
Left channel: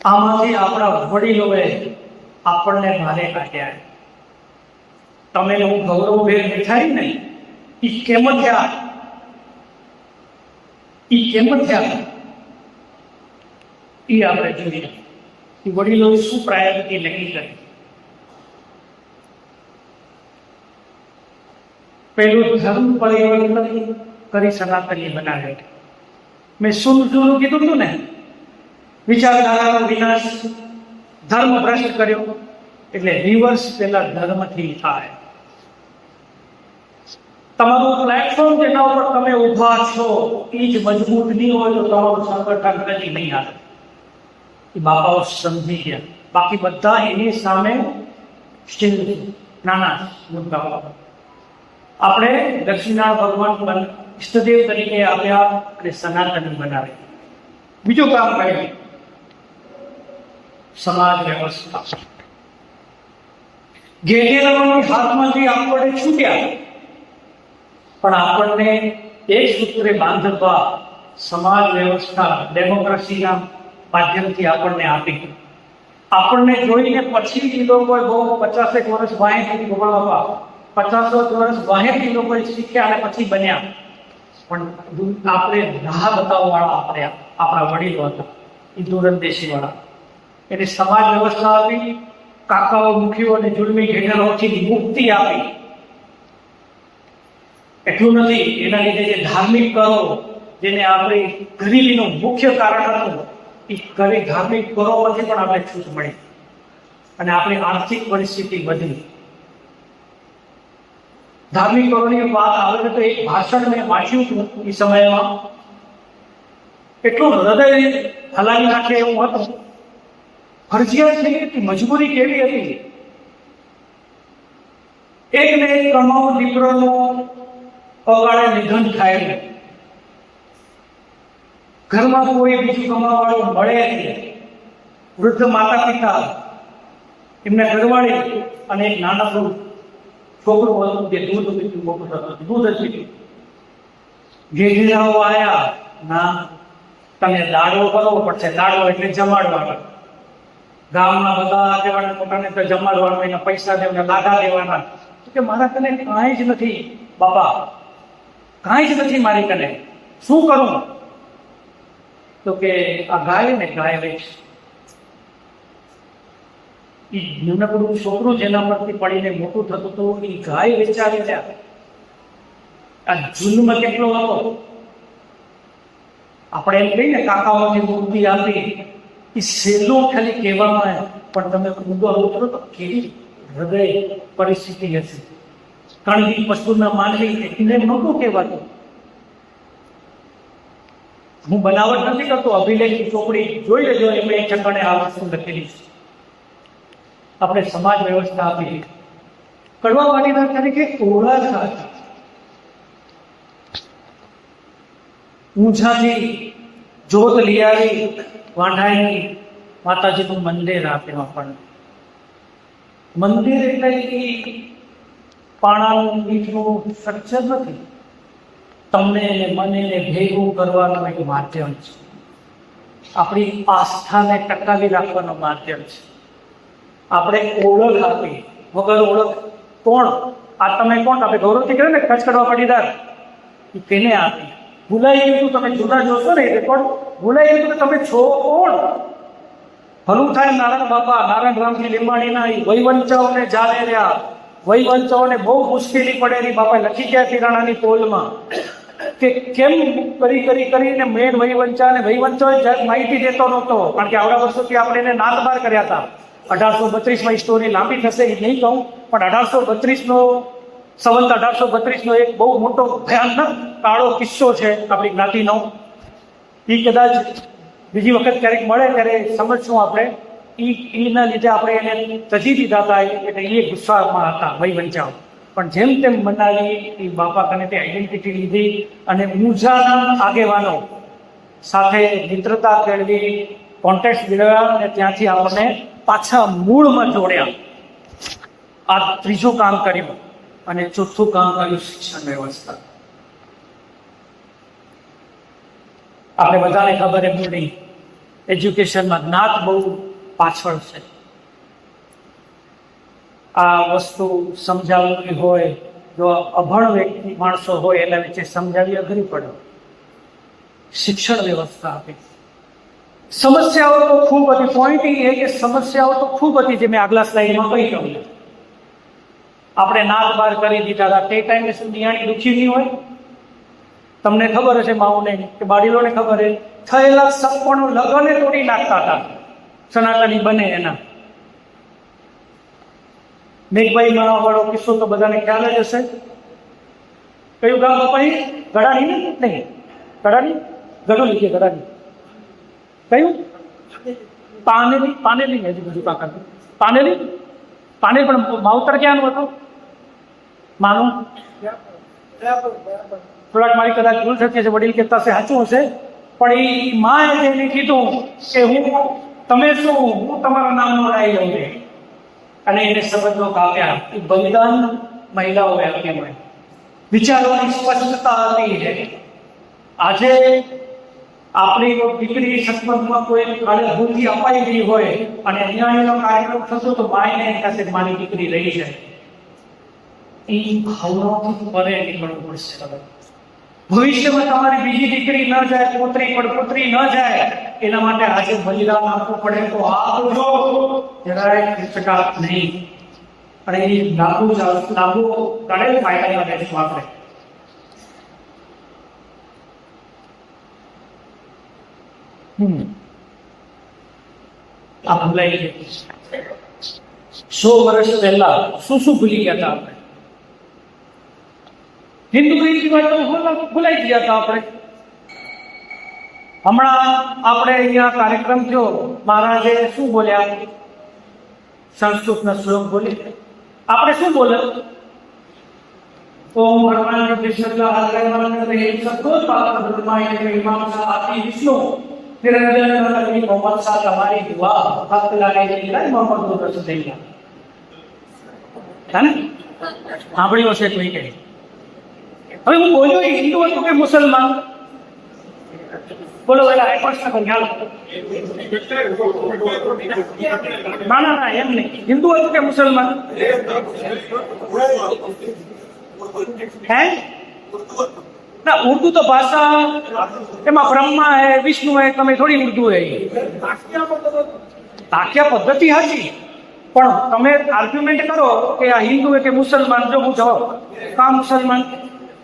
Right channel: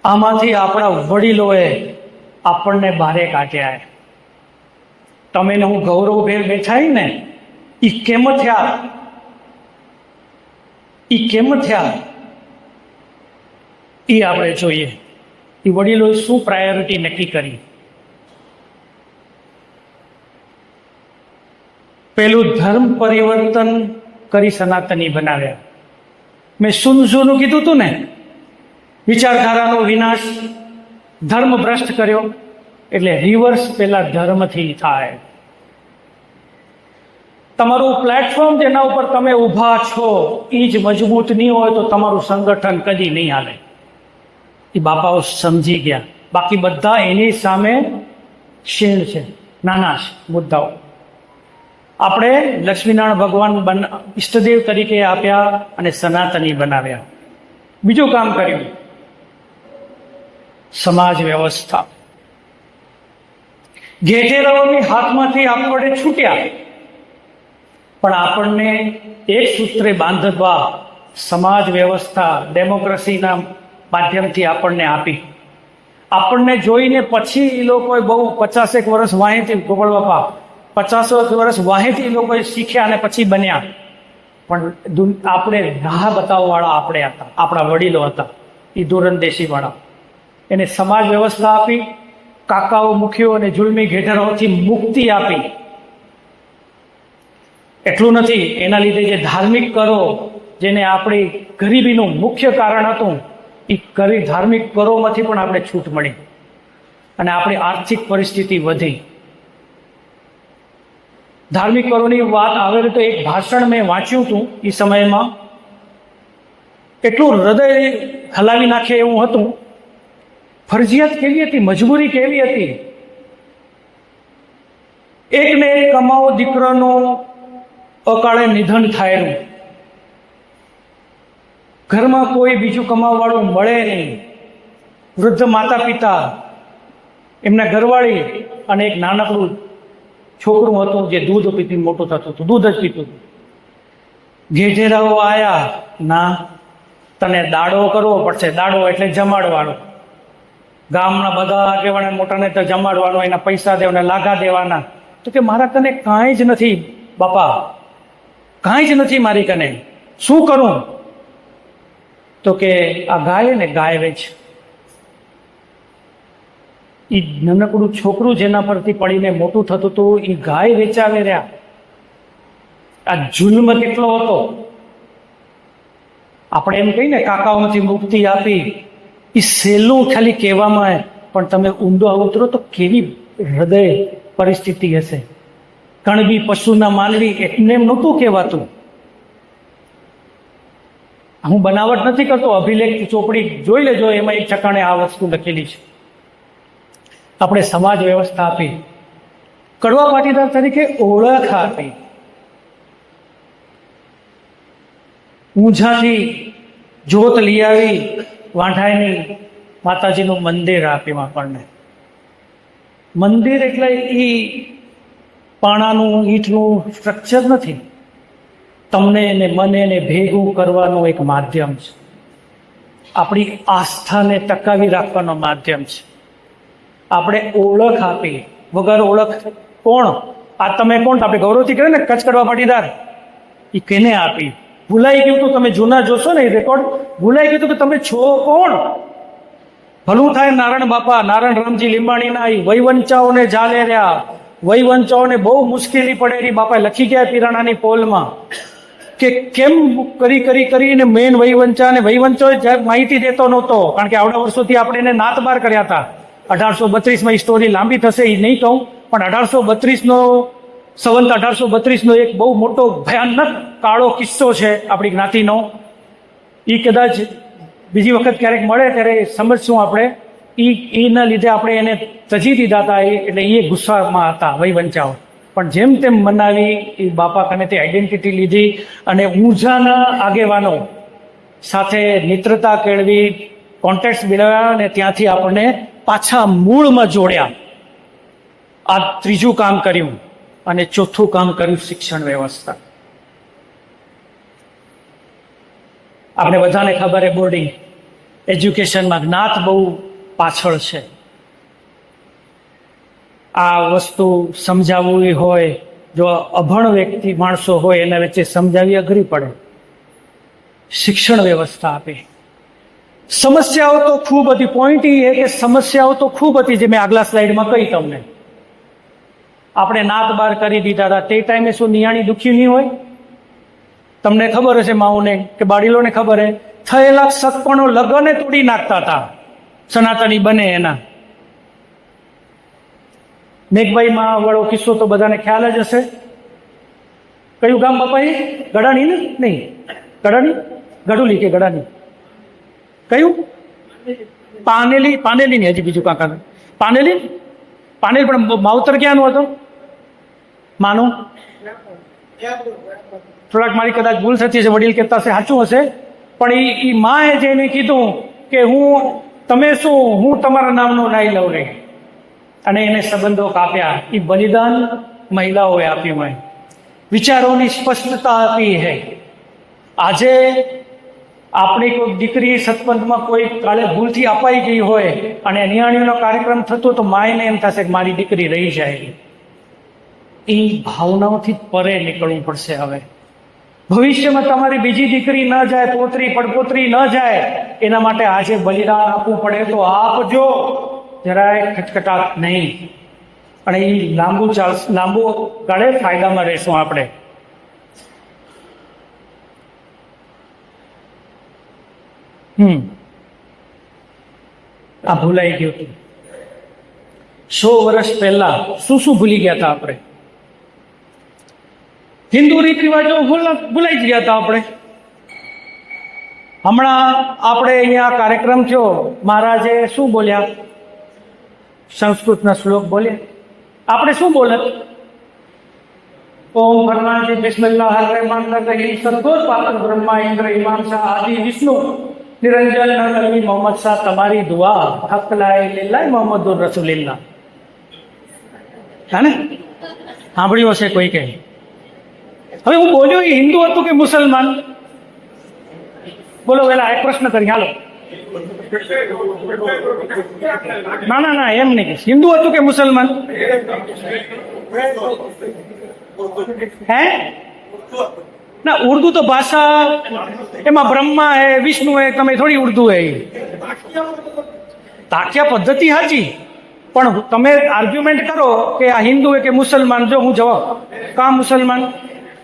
આમાંથી આપણા વડીલોએ આપણને બહારે કાઢ્યા. તમે હું ગૌરવભેર બેઠા ને એ કેમ થયા? એ આપણે જોઈએ. એ વડીલો શું પ્રાયોરિટી નક્કી કરી? પેલું ધર્મ પરિવર્તન કરી સનાતની બનાવ્યા. મેં શું કીધું હતું ને, વિચારધારાનો વિનાશ, ધર્મ ભ્રષ્ટ કર્યો. એટલે રિવર્સ પેલા ધર્મથી થાય. તમારું પ્લેટફોર્મ જેના ઉપર તમે ઊભા છો એ જ મજબૂત નહીં હોય તો તમારું સંગઠન કદી નહીં હાલે. એ બાપાઓ સમજી ગયા. બાકી બધા એની સામે શીલ છે, નાના છે મુદ્દાઓ. આપણે લક્ષ્મીનારાયણ ભગવાન ઈષ્ટદેવ તરીકે આપ્યા અને સનાતની બનાવ્યા. બીજું કામ કર્યું, સમાજ વ્યવસ્થા. ઘેટેરાઓની હાથમાંથી આપણે છૂટ્યા, પણ આપણને એક સૂત્રે બાંધવા સમાજ વ્યવસ્થા ડેમોક્રેસીના માધ્યમથી આપણને આપી. આપણને જોઈને પછી એ લોકોએ બહુ 50 વર્ષ વાંહેથી ગોળવા, 50 વર્ષ વાંહેથી એ લોકોએ શીખ્યા અને પછી બન્યા. પણ આપણે રાહ બતાવવાવાળા આપણે હતા, આપણા વડીલો હતા, એ દૂરંદેશીવાળા. એને સમાજ વ્યવસ્થા આપી, કાકાઓ મુખ્યો અને જુલમી ઘેટરોથી મુક્તિ આપી. એટલું નથી, એના લીધે જે ધાર્મિક કરો, જેને આપણી ગરીબીનું મુખ્ય કારણ હતું, એ ધાર્મિક કરોમાંથી પણ આપણે છૂટ મળી અને આપણી આર્થિક પરિસ્થિતિ વધી. ધાર્મિક કરોની વાત આવે તો એક ભાષણ મેં વાંચ્યું હતું એ સમયમાં, એટલું હૃદય હલાવી નાખે એવું હતું. ફરજિયાત કેવી હતી, મજબૂરી કેવી હતી. એકને એક કમાવો દીકરાનું અકાળે નિધન થાય, ઘરમાં કોઈ બીજું કમાવાવાળું મળે નહીં, વૃદ્ધ માતા પિતા, એમના ઘરવાળી અને એક નાનકડું છોકરું હતું જે દૂધ પીતી મોટું થતું હતું, દૂધ જ પીતું હતું. જેઠેરાઓ આયા, ના, તને દાડો કરવો પડશે. દાડો એટલે જમાડવાનો. ગામના બધા આગેવાના મોટાને તો જમાડવાનો, એના પૈસા દેવાના, લાગા દેવાના. તો કે મારા કને કાંઈ જ નથી બાપા, કાંઈ જ નથી મારી કને, શું કરું? તો કે આ ગાય ને ગાય વેચ. એ નાનકડું છોકરું જેના પરથી પડીને મોટું થતું હતું એ ગાય વેચાવી રહ્યા. આ જુલ્મ કેટલો હતો! આપણે એમ કહીને કાકાઓથી મુક્તિ આપી, એ સહેલું ખાલી કહેવામાં આવે, પણ તમે ઊંડો ઉતરો તો કેવી હૃદય પરિસ્થિતિ હશે. કણબી પશુના માનવી એટલે નહોતું કહેવાતું. હું બનાવટ નથી કરતો, અભિલેખ ચોપડી જોઈ લેજો, એમાં એક ઠકાણે આ વસ્તુ લખેલી છે. આપણે સમાજ વ્યવસ્થા આપી, કડવા પાટીદાર તરીકે ઓળખ આપી, ઊંઝાથી જોત લઈ આવી, વાંઢાઈની માતાજીનું મંદિર આપ્યું આપણને. મંદિર એટલે એ પાણાનું ઈંટનું સ્ટ્રક્ચર નથી, તમને ને મને ને ભેગું કરવાનું એક માધ્યમ છે. આપણી આસ્થાને ટકાવી રાખવાનો માધ્યમ છે. આપણે ઓળખ આપી, વગર ઓળખ કોણ? આ તમે કોણ? આપણે ગૌરવથી કહે ને કચ્છ કડવા પાટીદાર, એ કેને આપી? ભૂલાઈ ગયું તું. તમે જૂના જોશો ને એ રેકોર્ડ, ભૂલાઈ ગયું તું કે તમે છો કોણ. ભલું થાય નારાયણ બાપા, નારાયણ રામજી લીંબાણીના એ વૈવંચાઓને જાલે રહ્યા. વૈવંચાઓને બહુ મુશ્કેલી પડેલી. બાપા લખી ગયા પિરાણાની પોલમાં કે કેમ કરીને મેન વૈવંચા, અને વૈવંચો માહિતી દેતો નહોતો, કારણ કે આવડા વર્ષોથી આપણે એને નાત બાર કર્યા હતા. 1832માં સ્ટોરી લાંબી થશે એ નહીં કહું, પણ 1832નો સંવંત 1832નો એક બહુ મોટો ભયાનક કાળો કિસ્સો છે આપણી જ્ઞાતિનો. એ કદાચ બીજી વખત ક્યારેક મળે ત્યારે સમજશું આપણે. એના લીધે આપણે એને તજી દીધા હતા, એટલે એ ગુસ્સામાં હતા વૈવંચાઓ. પણ જેમ તેમ મનાવી, એ બાપા કનેથી આઈડેન્ટિટી લીધી અને ઊંઝાના આગેવાનો સાથે મિત્રતા કેળવી, કોન્ટેક્ટ મેળવ્યા અને ત્યાંથી આપણને પાછા મૂળમાં જોડ્યા. આ ત્રીજું કામ કર્યું. અને ચોથું કામ કર્યું શિક્ષણ વ્યવસ્થા. આપણે બધાને ખબર છે બોર્ડિંગ એજ્યુકેશનમાં જ્ઞાત બહુ પાછળ છે. આ વસ્તુ સમજાવવી હોય, જો અભણ વ્યક્તિ માણસો હોય એના વચ્ચે સમજાવી અઘરી પડે. શિક્ષણ વ્યવસ્થા આપે. સમસ્યાઓ તો ખૂબ હતી. પોઈન્ટ એ કે સમસ્યાઓ તો ખૂબ હતી, જે મેં આગલા સ્લાઇડમાં કહી તમને. આપણે નાત બાર કરી દીધા હતા. તે ટાઈમે શું નિયાણી દુઃખી નહીં હોય? તમને ખબર હશે, માઓને કે બાળીલોને ખબર હે, થયેલા સગપણો લગને તોડી નાખતા હતા સનાતની બને એના. મેઘભાઈમાં વાળો કિસ્સો તો બધાને ખ્યાલ જ હશે. કયું ગામ બાપા? ગડાણી ને? નહીં, ગડાણી, ગઢોલી કે ગડાણી? કયું? પાનેલી. પાનેલી ને હજી બીજું કાકા પાનેલી. પાનેલી પણ માવતર ક્યાંનું હતું? માનું થોડાક મારી કદાચ ભૂલ થતી હશે, વડીલ કહેતા હશે, સાચું હશે. પણ એ માએ જઈને કીધું કે તમે શું, હું તમારા નામનું રાય લઉં રે, અને એને સંબંધો કાપ્યા. એ બલિદાન મહિલાઓએ આપ્યું હોય. વિચારોની સ્પષ્ટતા આપી છે. આજે આપણી કોઈ દીકરી સત્સંગમાં કોઈ કાળે ભૂલથી અપાઈ ગઈ હોય અને નિયાણીનો કાર્યક્રમ થતો તો માયને એમ થશે કે મારી દીકરી રહી જાય. એ ભાવનાઓથી પરે નીકળવું પડશે. હવે ભવિષ્યમાં તમારી બીજી દીકરી ન જાય, પોતરી પડપોતરી ન જાય, એના માટે આજે બલિદાન આપવું પડે તો આપજો, જરાય ખટખટાટ નહીં. અને એ લાંબુ ગાળે ફાયદામાં રહેશું આપણે. આ ભૂલાઈ ગયું. 100 વર્ષ પહેલા શું ભૂલી ગયા હતા આપણે? હિન્દુ રીત રિવાજો ભૂલાઈ ગયા હતા આપણે. હમણાં આપણે અહીંયા કાર્યક્રમ થયો, મહારાજે શું બોલ્યા? સંસ્કૃતના શ્લોક બોલ્યા. આપણે શું બોલત? ઓમ ભગવાન બિસ્મિલ્લાહ રહેમાન રહીમ સદગુરુ પાત્ર બ્રહ્મા ઇન્દ્ર હિમાંશા આદિ વિષ્ણુ નિરંજન નબી મોહમ્મદ શાહ તમારી દુઆ હક લા ઇલાહા મોહમ્મદુર રસૂલુલ્લાહ. હે ને? સાંભળ્યું હશે કોઈ કે. હવે હું બોલ્યો એ હિન્દુ હતું કે મુસલમાન? બોલો પેલા એક પ્રશ્ન કરી હાલો. ના ના ના, એમ નહીં. હિન્દુ હતું કે મુસલમાન? હે ના, ઉર્દू તો ભાષા, એમાં બ્રહ્મા હે, વિષ્ણુ હે, તમે થોડી ઉર્દू હે. તાક્યા પદ્ધતિ સાચી, પણ તમે આર્ગ્યુમેન્ટ કરો કે આ હિન્દુ હે કે મુસલમાન, જો હું જવાબ કા મુસલમાન,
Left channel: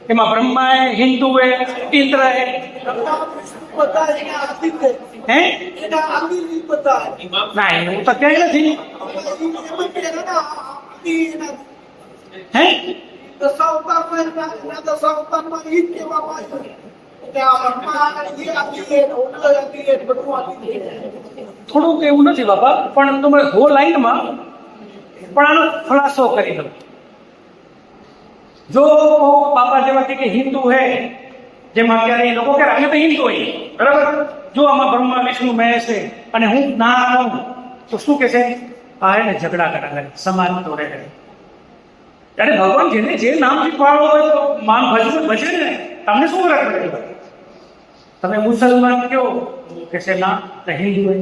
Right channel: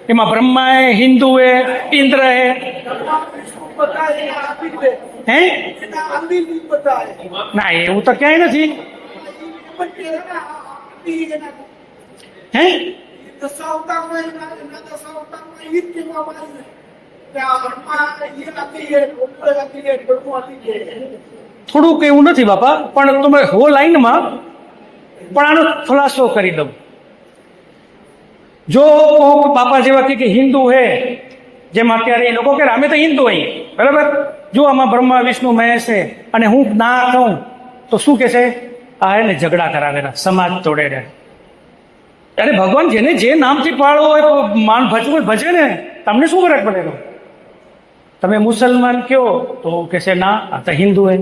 એમાં બ્રહ્મા હે, હિન્દુ હે, ઇન્દ્ર હે. હે ના, એવું તો ક્યાંય નથી. હે થોડુંક એવું નથી બાપા, પણ તમે હો લાઈનમાં પણ આનો ખુલાસો કરી દઉં. જો બાપા જેવા કે હિન્દુ હે, જેમ અત્યારે એ લોકો કે અમે તો હિન્દુ હોય, બરાબર, જો આમાં બ્રહ્મા વિષ્ણુ મહેશ છે અને હું ના કહું તો શું કે છે? આ એને ઝઘડા કરાવેલા, સમાજ તોડે છે. અરે ભગવાન જેને જે નામથી પાળો હોય તો માન ભજવું ભજે ને, તમને શું ફરક પડે? તમે મુસલમાન કયો તો કે છે ના આ તો હિન્દુ હે,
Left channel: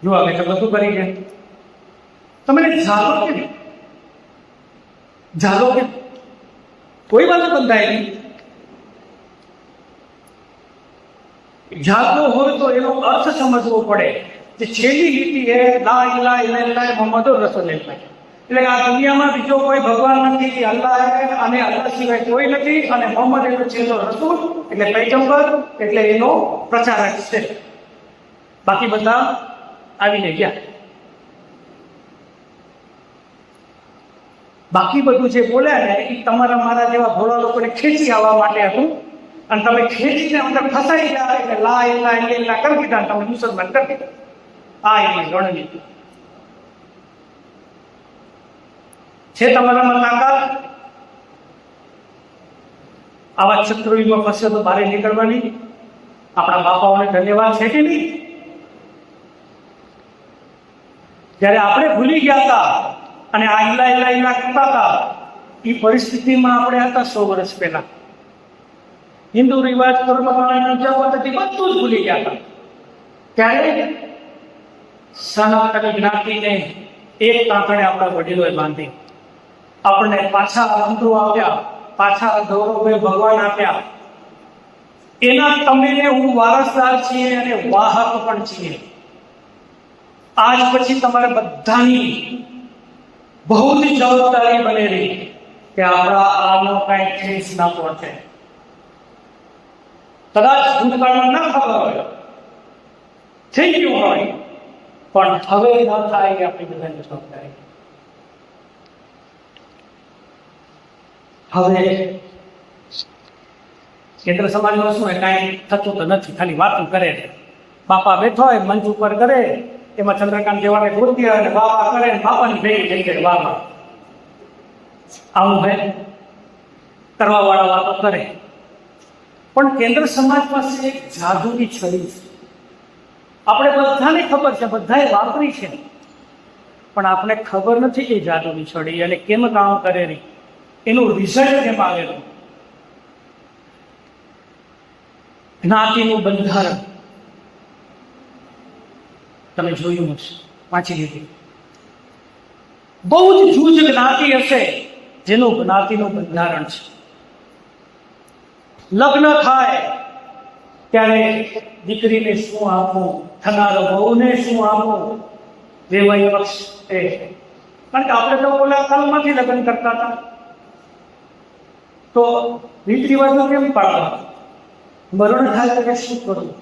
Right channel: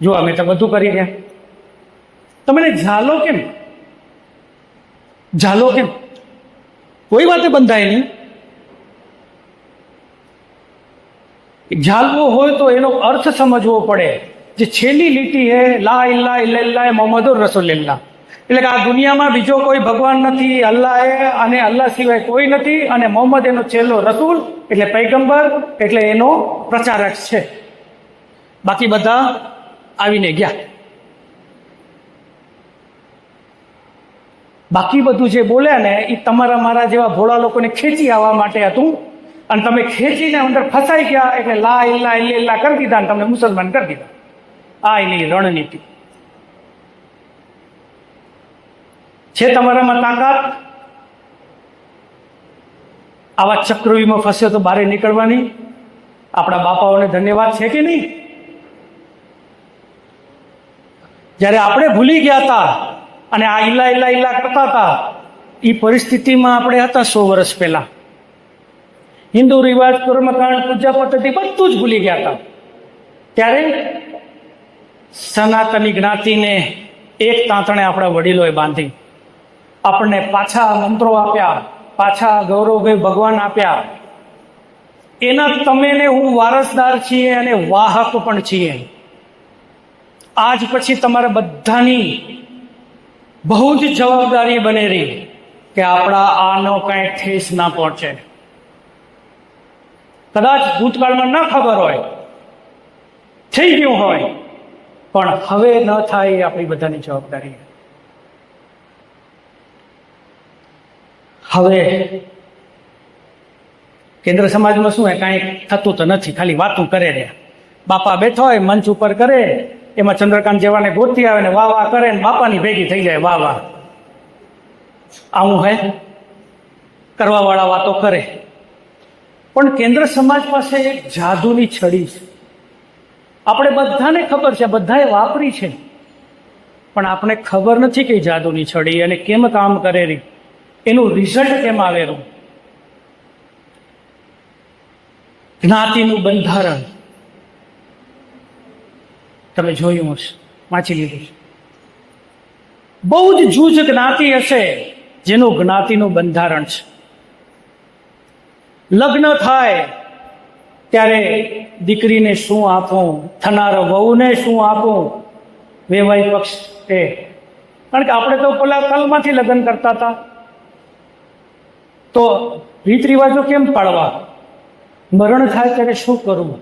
જો અમે તો બધું કરી ગયા. તમે ઝાલો કેમ? ઝાલો કેમ? કોઈ વાતે બંધાય નહીં. ઝાલવો હોય તો એનો અર્થ સમજવો પડે. જે છેલ્લી લીટી હે લા ઇલાહા ઇલ્લલ્લાહ મુહમ્મદુર રસૂલુલ્લાહ, એટલે કે આ દુનિયામાં બીજો કોઈ ભગવાન નથી, અલ્લાહ હે અને અલ્લાહ સિવાય કોઈ નથી, અને મોહમ્મદ એનો છેલ્લો રસૂલ એટલે પૈગંબર, એટલે એનો પ્રચારક છે. બાકી બધા આવીને ગયા. બાકી બધું જે બોલ્યા ને એ તમારા મારા જેવા ભોળા લોકોને ખેંચી આવવા માટે હતું, અને તમે ખેંચીને અંદર ફસાઈ ગયા એટલે લા ઇલાહા ઇલ્લલ્લાહ કરી દીધા અને તમને મુસલમાન કરી દીધા. આ એની રણનીતિ છે. તમારામાં તાકાત આવા ચક્રવ્યૂહમાં ફસે તો બહાર નીકળવાની? આપણા બાપાઓને ધન્યવાદ છે કે નહીં? જ્યારે આપણે ભૂલી ગયા હતા અને આ ઇલા ઇલા ઇલા કરતા હતા, એ પરિસ્થિતિમાં આપણે હતા 100 વર્ષ પહેલા. હિન્દુ રિવાજ, કર્મકાંડ, પૂજા પદ્ધતિ બધું જ ભૂલી ગયા હતા. ત્યારે સનાતની જ્ઞાતિને એક તાંતણે આપણા વડીલોએ બાંધી, આપણને પાછા મંત્રો આપ્યા, પાછા ગૌરવભાઈ ભગવાન આપ્યા. એના તમે ને હું વારસદાર છીએ અને વાહક પણ છીએ. આજ પછી તમારે બધાની બહુ જ જવાબદારી બનેલી કે આપણા આનો કઈ ઠેસ ના પહોંચે. કદાચ ભૂતકાળમાં ના ખબર હોય, થઈ ગયું હોય, પણ હવે ન થાય એ આપણી બધાની જવાબદારી. હવે કેન્દ્ર સમાજમાં શું હોય, કાંઈ થતું તો નથી, ખાલી વાતું કરે ને. બાપા બેઠો હોય મંચ ઉપર કરે, એમાં ચંદ્રકાંત જેવાને ગોતી આવે ને વાહ વાહ કરે ને બાપાની ભેગી થઈ જાય વાહ વાહ. આવું હે, કરવા વાળા વાતો કરે. પણ કેન્દ્ર સમાજ પાસે એક જાદુની છડી છે. આપણે બધાને ખબર છે, બધાએ વાપરી છે, પણ આપણે ખબર નથી કે જાદુની છડી અને કેમ કામ કરેલી, એનું રિઝલ્ટ કેમ આવેલું. જ્ઞાતિનું બંધારણ તમે જોયું હશે, વાંચી લીધું. બહુ જ જૂજ જ્ઞાતિ હશે જેનું જ્ઞાતિનું બંધારણ છે. લગ્ન થાય ત્યારે દીકરીને શું આપવું, થનાર વહુને શું આપવું, વૈવાહિક પક્ષ એ. કારણ કે આપણે તો પેલા કાલમાંથી લગ્ન કરતા હતા, તો રીત રિવાજો કેમ પાળવા, મરણ થાય ત્યારે શું કરવું,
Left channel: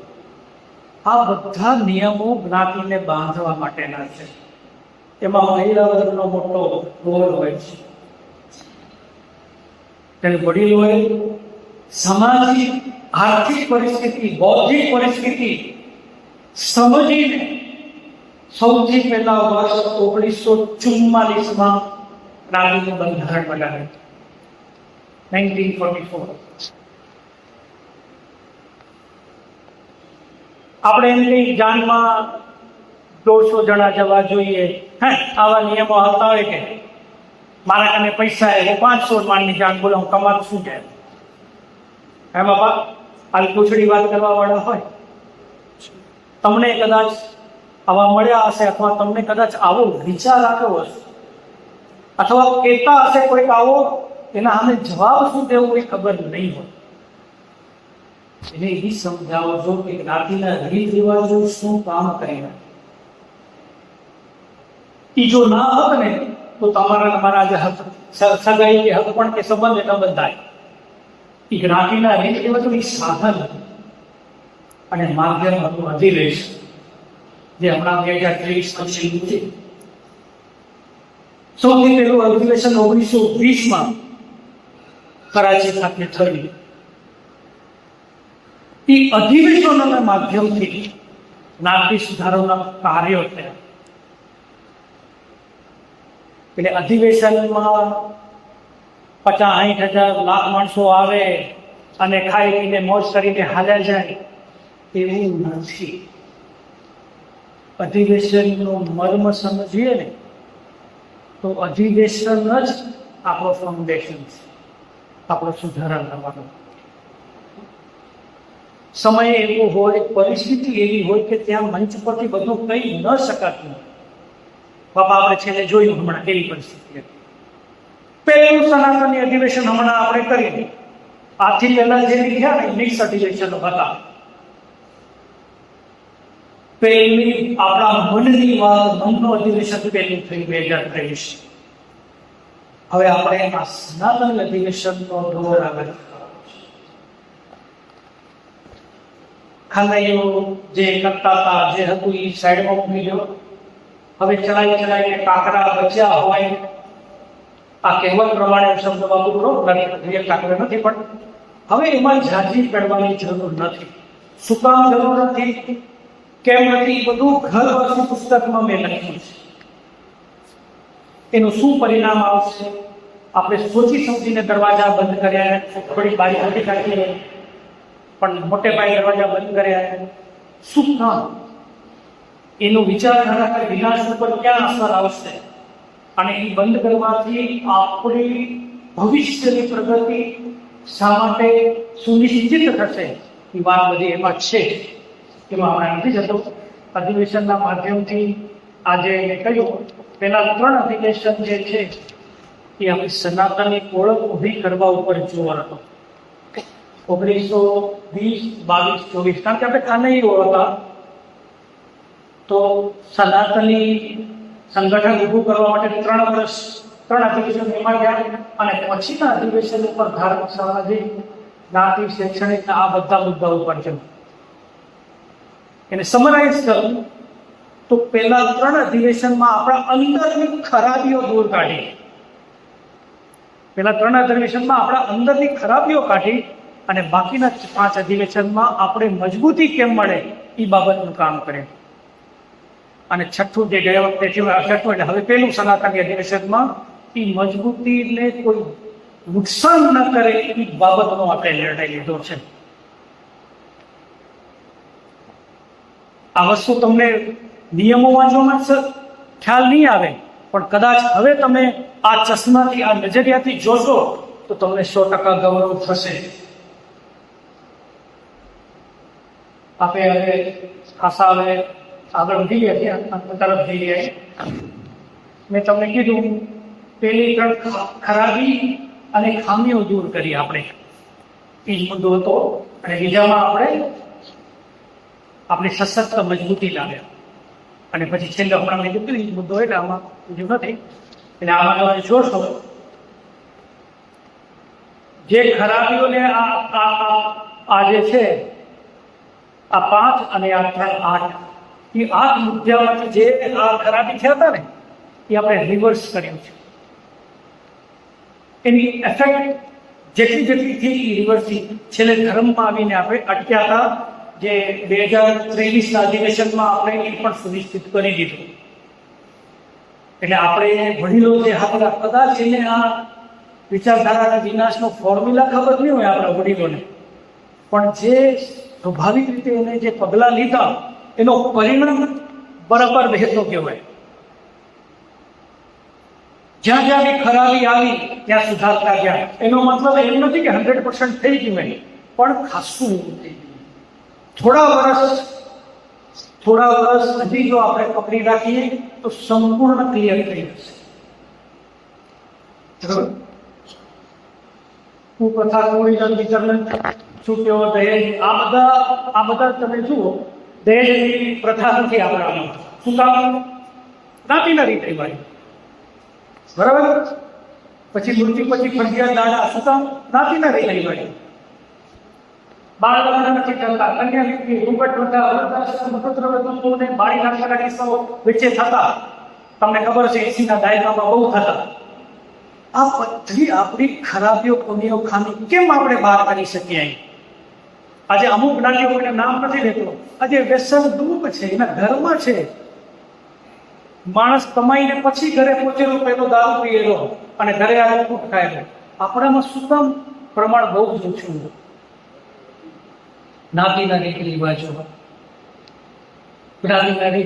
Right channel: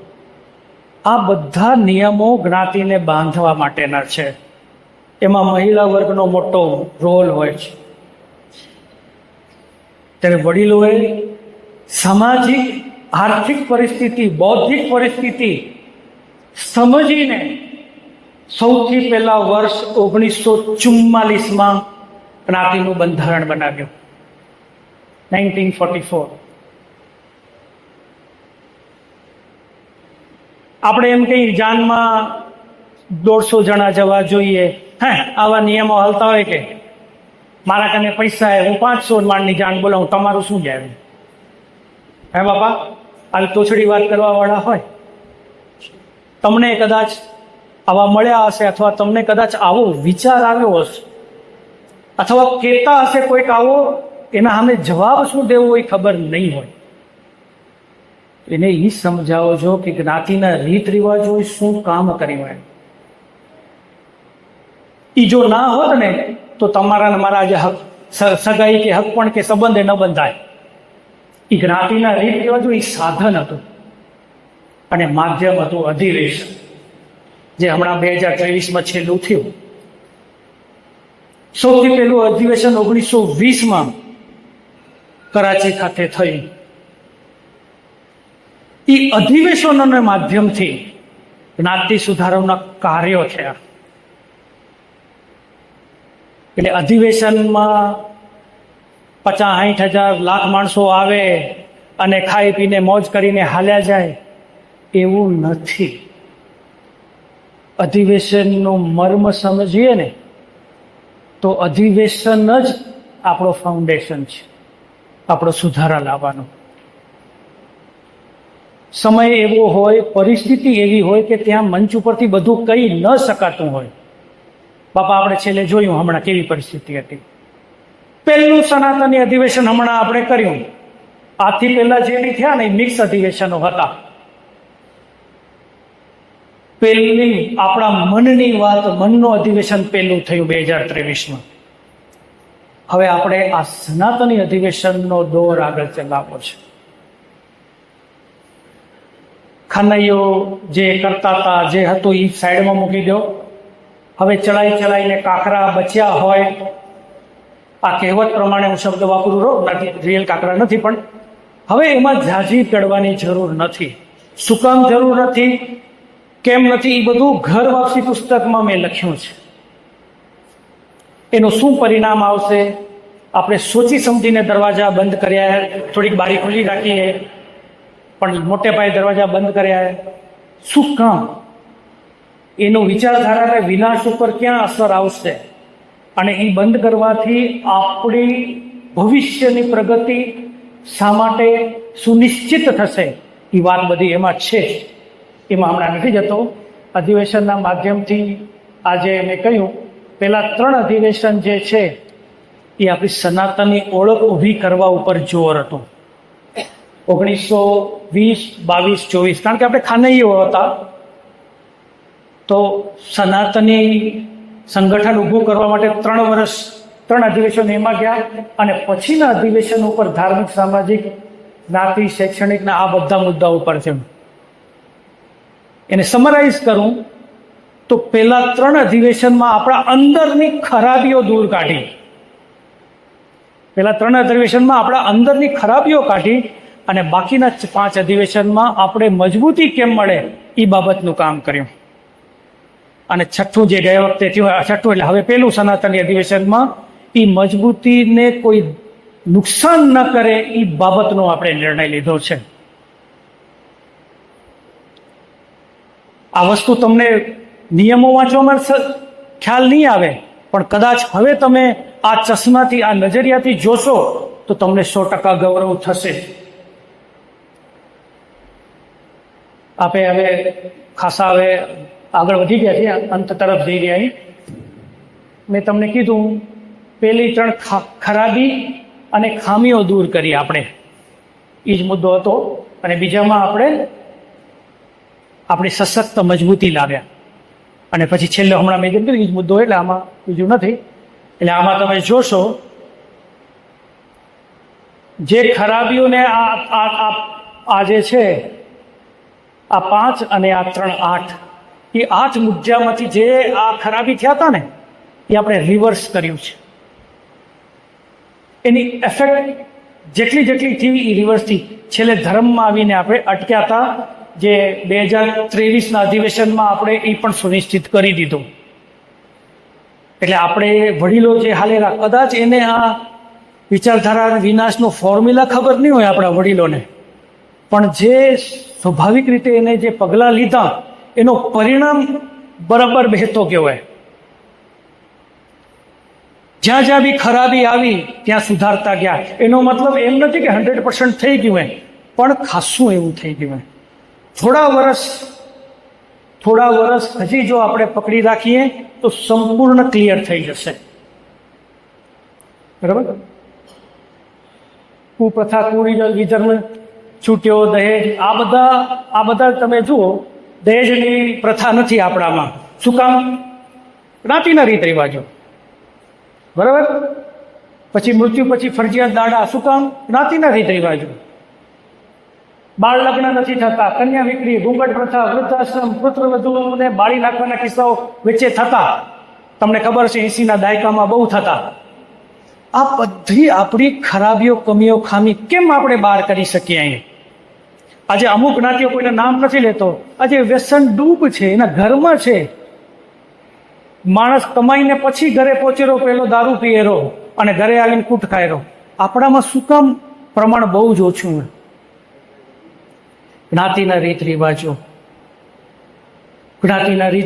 આ બધા નિયમો જ્ઞાતિને બાંધવા માટેના છે. એમાં મહિલા વર્ગનો મોટો રોલ હોય છે. ત્યારે વડીલોએ સામાજિક, આર્થિક પરિસ્થિતિ, બૌદ્ધિક પરિસ્થિતિ સમજીને સૌથી પહેલા વર્ષ 1944માં જ્ઞાતિનું બંધારણ બનાવ્યું. 1944. આપણે એમ કઈ જાનમાં 150 જણા જવા જોઈએ, હે આવા નિયમો હાલતા હોય કે મારા કને પૈસા હું 500 માણની જાન બોલાવું, તમારું શું જાય? હે બાપા, આવી તોછડી વાત કરવા વાળા હોય, તમને કદાચ આવા મળ્યા હશે, અથવા તમને કદાચ આવો વિચાર આવ્યો હશે, અથવા કહેતા હશે કોઈક આવો, એના સામે જવાબ શું દેવો હોય ખબર નહીં હોય. એને એ સમજાવો છો કે જ્ઞાતિના રીત રિવાજો શું કામ કરી હોય. એ જો ના હોત ને તો તમારા મારા જે હક સગાઈ કે હક પણ કે સંબંધ ન બંધાય. એ જ્ઞાતિના રીત રિવાજો એ સાધન હતું અને માધ્યમ હતું અધિવેશન, જે હમણાં 2023માં છેલ્લું થયું. સૌથી પહેલું અધિવેશન 1920માં કરાચી ખાતે થયું. એ અધિવેશનોના માધ્યમથી જ્ઞાતિ સુધારવાના કાર્યો થયા. એટલે અધિવેશનમાં 50-60 લાખ માણસો આવે અને ખાઈ પીને મોજ કરીને હાલ્યા જાય એવું નથી. અધિવેશનનો મર્મ સમજીએ ને તો અધિવેશન જ આપણો ફાઉન્ડેશન છે, આપણો સુધારા લાવવાનો. સમય એવો હોય, પરિસ્થિતિ એવી હોય કે ત્યાં મંચ ઉપરથી બધું કહી ન શકાતું હોય. બાપા આપણે છેલ્લે જોયું હમણાં કેવી પરિસ્થિતિ હતી. પહેલું સનાતની અધિવેશન હમણાં આપણે કર્યું. આથી પહેલા જે થયા ને મિક્સ અધિવેશનો હતા. પહેલી આપણા મનની વાત, મનનું અધિવેશન પહેલું થયું 2023માં. હવે આપણે આ સનાતની અધિવેશનનો દોર આગળ ચલાવવો છે. ખાનૈયો જે કરતા હતા, જે હતું એ સાઈડમાં મૂકી દો. હવે ચલાઈને કાકરા બચ્યા હોય, આ કહેવત પ્રમાણે હું શબ્દ વાપરું, રિયલ કાકરા નથી, પણ હવે એમાં ઝાઝી ચડવાની જરૂર નથી. શું કામ જરૂર નથી, કેમ નથી, એ બધું ઘર વાસી પુસ્તકમાં મેં લખ્યું છે. એનું શું પરિણામ આવશે, આપણે સોચી સમજીને દરવાજા બંધ કર્યા, થોડીક બારી ખોલી રાખીએ, પણ મોટે પાયે દરવાજા બંધ કર્યા. શું કામ? એનું વિચારધારાને વિનાશ ઉપર ક્યાં અસર આવશે, અને એ બંધ કરવાથી આપણી ભવિષ્યની પ્રગતિ શા માટે સુનિશ્ચિત થશે, એ વાત બધી એમાં છે. એમાં હમણાં નથી જતો. અધિવેશનના માધ્યમથી આજે મેં કહ્યું, પહેલા 3 અધિવેશન જે છે એ આપણી સનાતનની ઓળખ ઊભી કરવા ઉપર જોર હતું. 1920, 22, 24, કારણ કે આપણે ખાનૈયો હતા, તો સનાતની સંગઠન ઊભું કરવા માટે 3 વર્ષ 3 અધિવેશન એમાં ગયા, અને પછીના અધિવેશન ઉપર ધાર્મિક, સામાજિક, જ્ઞાતિ, શૈક્ષણિકના આ બધા મુદ્દા ઉપર છે. એને સમરાઇઝ કરું તો પહેલા 3 અધિવેશનમાં આપણા અંદરની ખરાબીઓ દૂર કાઢી. પહેલા 3 અધિવેશનમાં આપણા અંદરની ખરાબીઓ કાઢી, અને બાકીના 5 અધિવેશનમાં આપણે મજબૂતી કેમ મળે એ બાબતનું કામ કર્યું. અને છઠ્ઠું જે ગયો તેથી છઠ્ઠું એટલે હવે પહેલું સનાતની અધિવેશનમાં એ મજબૂતીને કોઈ નુકસાન ન કરે એ બાબતનો આપણે નિર્ણય લીધો છે. આ વસ્તુ તમને નિયમો વાંચવામાં ખ્યાલ નહીં આવે, પણ કદાચ હવે તમે આ ચશ્માથી, આ નજરિયાથી જોશો તો તમને 100% ગૌરવ થશે. આપણે હવે ખાસા હવે આગળ વધી ગયા છીએ, અંત તરફ જઈ રહ્યા છીએ. મેં તમને કીધું પહેલી 3 ખરાબી અને ખામીઓ દૂર કરી આપણે, એ જ મુદ્દો હતો. અને બીજામાં આપણે આપણી સશક્ત મજબૂતી લાવ્યા. અને પછી છેલ્લે હમણાં મેં કીધું એ જ મુદ્દો, એટલે આમાં બીજું નથી. એટલે આમાં તમે જોશો જે ખરાબીઓને આ જે છે, આ 5 અને આ 3, 8, એ 8 મુદ્દામાંથી જે આ ખરાબી થયા હતા ને એ આપણે રિવર્સ કર્યું છે. એની એફેક્ટ જેટલી થઈ એ રિવર્સ થઈ. છેલ્લે ધર્મમાં આવીને આપણે અટક્યા હતા, જે 2023ના અધિવેશનમાં આપણે એ પણ સુનિશ્ચિત કરી દીધું. એટલે આપણે વડીલો જે હાલેલા, કદાચ એને આ વિચારધારા વિનાશનો ફોર્મ્યુલા ખબર નહીં હોય આપણા વડીલોને, પણ જે સ્વાભાવિક રીતે એને જે પગલાં લીધા એનો પરિણામ બરાબર બેસતો કહેવાય. જ્યાં જ્યાં બી ખરાબી આવી ત્યાં સુધારતા ગયા. એનો મતલબ એમ નથી કે 100% થઈ ગયું હોય, પણ ખાસું એવું થઈ ગયું હોય. થોડા વર્ષ હજી જો આપણે પકડી રાખીએ તો સંપૂર્ણ ક્લિયર થઈ જશે. બરાબર. કુપ્રથા, કુવિજન, વિજન, છૂટ્યો, દહેજ, આ બધા તમે જુઓ, દહેજની પ્રથા નથી આપણામાં. શું કામ? જ્ઞાતિના રીત રિવાજો. બરાબર. પછી મૃત્યુ પછી ફરજિયાત દાડા. શું કામ? જ્ઞાતિના રીત રિવાજો. બાળ લગ્ન નથી થતા, કન્યા વિક્રી, ઘૂંઘટ પ્રથા, વૃદ્ધાશ્રમ, પુત્રવધૂને બાળી નાખવાના કિસ્સાઓ વચ્ચે થતા. તમને ખબર છે 80ના દાયકામાં બહુ થતા. આ બધી આપણી ખરાબીઓ, કમીઓ, ખામી કેમ આપણે બહાર કરી શકીએ? અહીં આજે અમુક જ્ઞાતિઓ કોઈને નામ નથી લેતો, આજે વ્યસન ડૂબ છે, એના ઘરમાં છે. માણસ કમાઈને પછી ઘરે પહોંચેલો પેલો દારૂ પીએરો અને ઘરે આવીને કૂટ ખાયરો. આપણામાં શું કામ પ્રમાણ બહુ જ ઓછું હોય? જ્ઞાતિના રીત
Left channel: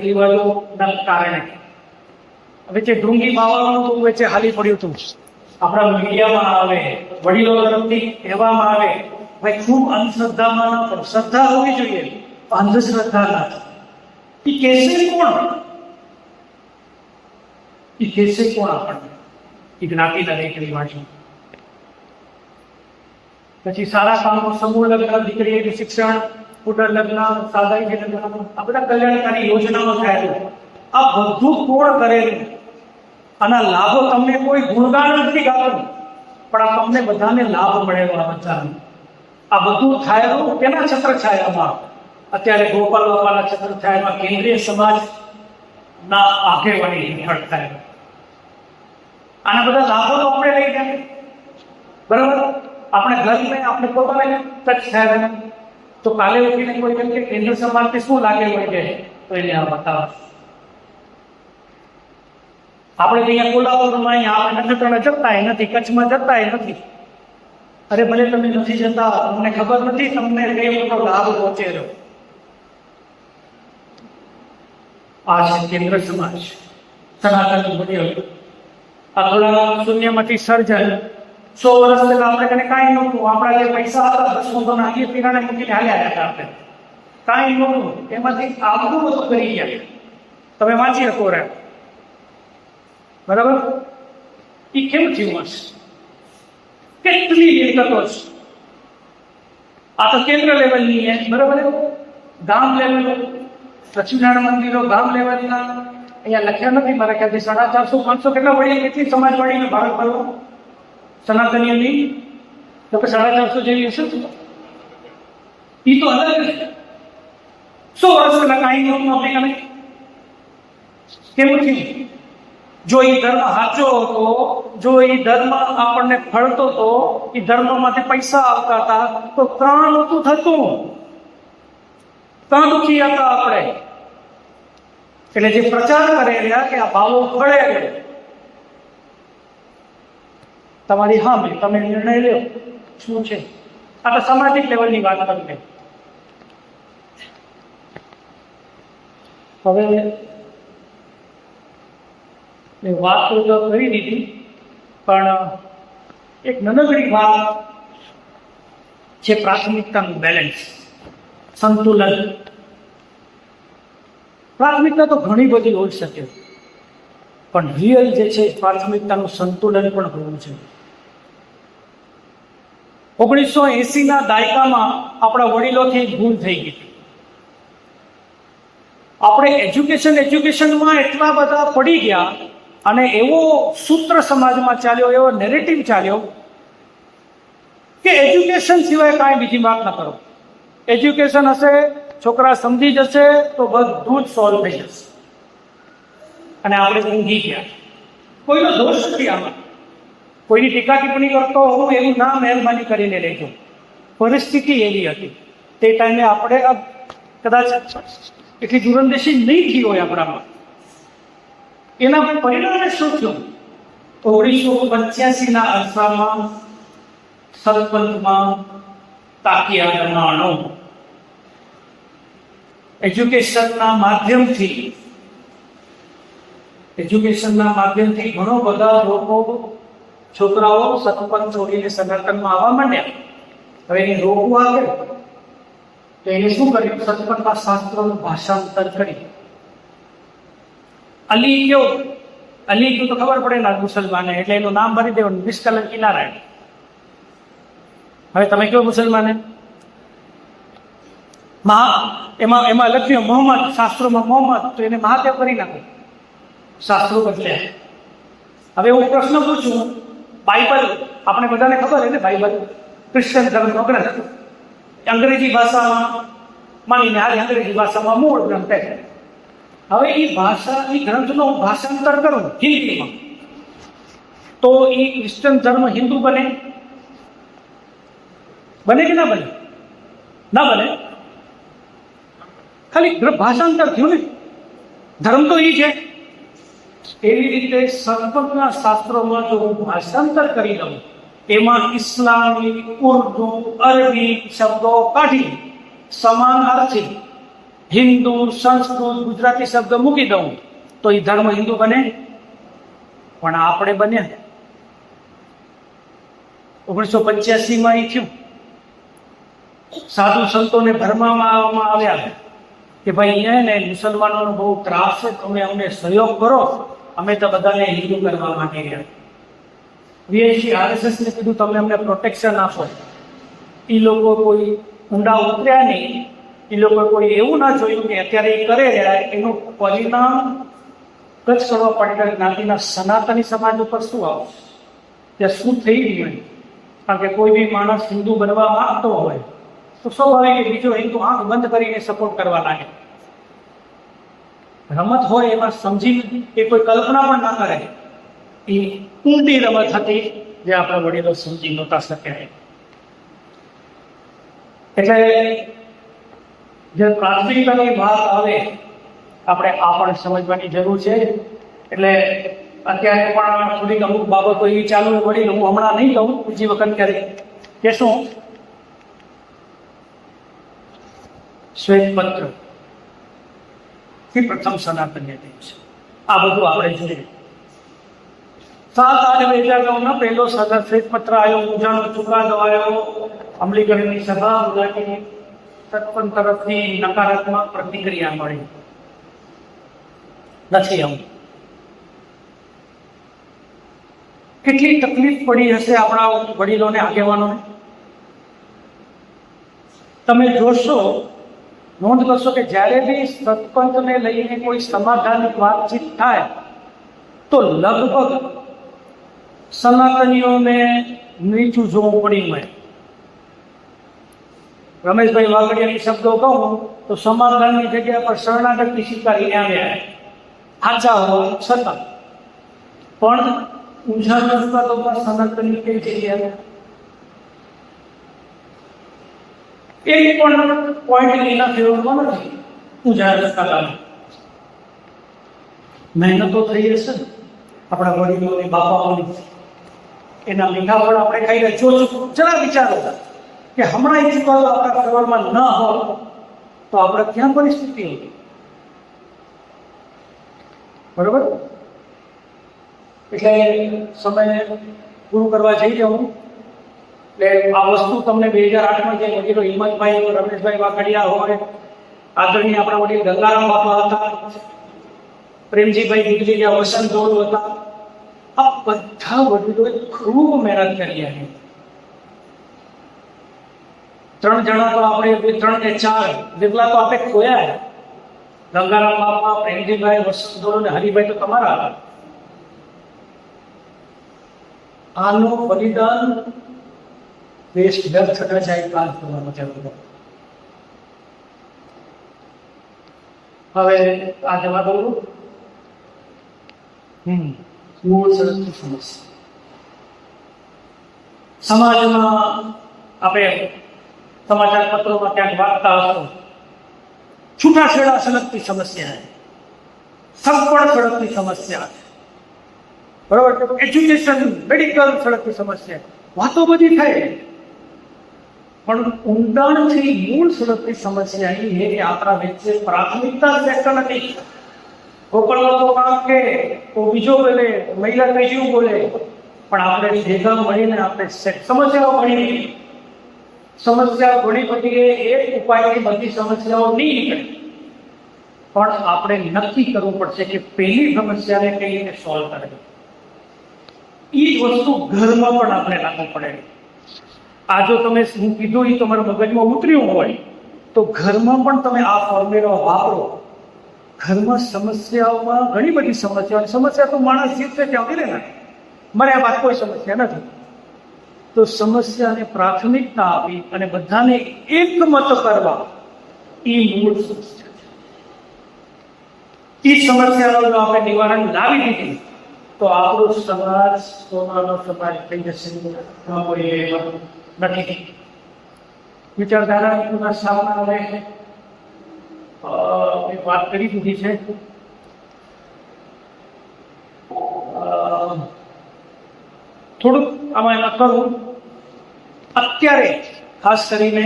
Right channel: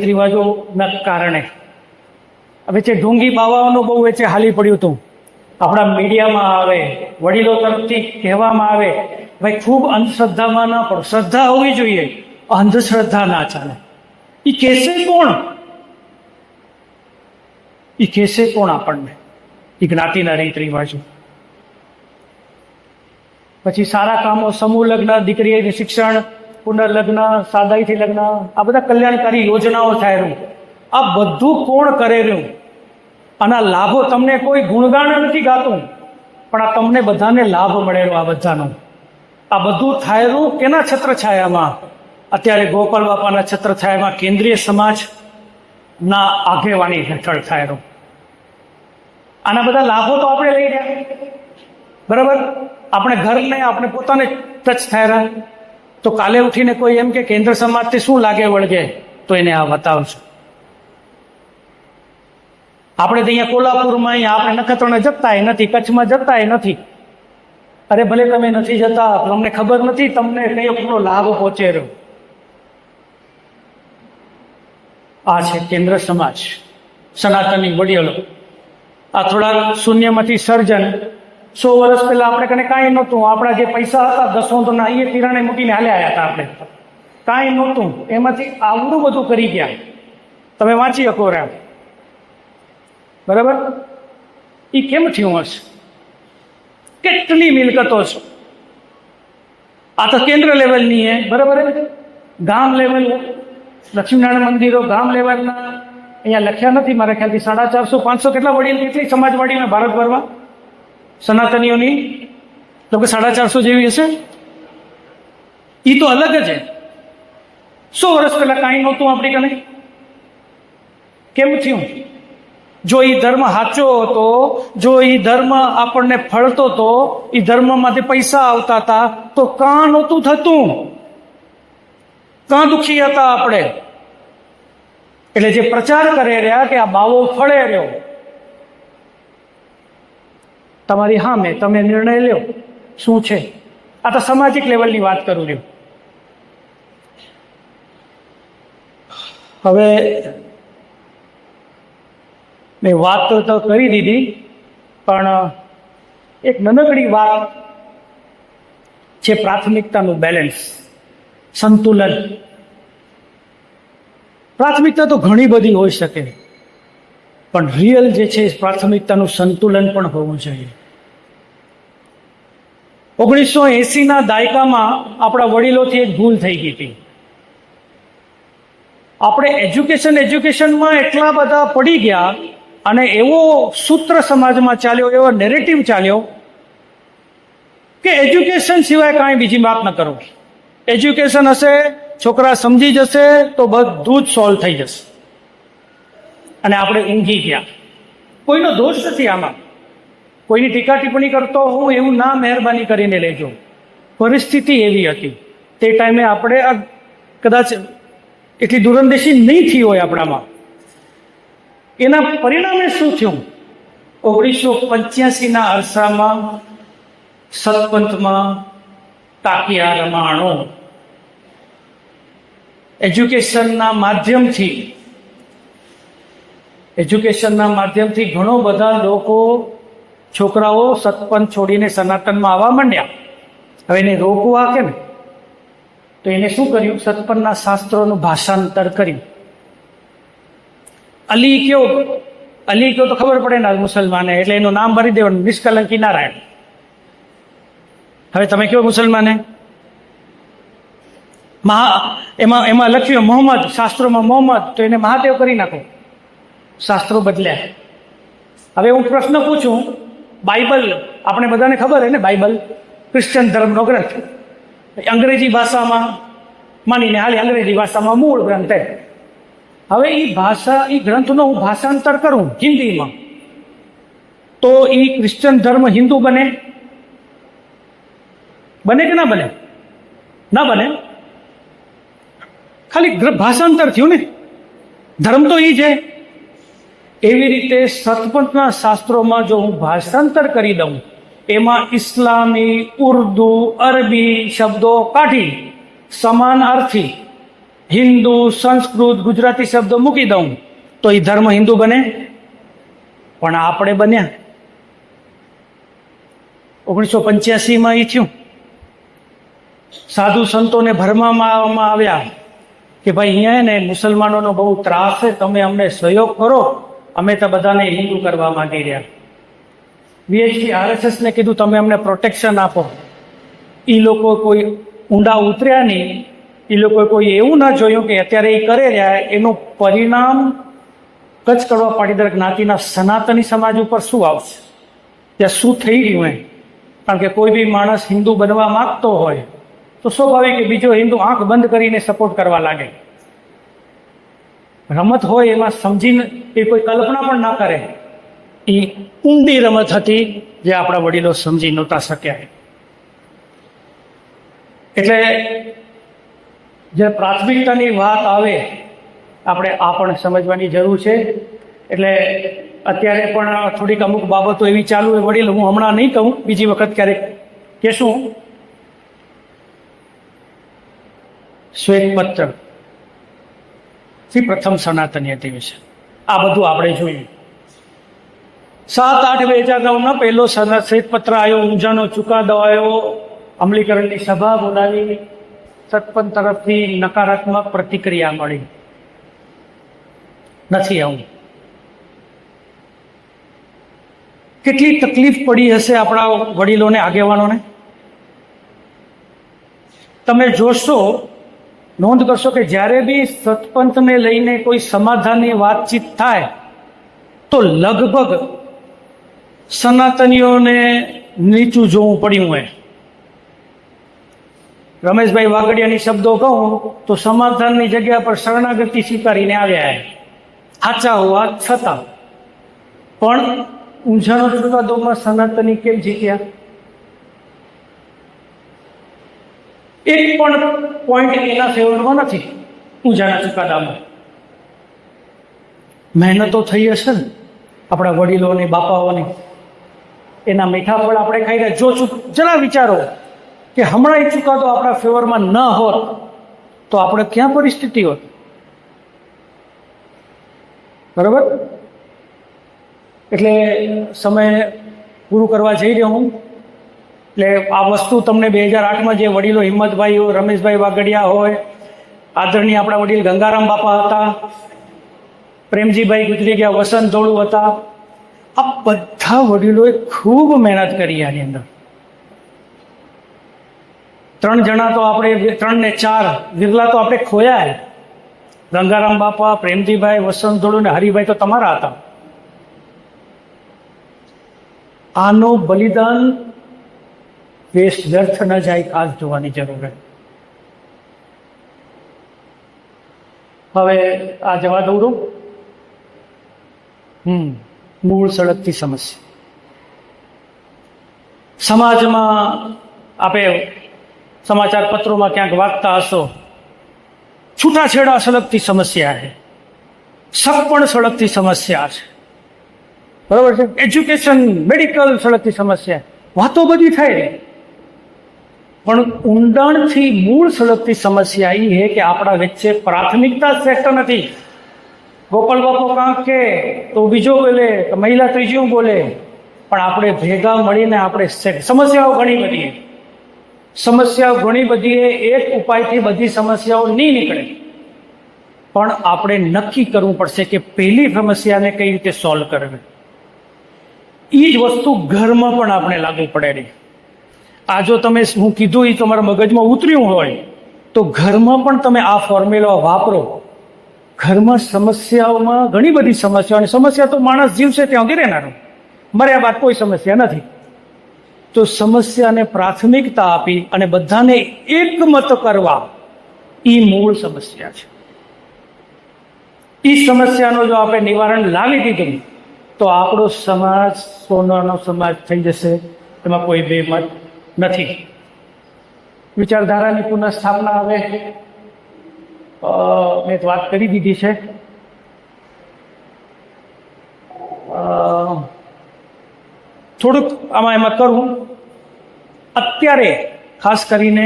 રિવાજોના કારણે વચ્ચે ઢોંગી બાવાઓનું બહુ વચ્ચે હાલી પડ્યું હતું. આપણા મીડિયામાં આવે, વડીલો તરફથી કહેવામાં આવે, ભાઈ ખૂબ અંધશ્રદ્ધામાં ના પડો, શ્રદ્ધા હોવી જોઈએ, અંધશ્રદ્ધા ના ચાલે. એ કહેશે કોણ આપણને? એ જ્ઞાતિના રીત રિવાજો. પછી સારા કામો, સમૂહ લગ્ન, દીકરીનું શિક્ષણ, પુનર્લગ્ન, સાદાઈથી લગ્ન, આ બધા કલ્યાણકારી યોજનાઓ થાય રહ્યું. આ બધું કોણ કરે રહ્યું? આના લાભો તમને કોઈ ગુણગાન નથી ગાતું, પણ આ તમને બધાને લાભ મળેલો આ બધાનો. આ બધું થાય રહ્યું કેના છત્રછાયામાં? અત્યારે ગોપાલ બાપાના છત્રછાયામાં કેન્દ્રીય સમાજના આગેવાની હેઠળ થાય રહ્યું. આના બધા લાભો તો આપણે લઈ ગયા. બરાબર. આપણે ઘરને આપણે પોતાને ટચ થયા, તો કાલે ઉઠીને કોઈ એમ કે કેન્દ્ર સમાજથી શું લાગે વળગે, તો એને આ બતાવશું. આપણે તો અહીંયા કોલ્હાપુરમાં આપણે નખત્રાણા જતાય નથી, કચ્છમાં જતાય નથી. અરે ભલે તમે નથી જતા, તમને ખબર નથી તમને કઈ મોટો લાભ પહોંચે રહ્યો. આ છે કેન્દ્ર સમાજ, સનાતની વડીલો. આ થોડા શૂન્યમાંથી સર્જન. 100 વર્ષ પહેલા આપણે કને કાંઈ નહોતું. આપણા જે પૈસા હતા 10 ના એ તિરાણે મૂકીને હાલ્યા હતા. આપણે કાંઈ નહોતું, એમાંથી આવડું બધું કરી ગયા. તમે વાંચી શકો રહ્યા. બરાબર. એ કેમ થયું હશે? કેટલી મિલકતો છે. આ તો કેન્દ્ર લેવલની હે. બરાબર. ગામ લેવલ, લક્ષ્મીનારાયણ મંદિરો ગામ લેવલના અહીંયા લખ્યા નથી મારા ખ્યાલથી. 450-500 કેટલા વડીલ, કેટલી સમાજવાડીમાં ભારતભરમાં સનાતનીઓની લોકો 450 જેવી હશે. એ તો અલગ જ છે. 100 વર્ષ પહેલા કાંઈ નહોતું આપણી કને. કેમ થયું? જો એ ધર્મ સાચો હતો, જો એ ધર્મ આપણને ફળતો હતો, એ ધર્મમાંથી પૈસા આવતા હતા, તો કાં નહોતું થતું? કાં દુખી હતા આપણે? એટલે જે પ્રચાર કરે રહ્યા કે આ બાવો ફળે રહ્યો, તમારી સામે તમે નિર્ણય લ્યો શું છે. આ તો સામાજિક લેવલની વાત કરું છું. હવે મેં વાત તો કરી દીધી, પણ એક નાનકડી વાત છે, પ્રાથમિકતાનું બેલેન્સ, સંતુલન. પ્રાથમિકતા તો ઘણી બધી હોઈ શકે, પણ રિયલ જે છે પ્રાથમિકતાનું સંતુલન પણ હોવું જોઈએ. 1980ના દાયકામાં આપણા વડીલોથી એક ભૂલ થઈ ગઈ હતી. આપણે એજ્યુકેશનમાં એટલા બધા પડી ગયા અને એવો સૂત્ર સમાજમાં ચાલ્યો, એવો નેરેટિવ ચાલ્યો કે એજ્યુકેશન સિવાય કાંઈ બીજી વાત ન કરો. એજ્યુકેશન હશે, છોકરા સમજી જશે તો બધું જ સોલ્વ થઈ જશે. અને આપણે ઊંઘી ગયા. કોઈનો દોષ નથી આમાં, કોઈની ટીકા ટિપ્પણી કરતો હું એવું ના મહેરબાની કરીને લેજો. પરિસ્થિતિ એવી હતી તે ટાઈમે. આપણે કદાચ એટલી દૂરંદેશી નહીં થઈ હોય આપણામાં. એના પરિણામે શું થયું? 1985ના અરસામાં સતપંથમાં તાકિયા રમાણો એજ્યુકેશનના માધ્યમથી ઘણો બધા લોકો છોકરાઓ સતપંથ છોડીને સનાતનમાં આવવા માંડ્યા. હવે એને રોકવું આ કેમ? તો એને શું કર્યું? સતપંથના શાસ્ત્રોનું ભાષાંતર કર્યું. અલી કયો તો ખબર પડે ને મુસલમાને, એટલે એનું નામ ભરી દેવાનું, નિષ્કલંકી નારાયણ. હવે તમે કયો મુસલમાને એમાં લખ્યું મોહમ્મદ, શાસ્ત્રોમાં મોહમ્મદ, તો એને મહાદેવ કરી નાખો. શાસ્ત્રો બદલ્યા. હવે હું પ્રશ્ન પૂછું, બાઇબલ આપણે બધાને ખબર છે ને, બાઇબલ ક્રિશ્ચન ધર્મનો ગ્રંથ, અંગ્રેજી ભાષામાં માનીને હાલે, અંગ્રેજી ભાષામાં મૂળ ગ્રંથ છે. હવે એ ગ્રંથનો હું ભાષાંતર કરું હિન્દીમાં, તો એ ક્રિશ્ચન ધર્મ હિન્દુ બને કે ના બને? ના બને. ખાલી ભાષાંતર થયું ને, ધર્મ તો એ છે. એવી રીતે સતપંથના શાસ્ત્રોમાં જો હું ભાષાંતર કરી દઉં, એમાં ઇસ્લામી, ઉર્દુ, અરબી શબ્દો કાઢી સમાનાર્થી હિન્દુ, સંસ્કૃત, ગુજરાતી શબ્દ મૂકી દઉં, તો એ ધર્મ હિન્દુ બને. પણ આપણે બન્યા 1985માં એ થયું. સાધુ સંતોને ભરમાવામાં આવ્યા કે ભાઈ અહીંયા ને મુસલમાનોનો બહુ ત્રાસ છે, તમે અમને સહયોગ કરો, અમે તો બધાને હિન્દુ કરવા માંગી રહ્યા. VHP RSSને કીધું તમે અમને પ્રોટેક્શન આપો. એ લોકો કોઈ ઊંડા ઉતર્યા નહીં. એ લોકો કોઈ એવું ના જોયું કે અત્યારે એ કરે રહ્યા એનું પરિણામ કચ્છ કડવા પાટીદાર જ્ઞાતિના સનાતની સમાજ ઉપર શું આવશે, ત્યાં શું થઈ રહ્યું હોય. કારણ કે કોઈ બી માણસ હિન્દુ બનવા માંગતો હોય તો સ્વાભાવિક કે બીજો હિન્દુ આંખ બંધ કરીને સપોર્ટ કરવા લાગે. રમત હોય એમાં સમજીને એ કોઈ કલ્પના પણ ના કરે. એ ઊંડી રમત હતી જે આપણા વડીલો સમજી નહોતા શક્યા. એટલે જે પ્રાથમિકતાની વાત આવે આપણે આ પણ સમજવાની જરૂર છે. એટલે અત્યારે પણ થોડીક અમુક બાબતો એવી ચાલુ હોય, વડીલ હું હમણાં નહીં કહું, બીજી વખત ક્યારેક કહેશું. શ્વેતપત્ર પ્રથમ સનાતની હતી વિશે આ બધું આપણે જોયું. 7/8/2009 પહેલો શ્વેતપત્ર આવ્યો, ઊંઝાનો ચુકાદો આવ્યો, અમલીકરણની સભા બોલાવી, સતપંથ તરફથી નકારાત્મક પ્રતિક્રિયા મળી. નથી આવું. કેટલી તકલીફ પડી હશે આપણા વડીલોને, આગેવાનોને. તમે જોશો, નોંધ કરશો કે જ્યારે બી સતપંથને લઈને કોઈ સમાધાનની વાતચીત થાય તો લગભગ સનાતનીઓને નીચું જોવું પડ્યું હોય. રમેશભાઈ વાગડિયાની શબ્દો કહું તો સમાધાનની જગ્યા પર શરણાગતિ સ્વીકારીને આવ્યા, સાચા હોવા છતાં. પણ ઊંઝાનો ચુકાદોમાં સનાતની કેમ જીત્યા? એક પણ પોઈન્ટ એના ફેવરમાં નથી. ઊંઝાના ચુકાદામાં મહેનતો થઈ હશે ને આપણા વડીલોની, બાપાઓની, એના મીઠા ફળ આપણે ખાઈ રહ્યા. જો જરા વિચારો કે હમણાં એ ચુકાદો આપણા ફેવરમાં ન હોત તો આપણે ક્યાં પરિસ્થિતિ હોત? બરાબર. એટલે સમય પૂરું કરવા જઈ રહ્યો હું. એટલે આ વસ્તુ તમને 2008માં જે વડીલો હિંમતભાઈ હોય, રમેશભાઈ વાગડિયા હોય, આદરણીય આપણા વડીલ ગંગારામ બાપા હતા, પ્રેમજીભાઈ ગુજરી ગયા, વસંત ધોળુ હતા, આ બધા વડીલોએ ખૂબ મહેનત કરી. આની અંદર 3 જણા તો આપણે 3 ને 4 વિરલા તો આપણે ખોયા. ગંગારામ બાપા, પ્રેમજીભાઈ, વસંત ધોળુ ને હરિભાઈ તો તમારા હતા. આનો બલિદાન વ્યર્થ ન જાય, કાલ જોવાની જરૂર છે. હવે આ જવા દઉં. મૂળ સડકથી સમસ્યા સમાજમાં આપણે સમાચાર પત્રોમાં ક્યાંક વાંચતા હશો, છૂટાછેડા સડકથી સમસ્યા છે, સગપણ સડકથી સમસ્યા છે, બરાબર છે, એજ્યુકેશન, મેડિકલ સડકથી સમસ્યા. વાતો બધી થાય. પણ ઊંડાણથી મૂળ સળગતી સમસ્યા એ છે કે આપણા વચ્ચે પ્રાથમિકતા શ્રેષ્ઠ નથી. ગોપાલ બાપુ કાંક કે તો બીજો બોલે, તો મહિલા ત્રીજું બોલે, પણ આપણે ભેગા મળીને આપણે સમસ્યાઓ ઘણી બધી, સમસ્યાઓ ઘણી બધી, એક ઉપાયથી બધી સમસ્યાઓ નહીં નીકળે. પણ આપણે નક્કી કરવું પડશે કે પહેલી સમસ્યાને કઈ રીતે સોલ્વ કરવી. એ જ વસ્તુ ઘરમાં પણ આપણે લાગુ પડે નહીં. આ જો તમે હું કીધું એ તમારા મગજમાં ઉતર્યું હોય તો ઘરમાં પણ તમે આ ફોર્મ્યુલા વાપરો. ઘરમાં સમસ્યાઓમાં ઘણી બધી સમસ્યાઓ, અને સમસ્યા તો માણસ જીવશે ત્યાં સુધી રહેનારો, મર્યા બાદ કોઈ સમસ્યા નથી. તો સમસ્યાને પ્રાથમિકતા આપી અને બધાને એકમત કરવા, એ મૂળ સમસ્યા છે. એ સમસ્યાનો જો આપણે નિવારણ લાવી દીધું તો આપણો સમાજ સોનાનો સમાજ થઈ જશે. એમાં કોઈ બેમત નથી. વિચારધારાની પુનઃસ્થાપના હવે મેં વાત કરી દીધી છે. થોડુંક એમાં કરું. અત્યારે ખાસ કરીને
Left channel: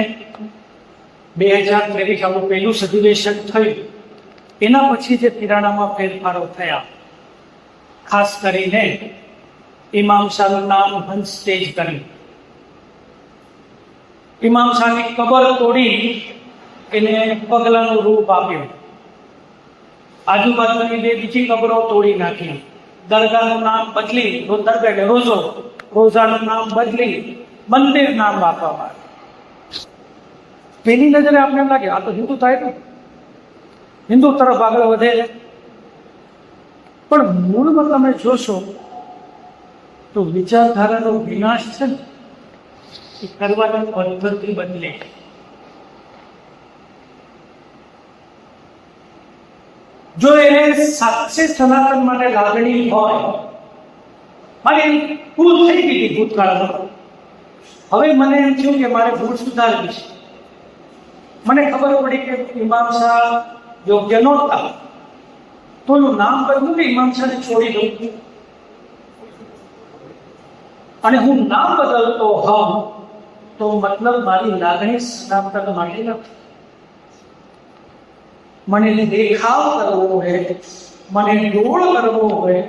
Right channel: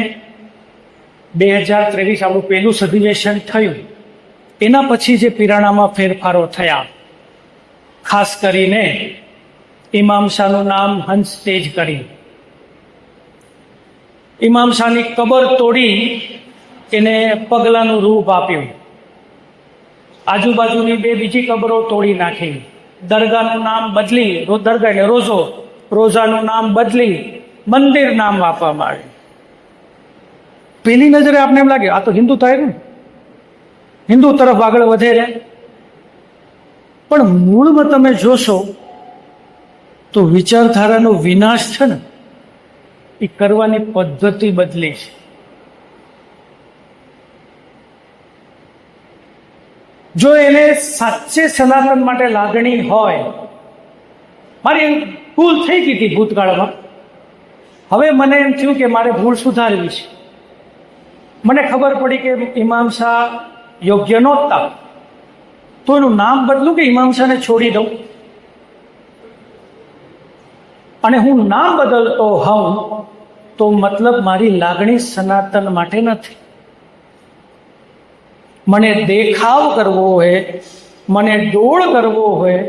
2023 આપણું પહેલું અધિવેશન થયું, એના પછી જે પિરાણામાં ફેરફારો થયા, ખાસ કરીને ઇમામ શાહનું નામ હંસ તેજ કરી, ઇમામ શાહની કબર તોડી એને પગલાનું રૂપ આપ્યું, આજુબાજુની બે બીજી કબરો તોડી નાખી, દરગાહનું નામ બદલી, દરગાહ એટલે રોઝો, રોઝાનું નામ બદલી મંદિર નામ આપવામાં આવ્યું. પહેલી નજરે આપણે એમ લાગે આ તો હિન્દુ થાય ને, હિન્દુ તરફ આગળ વધે ને, પણ મૂળમાં તમે જોશો તો વિચારધારાનો વિનાશ છે ને, એ કરવાની પદ્ધતિ બદલી છે. જો એને સાચે સનાતન માટે લાગણી હોય, મારી ભૂલ થઈ ગઈ હતી ભૂતકાળમાં, હવે મને એમ થયું કે મારે ભૂલ સુધારવી છે. મને ખબર પડી કે ઇમામ શાહ યોગ્ય નહોતા, તો એનું નામ બદલું કે ઇમામ શાહને છોડી દઉં. અને હું નામ બદલતો હોઉં તો મતલબ મારી લાગણી સનાતન માટે નથી. મને દેખાવ કરવો હોય, મને ડોળ કરવો હોય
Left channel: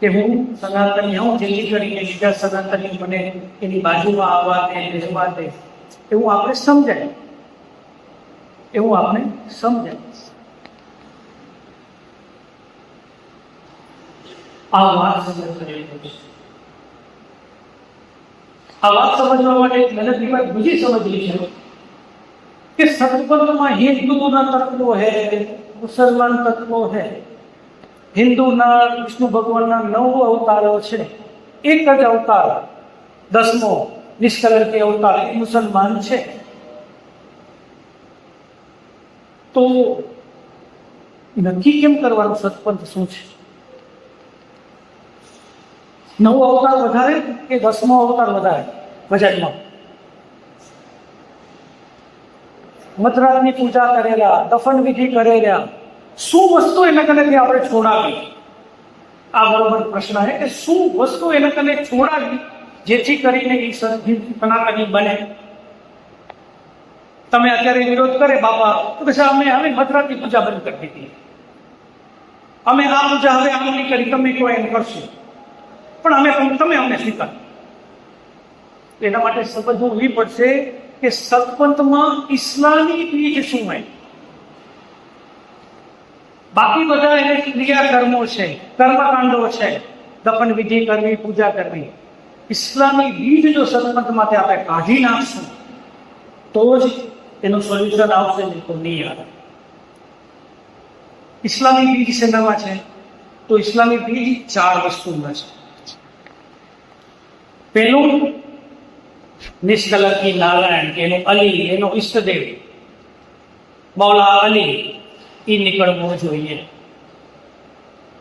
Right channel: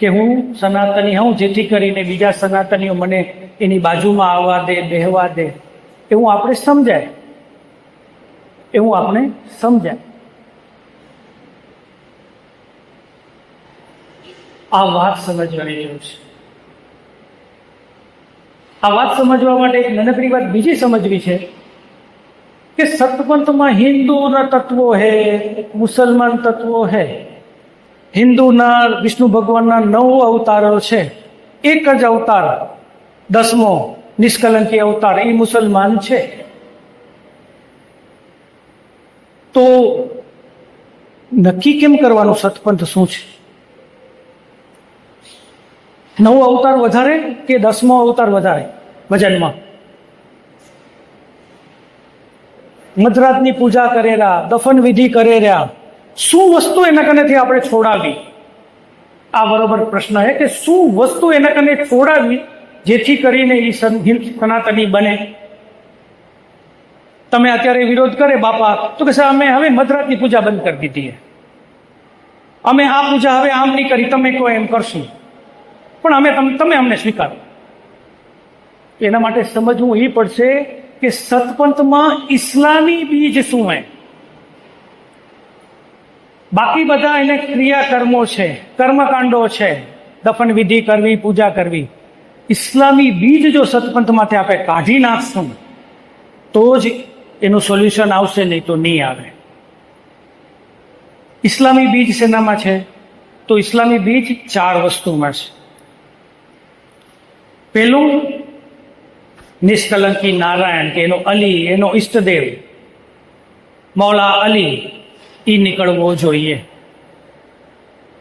કે હું સનાતની હોઉં, જેથી કરીને બીજા સનાતનીઓ મને એની બાજુમાં આવવા દે, બેહવા દે, એવું આપણે સમજાય, એવું આપણે સમજાય. આ વાત સમજવાની જરૂર છે. આ વાત સમજવા માટે એક નાનકડી વાત બીજી સમજવી છે કે સતપંથમાં હિન્દુના તત્વો હે, મુસલમાન તત્વો હે. હિન્દુના વિષ્ણુ ભગવાનના 9 અવતારો છે, એક જ અવતાર 10મો નિષ્કલંકી અવતાર એ મુસલમાન છે. તો નક્કી કેમ કરવાનું સતપંથ શું છે? 9 અવતાર વધારે કે 10મો અવતાર વધારે? ભજનમાં મધરાતની પૂજા કરેલા, દફન વિધિ કરેલા, શું વસ્તુ એના કનેથી આપણે છોડાવી? આ બરોબર પ્રશ્ન છે કે શું વસ્તુ એના કને છોડાવી જેથી કરીને એ સનાતની બને? તમે અત્યારે વિરોધ કરે બાપા તો કે અમે હવે મધરાતની પૂજા બંધ કરી દીધી, અમે આ પૂજા હવે આમ નહીં કરી, તમે કહો એમ કરશું, પણ અમે તમે અમને સ્વીકારો. એના માટે સમજવું એ પડશે કે સતપંથમાં ઇસ્લામી બીજ શું હોય. બાકી બધા એને ક્રિયાકર્મો છે, કર્મકાંડો છે, દફન વિધિ કરવી, પૂજા કરવી. ઇસ્લામી બીજ જો સતપંથમાંથી આપણે કાઢી નાખશું તો જ એનું સોલ્યુશન આવશે, નહીં તો નહીં આવે. ઇસ્લામી બીજ શેનામાં છે? તો ઇસ્લામી બીજ 4 વસ્તુમાં છે. પહેલું નિષ્કલંકી નારાયણ, કે એનો અલી, એનો ઈષ્ટદેવ મૌલા અલી, એ નીકળવો જોઈએ.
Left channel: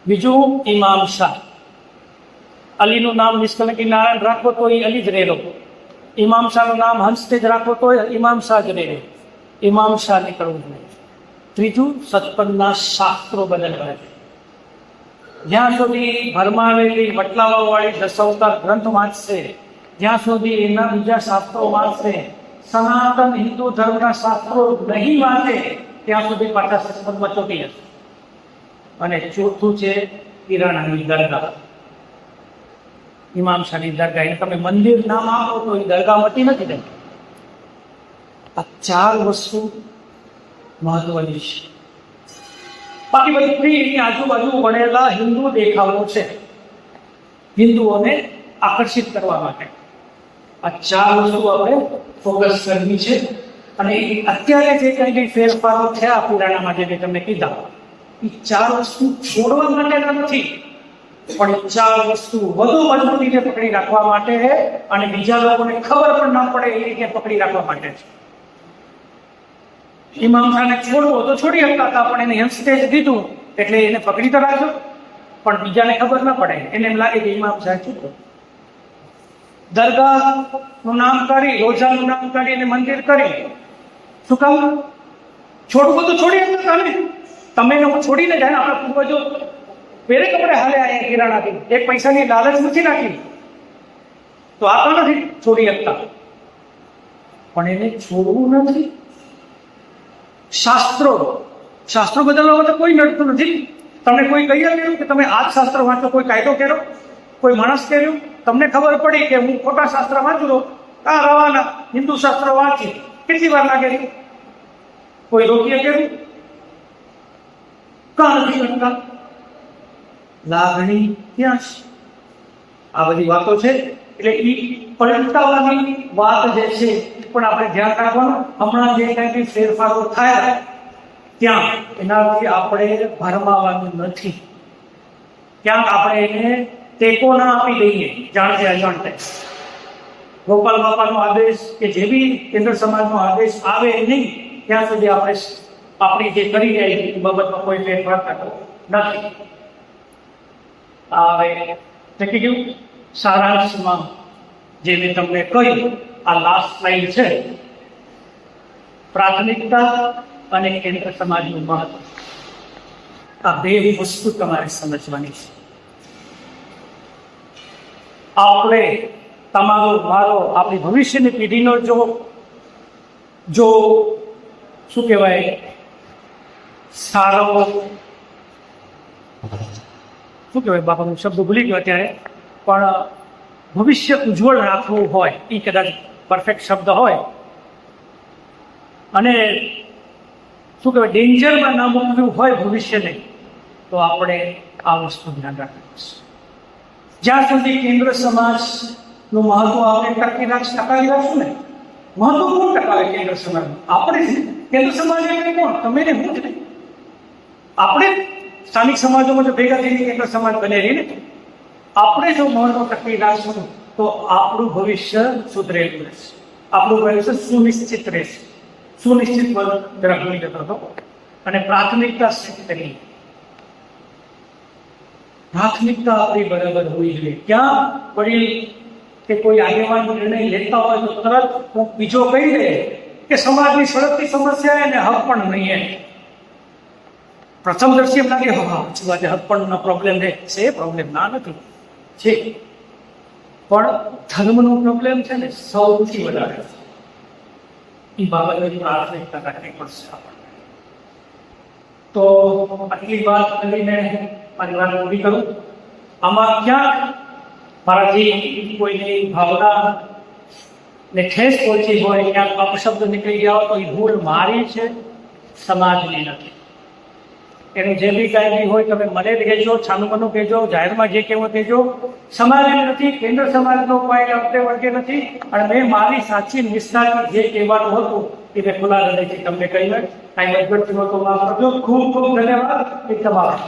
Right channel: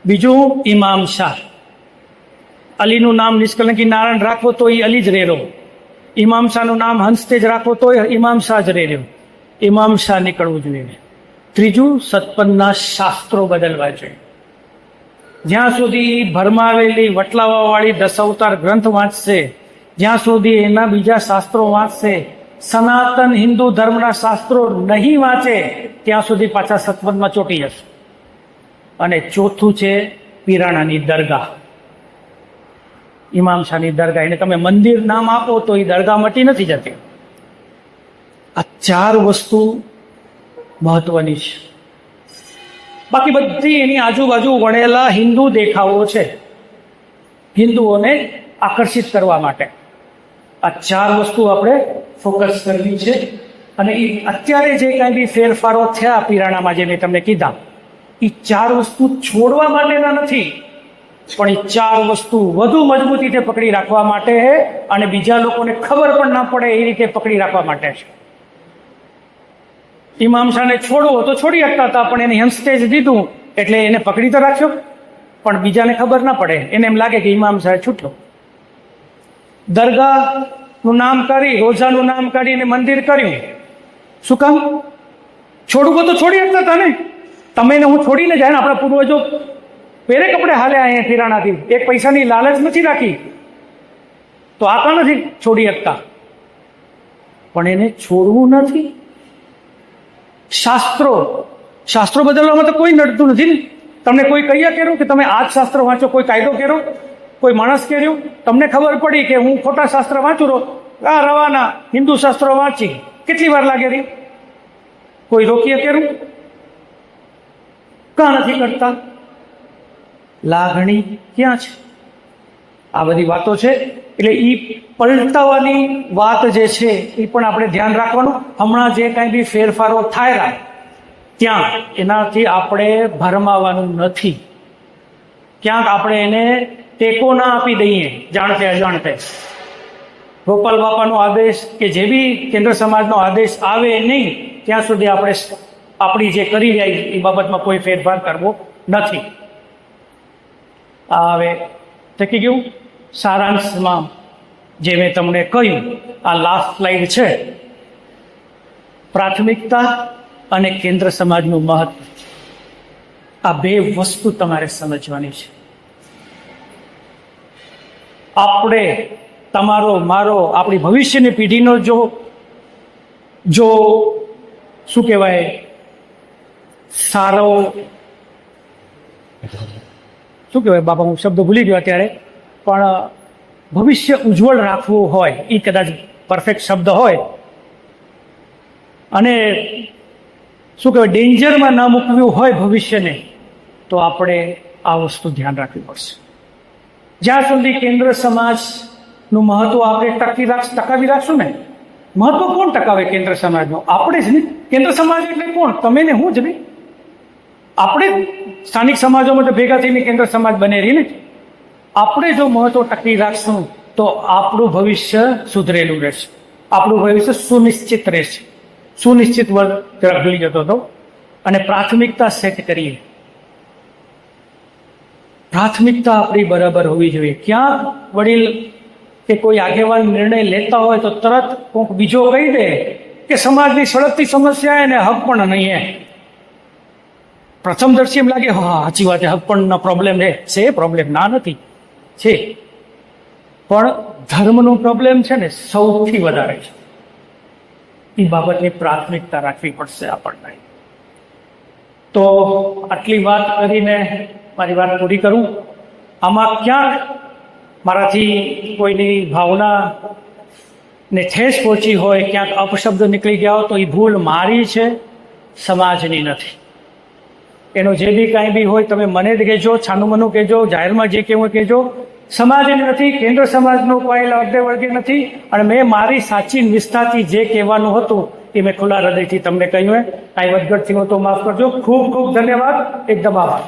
બીજું ઇમામ શાહ. અલીનું નામ નિષ્કલંકી નારાયણ રાખવો તો એ અલી જ રહેલો, ઇમામ શાહનું નામ હંસતેજ રાખવો તો ઇમામ શાહ જ રહેલો, ઇમામ શાહ નીકળવું જોઈએ. ત્રીજું સતપંથના શાસ્ત્રો બદલવા જોઈએ. જ્યાં સુધી ભરમાવેલી વટલાવાવાળી 10 અવતાર ગ્રંથ વાંચશે, જ્યાં સુધી એના બીજા શાસ્ત્રો વાંચશે, સનાતન હિન્દુ ધર્મના શાસ્ત્રો નહીં વાંચે ત્યાં સુધી પાછા સત્સંગમાં ચોંટી જશે. અને ચોથું છે પીરાણાની દરગાહ, ઇમામ શાહની દરગાહ. એને તમે મંદિર નામ આપો તો એ દરગાહ મટી નથી જતી. આ 4 વસ્તુ મહત્વની છે. બાકી બધી એની આજુબાજુ વળેલા હિન્દુ દેખાવો છે, હિન્દુઓને આકર્ષિત કરવા માટે. આ 4 વસ્તુ આપણે ફોકસ કરવી છે. અને એ અત્યારે જે કંઈ બી ફેરફારો થયા પીરાણામાં, જે મેં તમને કીધા, એ 4 વસ્તુ છોડવા માટેના નથી, પણ એ 4 વસ્તુ વધુ મજબૂતીથી પકડી રાખવા માટે અને બીજા લોકોને ખબર પણ ના પડે એ રીતે પકડી રાખવા માટે છે. ઇમામ શાહને છોડવો તો છોડી શકતા હતા, પણ એને હેમસ્ટેજ દીધું એટલે એને પકડી તો રાખ્યો, પણ બીજાને ખબર ના પડે, એને એમ લાગે કે ઇમામ શાહ છૂટ્યો. દરગાહનું નામ કરી, રોજાનું નામ કાઢીને મંદિર કર્યું. શું કામ? છોડવું તો છોડી શકતા હતા ને. તમે ને હું છોડીને જાય ને, આપણા પૂર્વજો પહેરે કપડે હાલે અહીંયા પીરાણાથી, એક પૈસાની લાલચ નથી રાખી, તો આપણા નથી છોડી શકતા. પણ એને છોડવું નથી. શાસ્ત્રો બદલવામાં તો કોઈ નડતું નથી ને. તમને કોઈ કહીએ કર્યું કે તમે આ જ શાસ્ત્ર વાંચો, કોઈ કાયદો કર્યો, કોઈ માણસ કર્યું, તમને ખબર પડી કે હું ખોટા શાસ્ત્ર વાંચું રહું, આ રવાના હિન્દુ શાસ્ત્ર વાંચી કેટલી વાર લાગે રહી? કોઈ રોકીએ કર્યું? કાં નથી કરતા? લાગણી ક્યાં છે? આ બધી વાતો છે. એટલે એ પલટાવાની વાત જે છે એ પણ આપણે ધ્યાન રાખવાનું. હમણાં જે કંઈ બી ફેરફારો થાય ત્યાં એનાથી આપણે ભરમાવાનું નથી. ક્યાંક આપણે એને ટેકો ના આપી દઈએ જાણતે અજાણતે. ગોપાલ બાપાનો આદેશ કે જે બી કેન્દ્ર સમાજનો આદેશ આવે નહીં ત્યાં સુધી આપણે આપણી જે કરી જાય એ બાબતમાં કોઈ ફેરફાર કરવો નથી. હવે થકી ગયું. સારાંશમાં જે મેં તમને કહ્યું, આ લાસ્ટ સ્લાઇડ છે. પ્રાથમિકતા અને કેન્દ્ર સમાજનું મહત્વ, આ 2 વસ્તુ તમારે સમજવાની છે. આપણે, તમારો, મારો, આપણી ભવિષ્યની પેઢીનો જો શું કહેવાય, સારો, શું કહેવાય બાપા, હું શબ્દ ભૂલી ગયો અત્યારે, પણ ભવિષ્ય ઉજ્જવળ રાખવું હોય, એ કદાચ પરફેક્ટ શબ્દ હોય, અને શું કહેવાય ડેન્જરમાં ના મૂકવું હોય ભવિષ્યને, તો આપણે આ વસ્તુ ધ્યાન રાખવી પડશે. જ્યાં સુધી કેન્દ્ર સમાજનું મહત્વ આપણે ટકાવી રાખશું ને, મહત્વ કોણ ટકાવે કેન્દ્ર સમાજનું? આપણે જ ને. કેન્દ્ર સમાજ એટલે કોણ? તમે ને હું જ નહીં. આપણે સ્થાનિક સમાજોમાં ભેગા થઈને કેન્દ્ર સમાજ બનેલી ને. આપણે જો મહત્વ ટકી રાખશું તો આપણું ભવિષ્ય સુધરેલું રહેશે, આપણું ભવિષ્ય સુનિશ્ચિત રહેશે. સુનિશ્ચિત વર્ગ તરફ ભૂલી જતો હતો. અને પ્રાથમિકતા સેટ કરીએ. પ્રાથમિકતા આપણી બરાબર હોવી જોઈએ. ક્યાં વડીલ કે કોઈ આગેવાન નિર્ણય લેતા હોય તો તરત કોઈક બીજો કહી દે કે સમાજની સળગતી સમસ્યા એને હક પણ નહીં હે. પ્રથમ દર્શી એમ લાગે હા સાચી વાત છે, હક પણનો પ્રોબ્લેમ છે. પ્રોબ્લેમ ના નથી છે, પણ ધર્મનો પ્રોબ્લેમ છે ને સૌથી વધારે છે. એ બાબતની પ્રાથમિકતા રાખવી પડશે આપણને. તો આટલી વાત કરીને મારી વાત પૂરી કરું. આમાં ક્યાંક મારાથી કોઈની ભાવના ને ઠેસ પહોંચી હોય, ક્યાંક અપશબ્દ નીકળી ગયા હોય તો એ ભૂલ મારી છે, સમાજની નથી. એનું જે બી કાંઈ બી હોય તમે મને જ કહેજો, છાનુમનું કહેજો, જાહેરમાં જે કહેવું કહેજો. સમાજની નથી, કેન્દ્ર સમાજનો કોઈ લાભે વર્ગે નથી. અને મેં મારી સાચી નિષ્ઠાથી જે કહેવાનું હતું એ મેં ખુલ્લા હૃદયથી તમને કહ્યું હોય. કાંઈ વધઘટથી હું તો માફ કરજો. ખૂબ ખૂબ ધન્યવાદ. એકદમ આભાર.